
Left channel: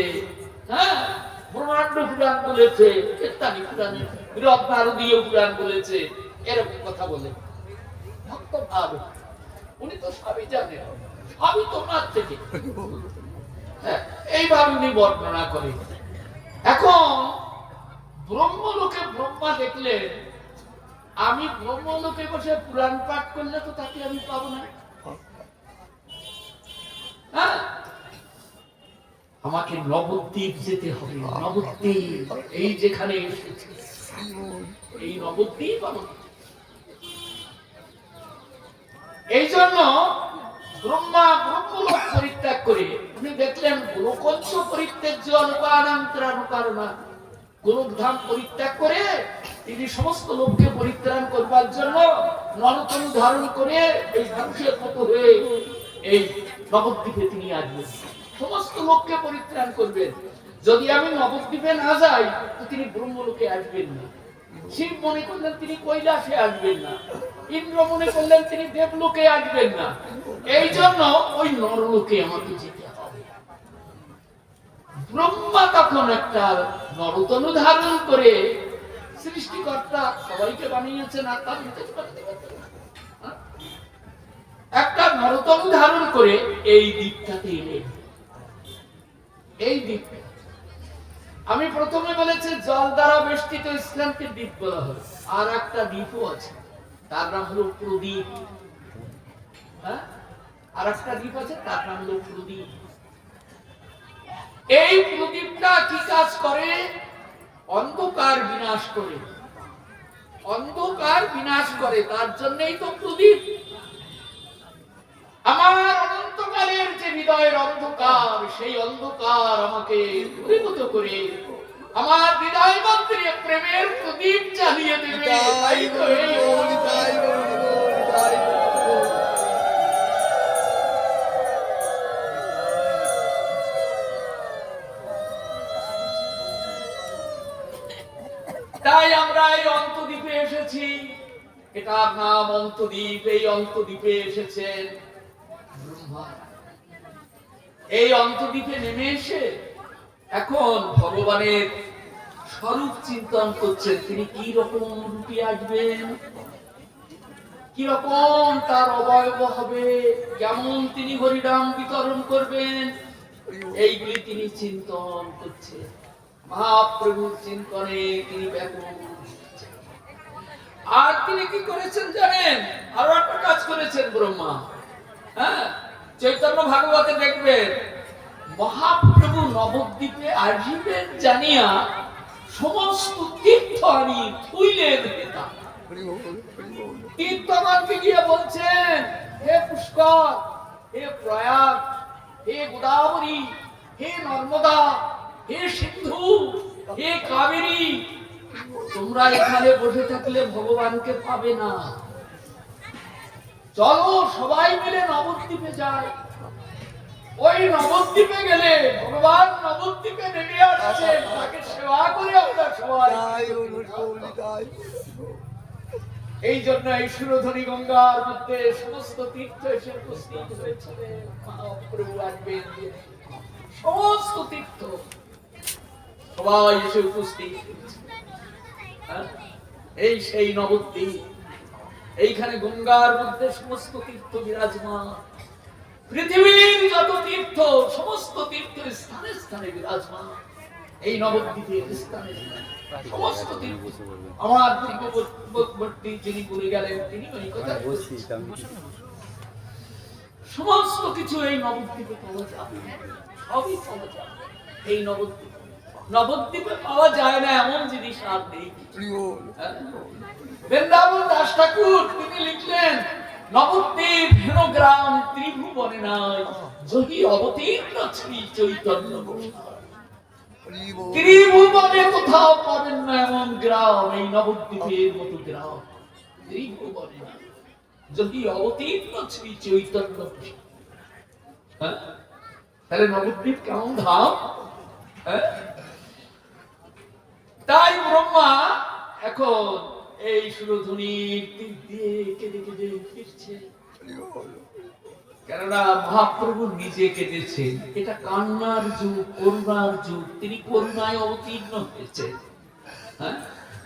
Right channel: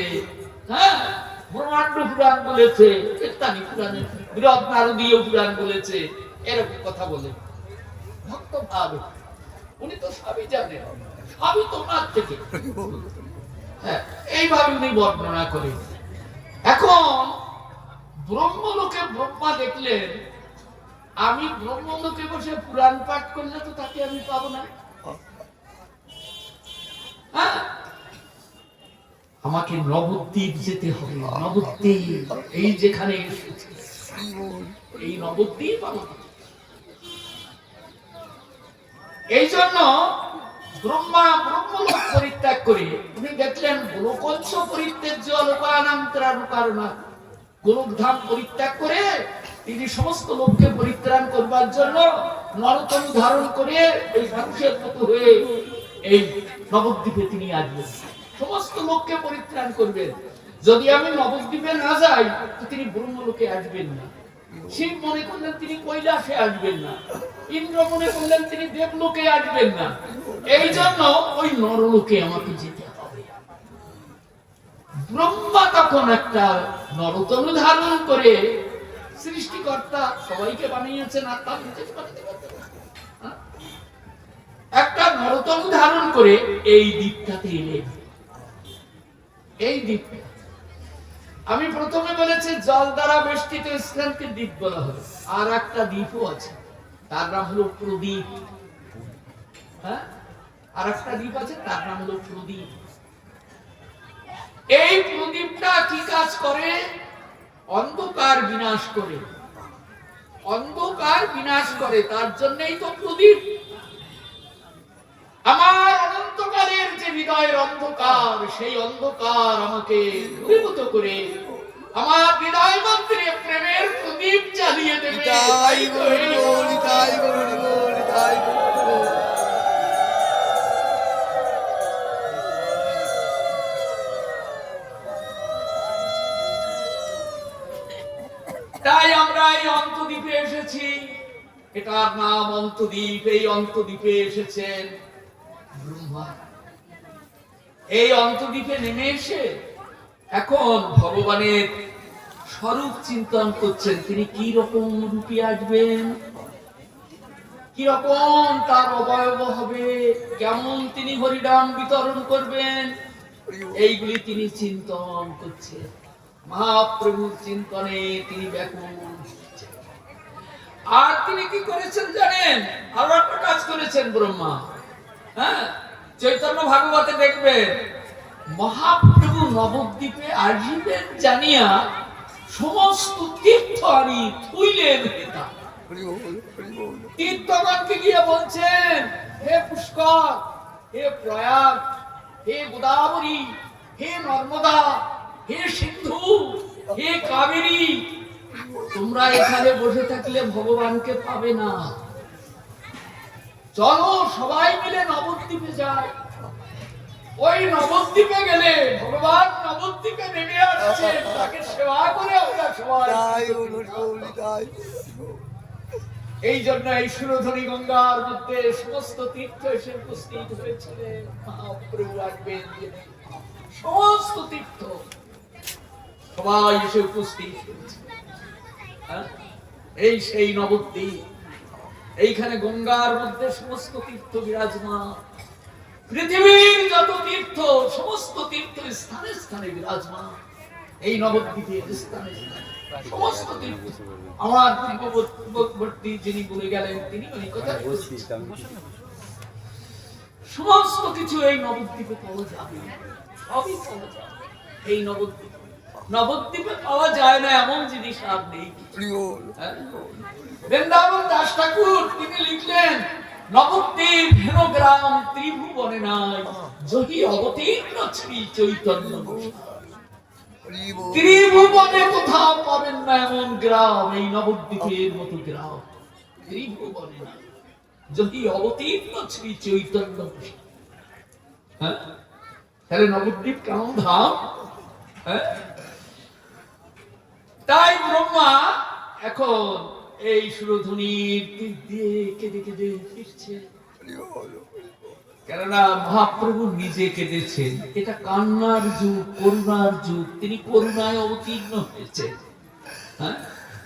হ্যাঁ, ব্রহ্মাণ্ড পুরাণ বলেছে, ইত্যাদি পুরাণে বৃহৎ নারদীয় পুরাণ বলেছে, এরকম কথা বলে ভক্ত ভাব। উনি তো সবই জানেন, সবই তোমার থেকে, হ্যাঁ, এইভাবে উনি বর্ণনা করেন। এখন ব্রহ্মলোকে ব্রহ্মা দেখলেন, আমি ব্রহ্মলোকে বসে পুরাণ পাঠ করলে তো তাকে আমি পাবো না, হ্যাঁ, আমাকে নবদ্বীপ যেতে হবে। নবদ্বীপ এই যেখানে এসেছে, এই নবদ্বীপ আমাকে, এই জন্য ব্রহ্মা ব্রহ্মলোক পরিত্যাগ করে উনি দেখলেন গোলকঞ্চ পরিত্যাজ্য লোকানান্তরানুকারণা, গোলকধাম পরিত্যাগ করে তিনি সমস্ত লোককে পরিত্রাণ করবার জন্য নরতনু ধারণ করে এই মানুষের মতো হয়ে এই নবদ্বীপে তিনি আসবেন, সমস্ত লোককে পরিত্রাণ করবেন। যদি আমি নবদ্বীপে না যাই তো তিনি ব্রহ্মলোকে আসবেন না। শিব মনে করলেন তিনি কৈলাসে আসবেন না, ইন্দ্র মনে করলেন তিনি দেবলোকে আসবেন না, এই জন্য ওই নরলোকে আমাকে যেতে হবে। ব্রহ্মা তখন একটা নরতনু ধারণ করে, সৃষ্টিকর্তা সবাইকে বানিয়েছেন, আর তার একটা নরতনু ধারণ করে এই দ্বীপটাতে এলেন। এই দ্বীপটা আমি প্রথমে বলেছি জল দ্বারা বেষ্টিত স্থানকে দ্বীপ বলা হয়। আর একটা দ্বীপও আছে, তার নাম হলো প্রদীপ। হ্যাঁ, আর একটা দ্বীপ আছে, তার নাম হলো প্রদীপ। এই প্রদীপটা কি কাজ করে? অন্ধকার বিনাশ করে, অন্ধকার বিনাশ করে, তার জন্যই তো প্রদীপ। আমার অনন্তকালের যে হৃদয়ের অন্ধকার, সেই অন্ধকার আমাকে দূরীভূত করে আমার হৃদয় মন্দিরে প্রেমের প্রদীপ নবদ্বীপ জ্বালিয়ে দেবে। তাই তো এই তাই আমরা এই অন্তদ্বীপে এসেছি। এটার নাম অন্তদ্বীপ। এই অন্তদ্বীপে এসেছেন ব্রহ্মা। এই অন্তদ্বীপে নেমে এসে এখন ভগবানের স্বরূপ চিন্তন করছেন। তিনি কি রকম রূপে আসবেন, কি রকম তার অবয়ব হবে, কেমন তিনি হরিনাম বিতরণ করবেন, এইগুলি তিনি চিন্তন করছেন। মহাপ্রভুর চিন্তনে তিনি ব্যাকুল। আর তিনি কি করেছেন জানেন? আরো একটা কাজ করেছেন ব্রহ্মা। হ্যাঁ, চৈতন্য ভাগবতে দেখবেন মহাপ্রভু নবদ্বীপে আসিবেন জানিয়া সমস্ত তীর্থ আমি থুইলে দিতাম। তীর্থগণকে গিয়ে বলছেন, হে পুষ্কর, হে প্রয়াগ, হে গোদাবরী, হে নর্মদা, হে সিন্ধু, হে কাবেরী, তোমরা এখানে বসে থাকলে ভগবানকে পাবে না। চলো সবাই মিলে নবদ্বীপে যাই। ওই নবদ্বীপে গেলে ভগবান নবদ্বীপে নেমে আসছেন, তাকে সেবা করে আমরা সবাই। এই জন্য এই সুরধনী গঙ্গার মধ্যে সমস্ত তীর্থ এসে উপস্থিত হয়েছিলেন। মহাপ্রভু আসবেন, সমস্ত তীর্থ সবাই এসে উপস্থিত হয়েছে। এই সেই নবদ্বীপ। এইখানে গঙ্গার মধ্যে সমস্ত তীর্থ বিরাজমান। পৃথিবীর যত তীর্থ, সমস্ত তীর্থের স্থানে স্থানে বিরাজমান। এই নবদ্বীপের স্থানে সমস্ত তীর্থ। আমার পূর্ববর্তী যিনি বলে গেলেন, তিনি ওই কথা সমস্ত কিছু এই নবদ্বীপে পাওয়া যাবে। সবই পাওয়া যাবে এই নবদ্বীপে। নবদ্বীপে পাওয়া যায় না এমন জিনিস আর নেই। বৃন্দাবন দাস ঠাকুর তিনি লিখলেন, নবদ্বীপ হেন গ্রাম ত্রিভুবনে নাই, জহি অবতীর্ণ শ্রী চৈতন্য। ত্রিভুবনে কোথাও পাবেন না এমন গ্রাম, এই নবদ্বীপের মতো গ্রাম ত্রিভুবনে নাই, জহি অবতীর্ণ শ্রী চৈতন্য। তাহলে নবদ্বীপ কেমন ধাম? তাই ব্রহ্মা এখন এই সুরধুনির দিক দিয়ে কেঁদে কেঁদে ফিরছে। কেননা মহাপ্রভু নিজে কেঁদেছেন। এটা কান্নার যুগ, করুণার যুগ। তিনি করুণায় অবতীর্ণ হয়েছে।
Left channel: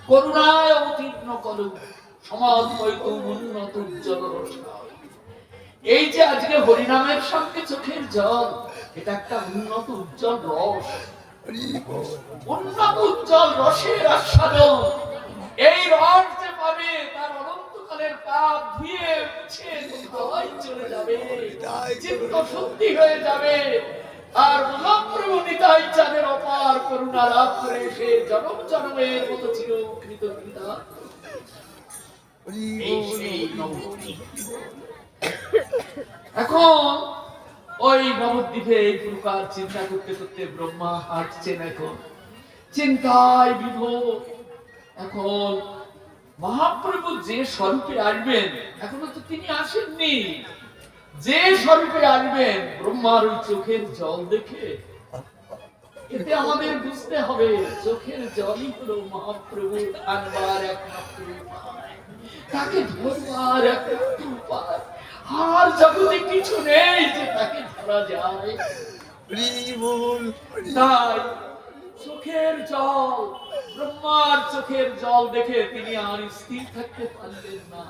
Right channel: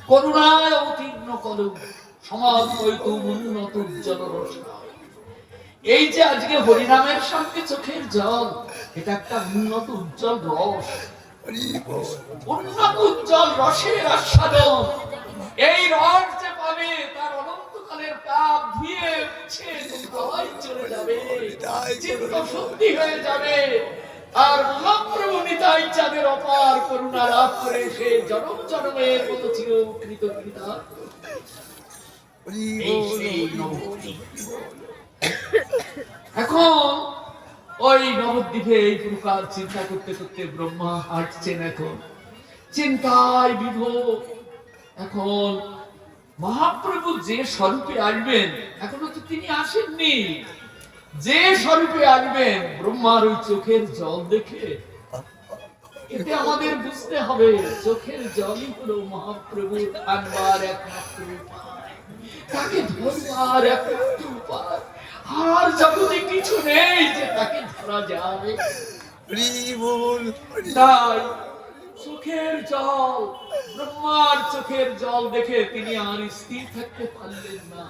করুণায় অবতীর্ণ করো সমাজ হয়তো উন্নত উজ্জ্বল রসা। এই যে আজকে হরিনামের সঙ্গে চোখের জল, এটা একটা উন্নত উজ্জ্বল রস, উন্নত উজ্জ্বল রসের আস্বাদন। এই রস যে পাবে তার অনন্তকালের পাপ ধুয়ে মুছে কোথায় চলে যাবে, চিত্ত শুদ্ধি হয়ে যাবে। আর মহাপ্রভু নিতাই চাঁদের অপার করুণা লাভ করে সে জনম জনমের মতো চিরকৃত কৃতার্থ। এই সেই নবদ্বীপ। এখন ওই নবদ্বীপে এই প্রকার চিন্তা করতে করতে ব্রহ্মা হাঁটছেন। এখন চিন্তায় বিভোর। এখন মহাপ্রভু যে স্বরূপে আসবেন, এখনো তো তিনি আসেননি। যে স্বরূপে আসবেন, ব্রহ্মার ওই চোখের জল দেখে এতে আমাদের বুঝতে হবে চোখের জলই হলো মহাপ্রভুর আনবার একমাত্র উপায়, তাকে ধরবার একমাত্র উপায়। আর জগতে কিছু নেই যে তাকে ধরা যায়। তাই চোখের জল, ব্রহ্মার চোখের জল দেখে তিনি আর স্থির থাকতে পারলেন না।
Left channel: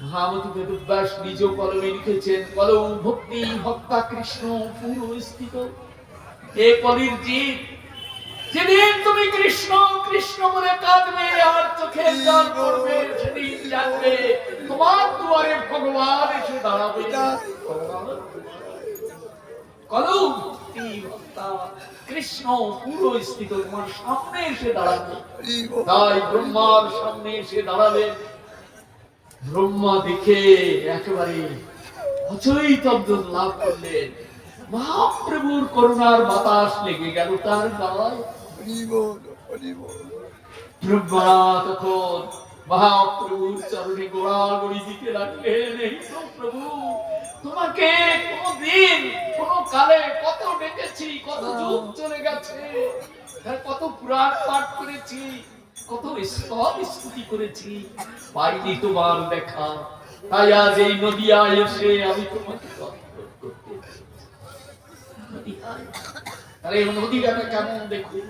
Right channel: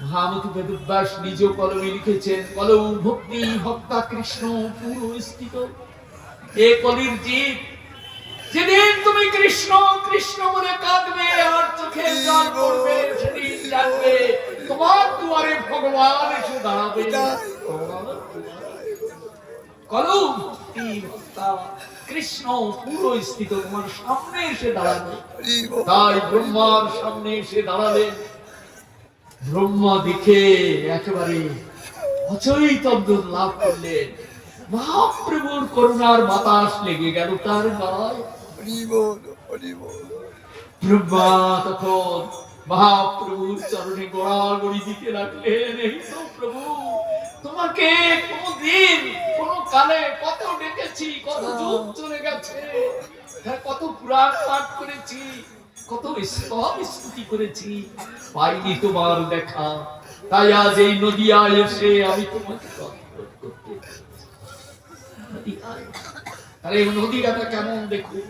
মহামতি বেদব্যাস নিজ কলমে লিখেছেন, কলৌ ভক্তি ভক্তা কৃষ্ণ পুরো স্থিত। এ কলির জীব, যেদিন তুমি কৃষ্ণ কৃষ্ণ বলে কাঁদবে আর চোখের জল পড়বে, সেদিন জানবে তোমার দুয়ারে ভগবান এসে দাঁড়াবে। কলৌ ভক্তি ভক্তা কৃষ্ণ পুরো স্থিত, তোমার সামনে এসে দাঁড়াবে। তাই ব্রহ্মার সামনে এসে দাঁড়ালেন। ব্রহ্মা দেখে একেবারে অচৈতন্য লাভ করলেন। মহাপ্রভুর করুণার বাতাস লেগে গেল তার গায়ে। ব্রহ্মা তখন মহাপ্রভুর চরণে গোড়াগড়ি দিতে লাগলেন, এই তো প্রভু, তোমাকে কোনদিন কোন কালে কত ডেকেছি, কত যুগ চলে গেছে, কত পুরাণ পাঠ করেছি, কত স্তব স্তুতি করেছি, পাইনি তোমার দেখা। তাই আজ এই নদিয়ায় এসে আমি তোমাকে দর্শন করতে নদিয়ায়। আরে নদীটা কেমন দেখুন,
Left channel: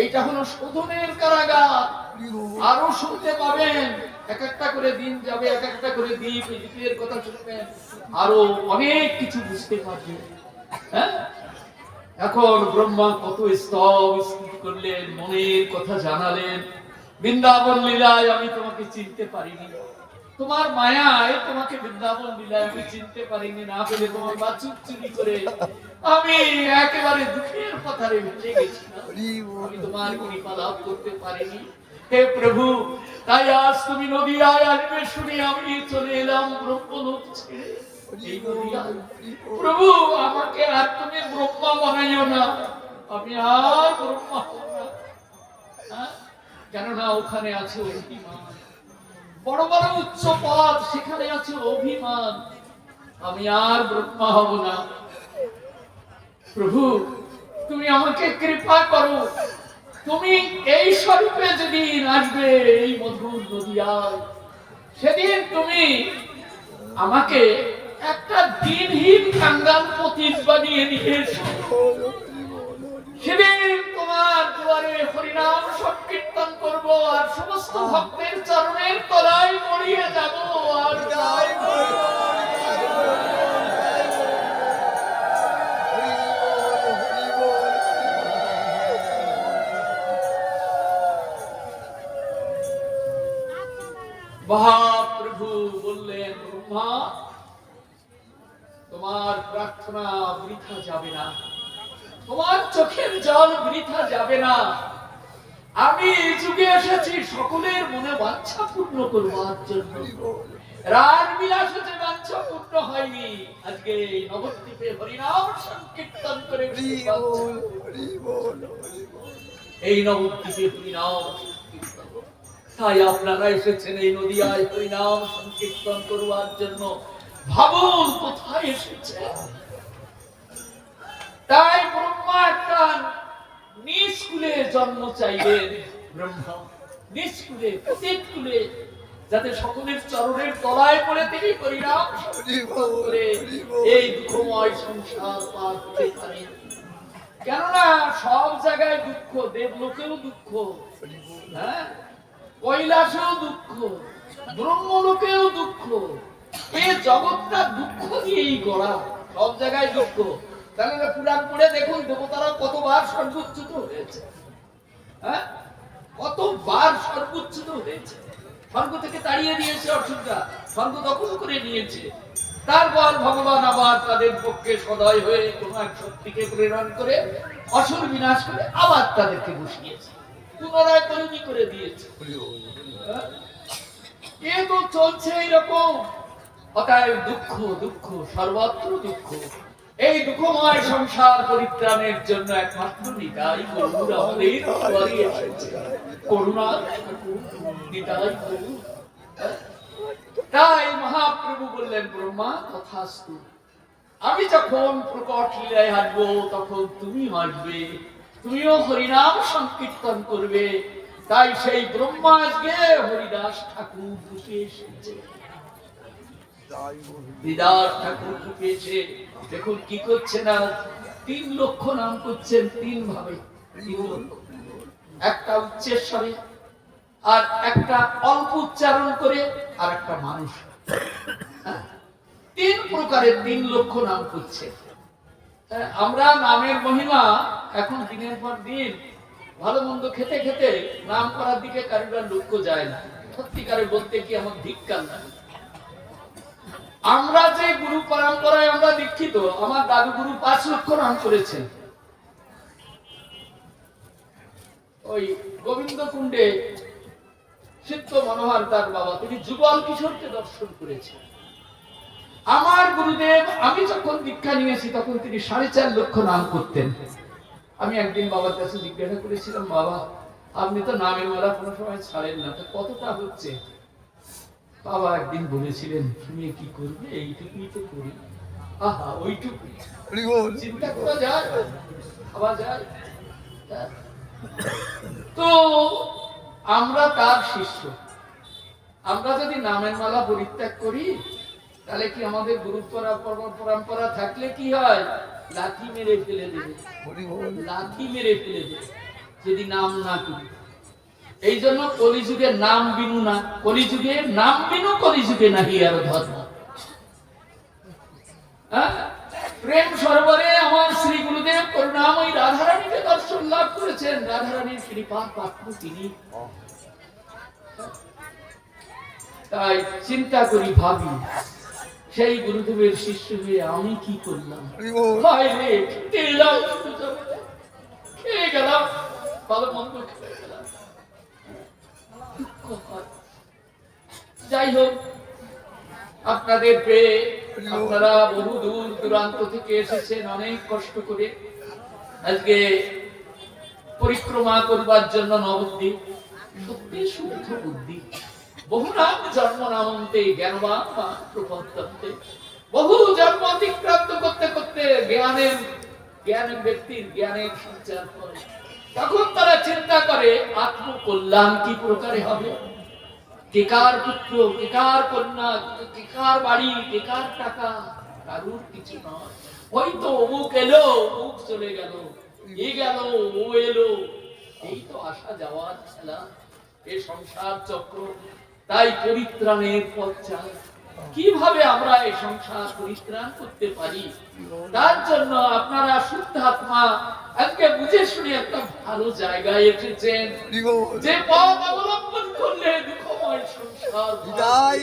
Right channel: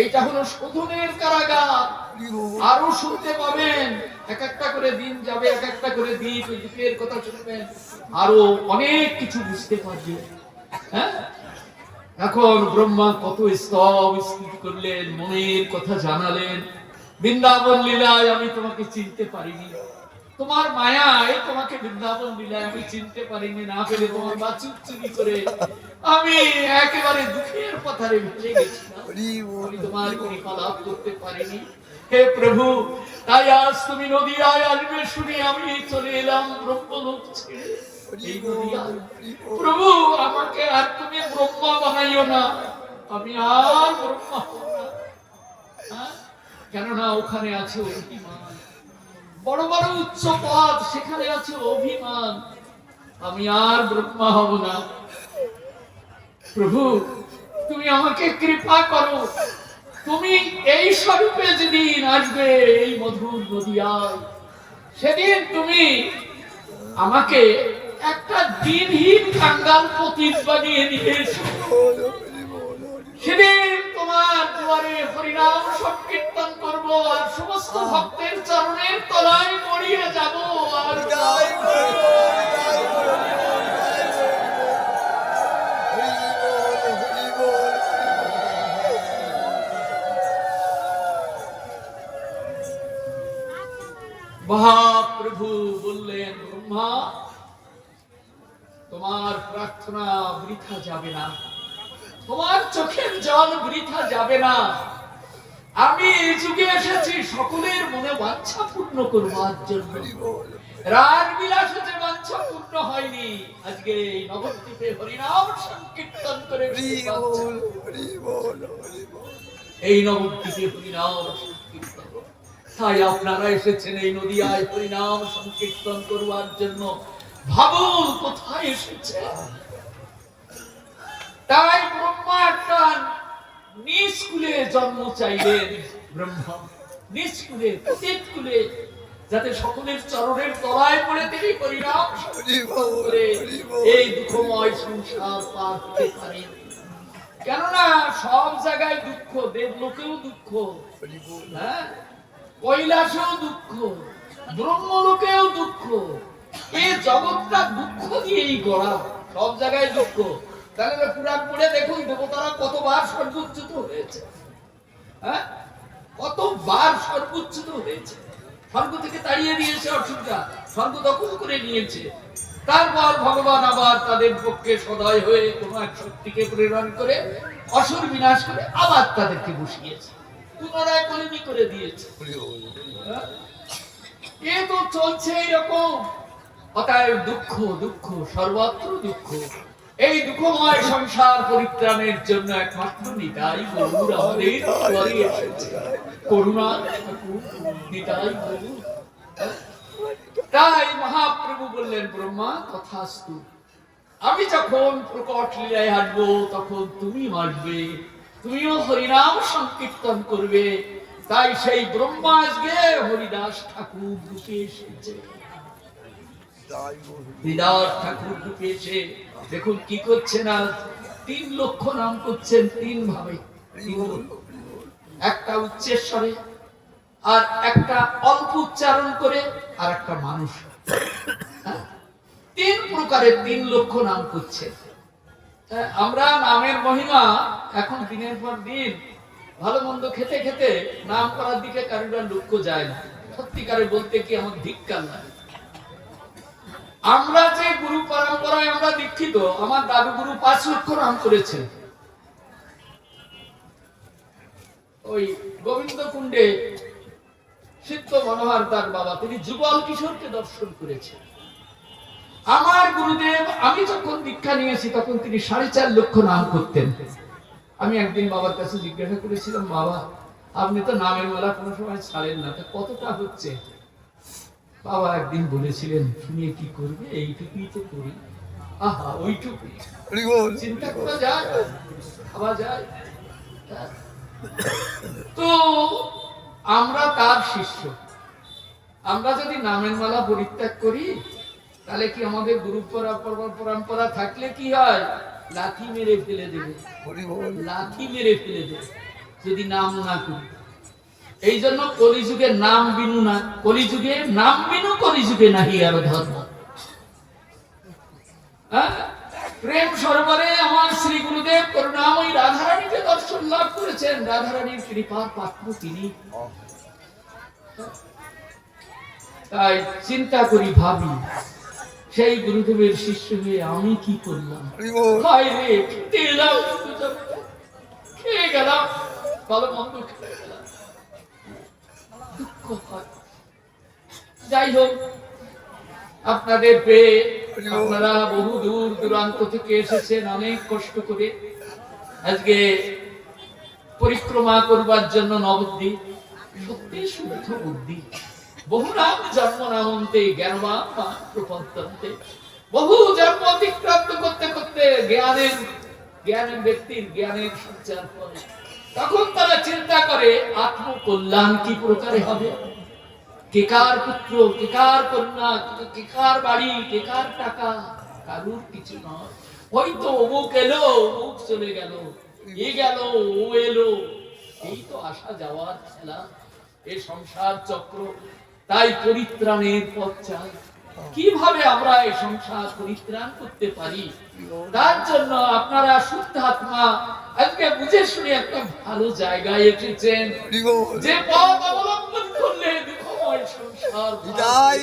এইটা হলো শোধনের কারাগার। আরো শুনতে পাবেন, এক একটা করে দিন যাবে, এক একটা করে দ্বীপ, দ্বীপের কথা শুনবেন, আরো অনেক কিছু বুঝতে পারবেন। হ্যাঁ, এখন ব্রহ্মা কত স্তব স্তুতি করলেন, মনের কথা জানালেন। বৃন্দাবন লীলায় আমি তোমাকে চিনতে পারিনি, তোমার মায়ায় তোমাকে বৃন্দাবন লীলায় আমি চিনতে পারিনি, না পেলে তোমার বাছুর চুরি করে আমি একেবারে দুঃখের পথারে ভেসে গেছিলাম, আমি তোমার কৃপা লাভ করতে পারিনি। হে প্রভু, তাই আজ তুমি নদিয়ায় আসবে শুনে আমি চলে এলাম ব্রহ্মলোক ছেড়ে এই নদিয়ায়। প্রভু, আমাকে আর তুমি ব্রহ্মা বানাইও না, আমি আর ব্রহ্মা হব না। কেননা ওখানে আছে অভিমান, বড় বড় উচ্চ পদ, সেখানে আছে অভিমান, আমি আর ব্রহ্মা হব না। প্রভু, তুমি আমাকে কৃপা করো, তুমি এই স্বরূপে যেদিন আসবে এই মধুর নদিয়ায়, সেদিন তুমি আমাকে একটা দিনহীন কাঙ্গাল পতিত বানিয়ে নিয়ে এসো। সেদিন তোমার দুয়ারে হরিনাম সংকীর্তন করব, আর সমস্ত ভক্তের চরণের তলায় মরিয়ে যাব, আর মহাপ্রভু বললেন, ব্রহ্মা, তোমার প্রার্থনা বৃথা যাবে না, তোমার চোখের জল বৃথা যাবে না। আমি এই যুগে এসেছি সকলের মনে বাঞ্ছা পূর্ণ করবার জন্য। রাগ বিলাসে যে বাঞ্ছা পূর্ণ হয়নি, আজকে এই নবদ্বীপে হরিনাম সংকীর্তন করে এই নবদ্বীপে হরিনাম সংকীর্তন। তাই আপনারা এসেছেন এই নদিয়ায় হরিনাম সংকীর্তন করবার জন্য। ভাবুন কোথায় এসেছে। তাই ব্রহ্মা একটা নিষ্কুলে জন্ম চাইলেন, ব্রহ্মা নিষ্কুলে, পতিত কুলে, যাতে সকলের চরণের তলায় পড়ে তিনি হরিনাম সংকীর্তন করে এই দুঃখময় সংসার পার হতে পারেন। কেননা সব জায়গায় দুঃখ, দেবলোকেও দুঃখ, হ্যাঁ, কৈলাসেও দুঃখ, ব্রহ্মলোকেও দুঃখ, এই জগৎটা দুঃখ দিয়েই গড়া, সব জায়গায় দুঃখ। তাহলে পুরাণ পড়ে দেখুন, দেবতারা কতবার সর্বোচ্যুত হয়েছে, হ্যাঁ, কতবার সর্বোচ্যুত হয়েছে। স্বর্গ থেকে তাড়িয়ে দিয়েছে অসুররা, স্বর্গ দখল করে নিয়েছে। তারপর ভগবান আবার তাদের পক্ষে সদয় হয়ে কোন এক শক্তিকে প্রেরণ করে অসুর বিনাশ করে আবার তাদেরকে বসিয়েছে, পুনরায় কলিমি করে দিয়েছে। এ তো চলছে এইরকম। অতএব দুঃখ, দুঃখ, সর্বত্র দুঃখ। এই দুঃখময় সংসার পরিত্রাণের জন্য একমাত্র নিতাই গরুর আমাদের দুয়ারে এসেছে। করুণা নিতাই গরুর। তাই মহাপ্রভু বললেন, ব্রহ্মা তথাস্তু, আমি যখন প্রকট লীলায় হাঁটবো তখন তুমি আসবে, তুমিও হরিনাম সংকীর্তন করবে। তাই সেই ব্রহ্মা আজকে হরিদাস ঠাকুর রূপে এসেছে। হরিদাস ঠাকুর রূপে এসে দেখুন কি করছেন, আজ 3 লক্ষ নাম করছেন, 3 ভাবে, 3 লক্ষ। একটা উচ্চেশ্বরে, আর একটা অল্প উচ্চারণ করে, আর একটা মানুষ। 3 প্রকারের 3 লক্ষ নাম করছে। আমরা নামের মহিমা এখন দিনের পর দিন ভালো মন্দ খেতে খেতে নাম করার দিকে কারোর লক্ষ্য যায় না। সত্যিকারে বলতে কি আমার ধিক্কার লাগে। আমরা যে গুরু পরম্পরায় আমরা দীক্ষিত, আমার দাদু গুরু 5 লক্ষ নাম করেছেন। ওই গোবিন্দ কুণ্ডে সিদ্ধ মনোহর তার বাবা, তিনি যুগল কিশোরকে দর্শন করেছেন। আমার গুরুদেব, আমি যখন দীক্ষা নিয়েছি তখন তিনি 4.5 লক্ষ নাম করতেন। আমি একদিন বাবার কাছে জিজ্ঞাসা করেছিলাম, বাবা আপনি তো নামের মালা কোনো সময় ছাড়েন না, তো কতটা হচ্ছে? বাবা একদিন বলেছিলেন, তুমি কি করবে? এইটুকুই তো করি। আহা, ওইটুকু চিন্তা করা যায়, ভাবা যায়। তো আমরা তার শিষ্য, আমরা যদি নামের মালা পরিত্যাগ করি, তাহলে কি আমাদের গুরু পরম্পরা থাকলে কি হয়? লাঠি মেরে ফেলে দেবে, লাঠি মেরে ফেলে দেবে যদি নাম না করি। এই জন্য কলিযুগে নাম বিনু না, কলিযুগে নাম বিনু, কলিযুগে নাহি আর ধর্ম। প্রেম সরোবরে আমার শ্রী গুরুদেব করুণাময়ী রাধারানীকে দর্শন লাভ করেছেন, রাধারানীর কৃপার পাত্র তিনি। তাই চিন্তা করি, ভাবি, সেই গুরুদেবের শিষ্য হয়ে আমি কি করলাম? খেয়ে গেলাম, ভালো মন্দ খেয়ে গেলাম। যাই হোক, আপনাদের পেয়ে, আপনারা বহু দূর দূরান্ত থেকে এসেছেন অনেক কষ্ট করে আজকে পরিক্রমা করবার জন্য নবদ্বীপ। সত্যি শুদ্ধ বুদ্ধি, বহু নাম জন্ম নামন্তে জ্ঞানবান প্রপঞ্চন্তে, বহু জন্ম অতিক্রান্ত করতে করতে জ্ঞানের ব্যক্তির জ্ঞানের সঞ্চার করে। তখন তারা চিন্তা করে আত্মকল্যাণ কি প্রকারে হবে, কে কার পুত্র, কে কার কন্যা, কে কার বাড়ি, কে কার টাকা, কারুর কিছু নয়। হয়তো অমুক এলো, অমুক চলে গেল, এ গেল, ও এলো, এই তো আসা যাওয়ার খেলা, এ সংসার চক্র। তাই পরিত্রাণের পথ চাই। কিভাবে আমরা এই সংসার পরিত্রাণ করতে পারি? তার জন্য আপনারা শুদ্ধ আত্মা আজকে বুঝে শুনে একটা ভালো জায়গায় এসেছেন, যে পথ অবলম্বন করলে দুঃখময় সংসার। তাই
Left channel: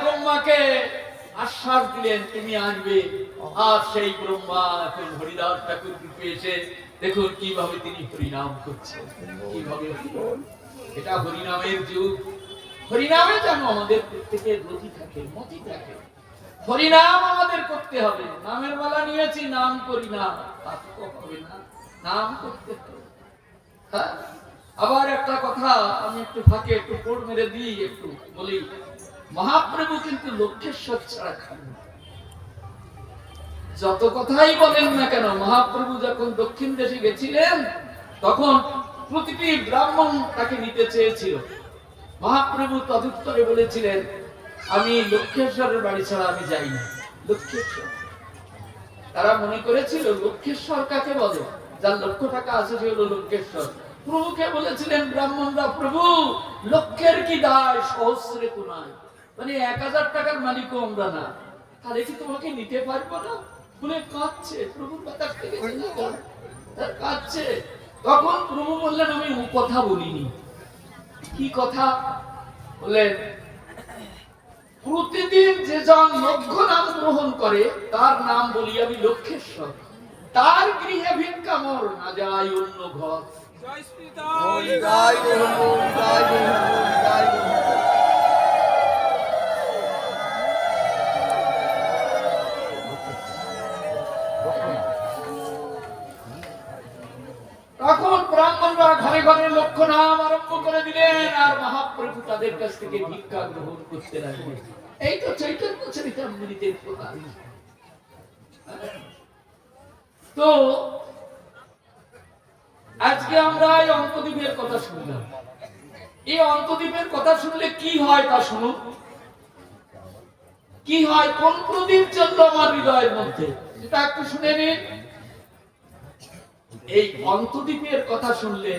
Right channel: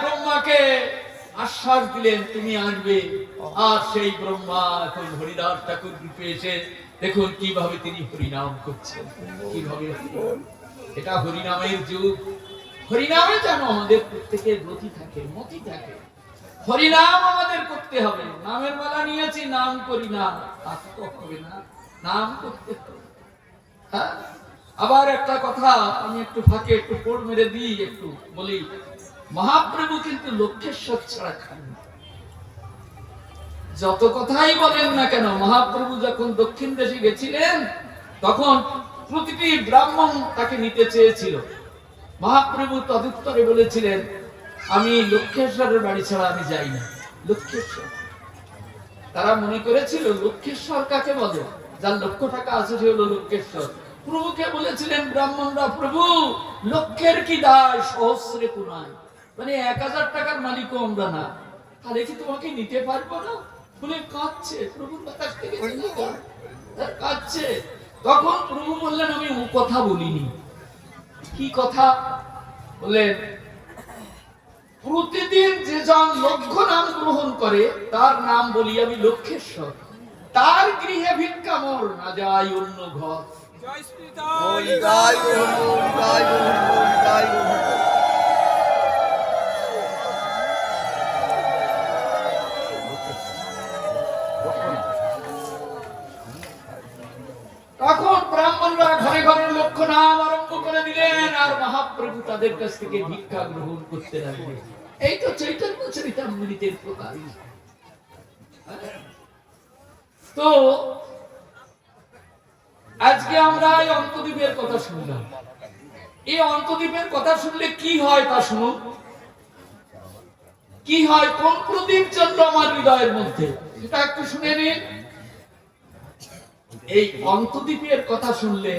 ব্রহ্মাকে আশ্বাস দিলেন, তুমি আসবে। আর সেই ব্রহ্মা এখন হরিদাস ঠাকুর রূপে এসে দেখুন কিভাবে তিনি হরিনাম করছেন, কিভাবে। এটা হরিনামের যুগ। হরিনামে যেন আমাদের প্রত্যেকের রতি থাকে, মতি থাকে। হরিনাম আমাদের করতে হবে। নামের মালা নিয়েছি, নাম করি না, তা তো হবে না, নাম করতে হবে। হ্যাঁ, আবার একটা কথা আমি একটু ফাঁকে একটু পোড় মেরে দিই, একটু বলি। মহাপ্রভু কিন্তু লক্ষ্যেশ্বর ছাড়া খান না। যত কথাই বলেন না কেন, মহাপ্রভু যখন দক্ষিণ দেশে গেছিলেন তখন প্রতিটি ব্রাহ্মণ তাকে নিতে চেয়েছিল। মহাপ্রভু তদুত্তরে বলেছিলেন, আমি লক্ষ্যেশ্বরের বাড়ি ছাড়া আমি যাই না। লক্ষ্যেশ্বর, তারা মনে করেছিল লক্ষ্যেশ্বর কাকে বলে, যার লক্ষ টাকা আছে সে হলো লক্ষ্যেশ্বর। প্রভুকে বলেছিলেন ব্রাহ্মণরা, প্রভু লক্ষের কি দায় সহস্রে কোনায়, মানে 1000 টাকার মালিকও আমরা না, তাহলে কি তোমাকে নিতে পারবো না? বলে কাঁদছে, প্রভুর কথা থেকে কাঁদছে। তখন প্রভু বললেন, আমি ও কথা বলিনি। কি কথা বললেন? প্রতিদিন যে জন লক্ষ নাম গ্রহণ করে তার নাম বলি আমি লক্ষ্যেশ্বর, তার গৃহে ভিক্ষা মোর না যায় অন্য ঘর। তখন ব্রাহ্মণরা ঘরে ঘরে লক্ষ নাম আরম্ভ করে দিলেন, আর মহাপ্রভু তাদের কাছ থেকে ভিক্ষা গ্রহণ করতে লাগলেন। এই তো চৈতন্য চরিতামৃতের প্রকাশ। তো আজকে আমরা এই অন্তদ্বীপের কথা শুনলাম। এই অন্তদ্বীপের কথা শুনলে কি হয় তা শুনুন। কি হয়, কোন প্রদীপ জ্বলল আমার হৃদয়ের মধ্যে, এটা একটু শুনে নিন। এই অন্তদ্বীপের কথা শুনলে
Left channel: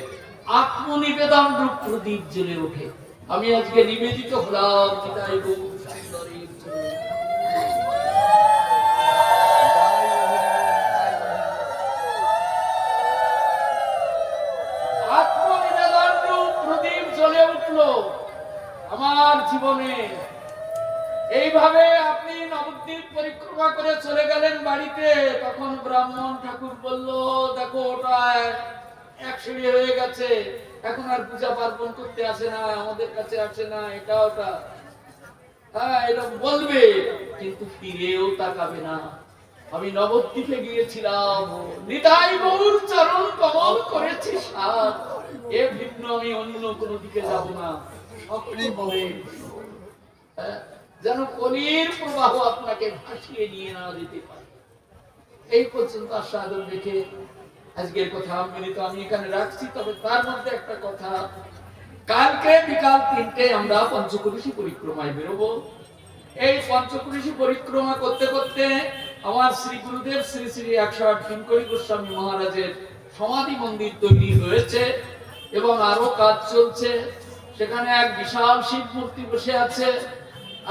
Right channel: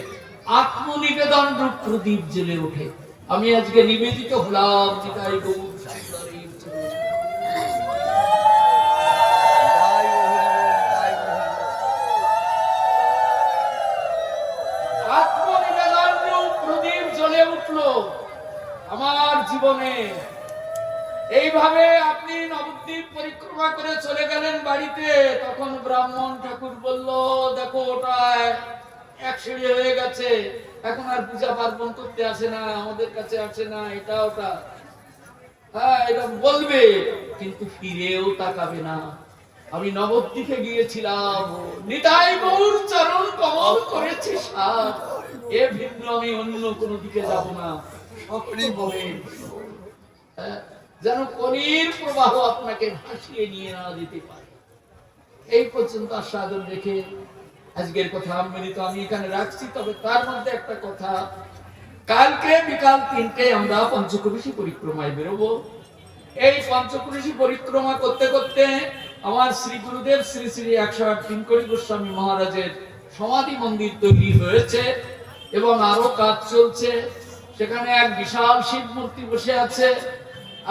আত্মনিবেদন রূপ প্রদীপ জ্বলে ওঠে। আমি আজকে নিবেদিত হলাম নিতাই গৌর সুন্দরীর চরণে। আত্মনিবেদন রূপ প্রদীপ জ্বলে উঠল আমার জীবনে। এইভাবে আপনি নবদ্বীপ পরিক্রমা করে চলে গেলেন বাড়িতে। তখন ব্রাহ্মণ ঠাকুর বলল, দেখো ওটা 1 সিঁড়ি হয়ে গেছে, এখন আর পূজা পার্বণ করতে আসে না, আমাদের কাছে আসে না, এটা ওটা, হ্যাঁ এরকম বলবে, কিন্তু ফিরেও তাকাবে না। আমি নবদ্বীপে গিয়েছিলাম, নিতাই গৌর চরণ কমল করেছি সার, এ ভিন্ন আমি অন্য কোনো দিকে যাব না। সকলে বলে যেন কলির প্রবাহ আপনাকে ভাসিয়ে নিয়ে না যেতে পারে। এই পর্যন্ত আস্বাদন রেখে আজকের কথা আমি এখানে রাখছি। তবে তার মধ্যে একটা কথা, কালকে বিকাল 3টায় আমরা পঞ্চকুরিশি পরিক্রমায় বেরোবো। এই পঞ্চকুরিশি পরিক্রমা করতে করতে আমার শ্রী গুরুদেব শ্রী শ্রী 108 কিঙ্করী গোস্বামী মহারাজের সমাধি মন্দির তৈরি হয়েছে এবং আরো কাজ চলছে। সেখানে এক বিশাল শিব মূর্তি বসে আছে।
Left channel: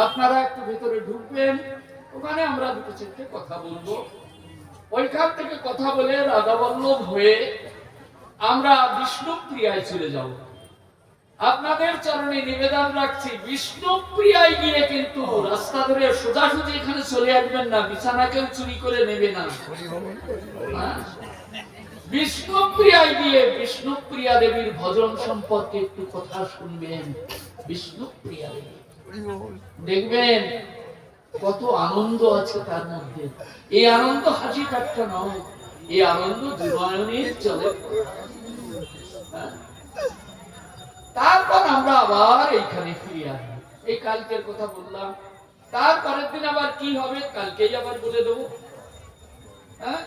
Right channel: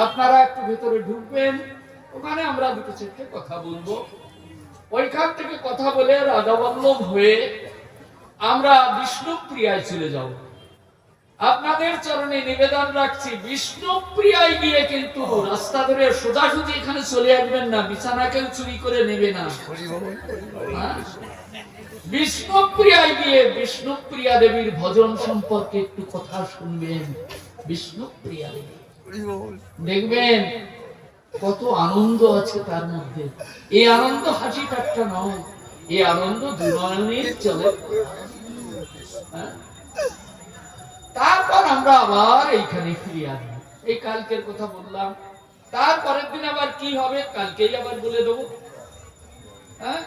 আপনারা একটু ভেতরে ঢুকবেন, ওখানে আমরা দুটো চারটে কথা বলবো। ওইখান থেকে কথা বলে রাধাবল্লভ হয়ে আমরা বিষ্ণুপ্রিয়ায় চলে যাব। আপনাদের চরণে নিবেদন রাখছি, বিষ্ণুপ্রিয়ায় গিয়ে কিন্তু রাস্তা ধরে সোজাসুজি এখানে চলে আসবেন না, বিছানা কেউ চুরি করে নেবে না। বিষ্ণুপ্রিয়ায় গিয়ে বিষ্ণুপ্রিয়া দেবীর ভজন সম্পর্কে একটু কথা শুনবেন। বিষ্ণুপ্রিয়া দেবী দেখবেন কত আনন্দ আছে তার মধ্যে। এই আনন্দ হাসি ঠাট্টা নয়, এই আনন্দ দুনয়নের চলে। তারপর আমরা আবার এইখানে ফিরে আসবো। এই কালকের কথা বললাম, তারপরের দিন আবার কি হবে কালকেই আবার বলে দেবো। হ্যাঁ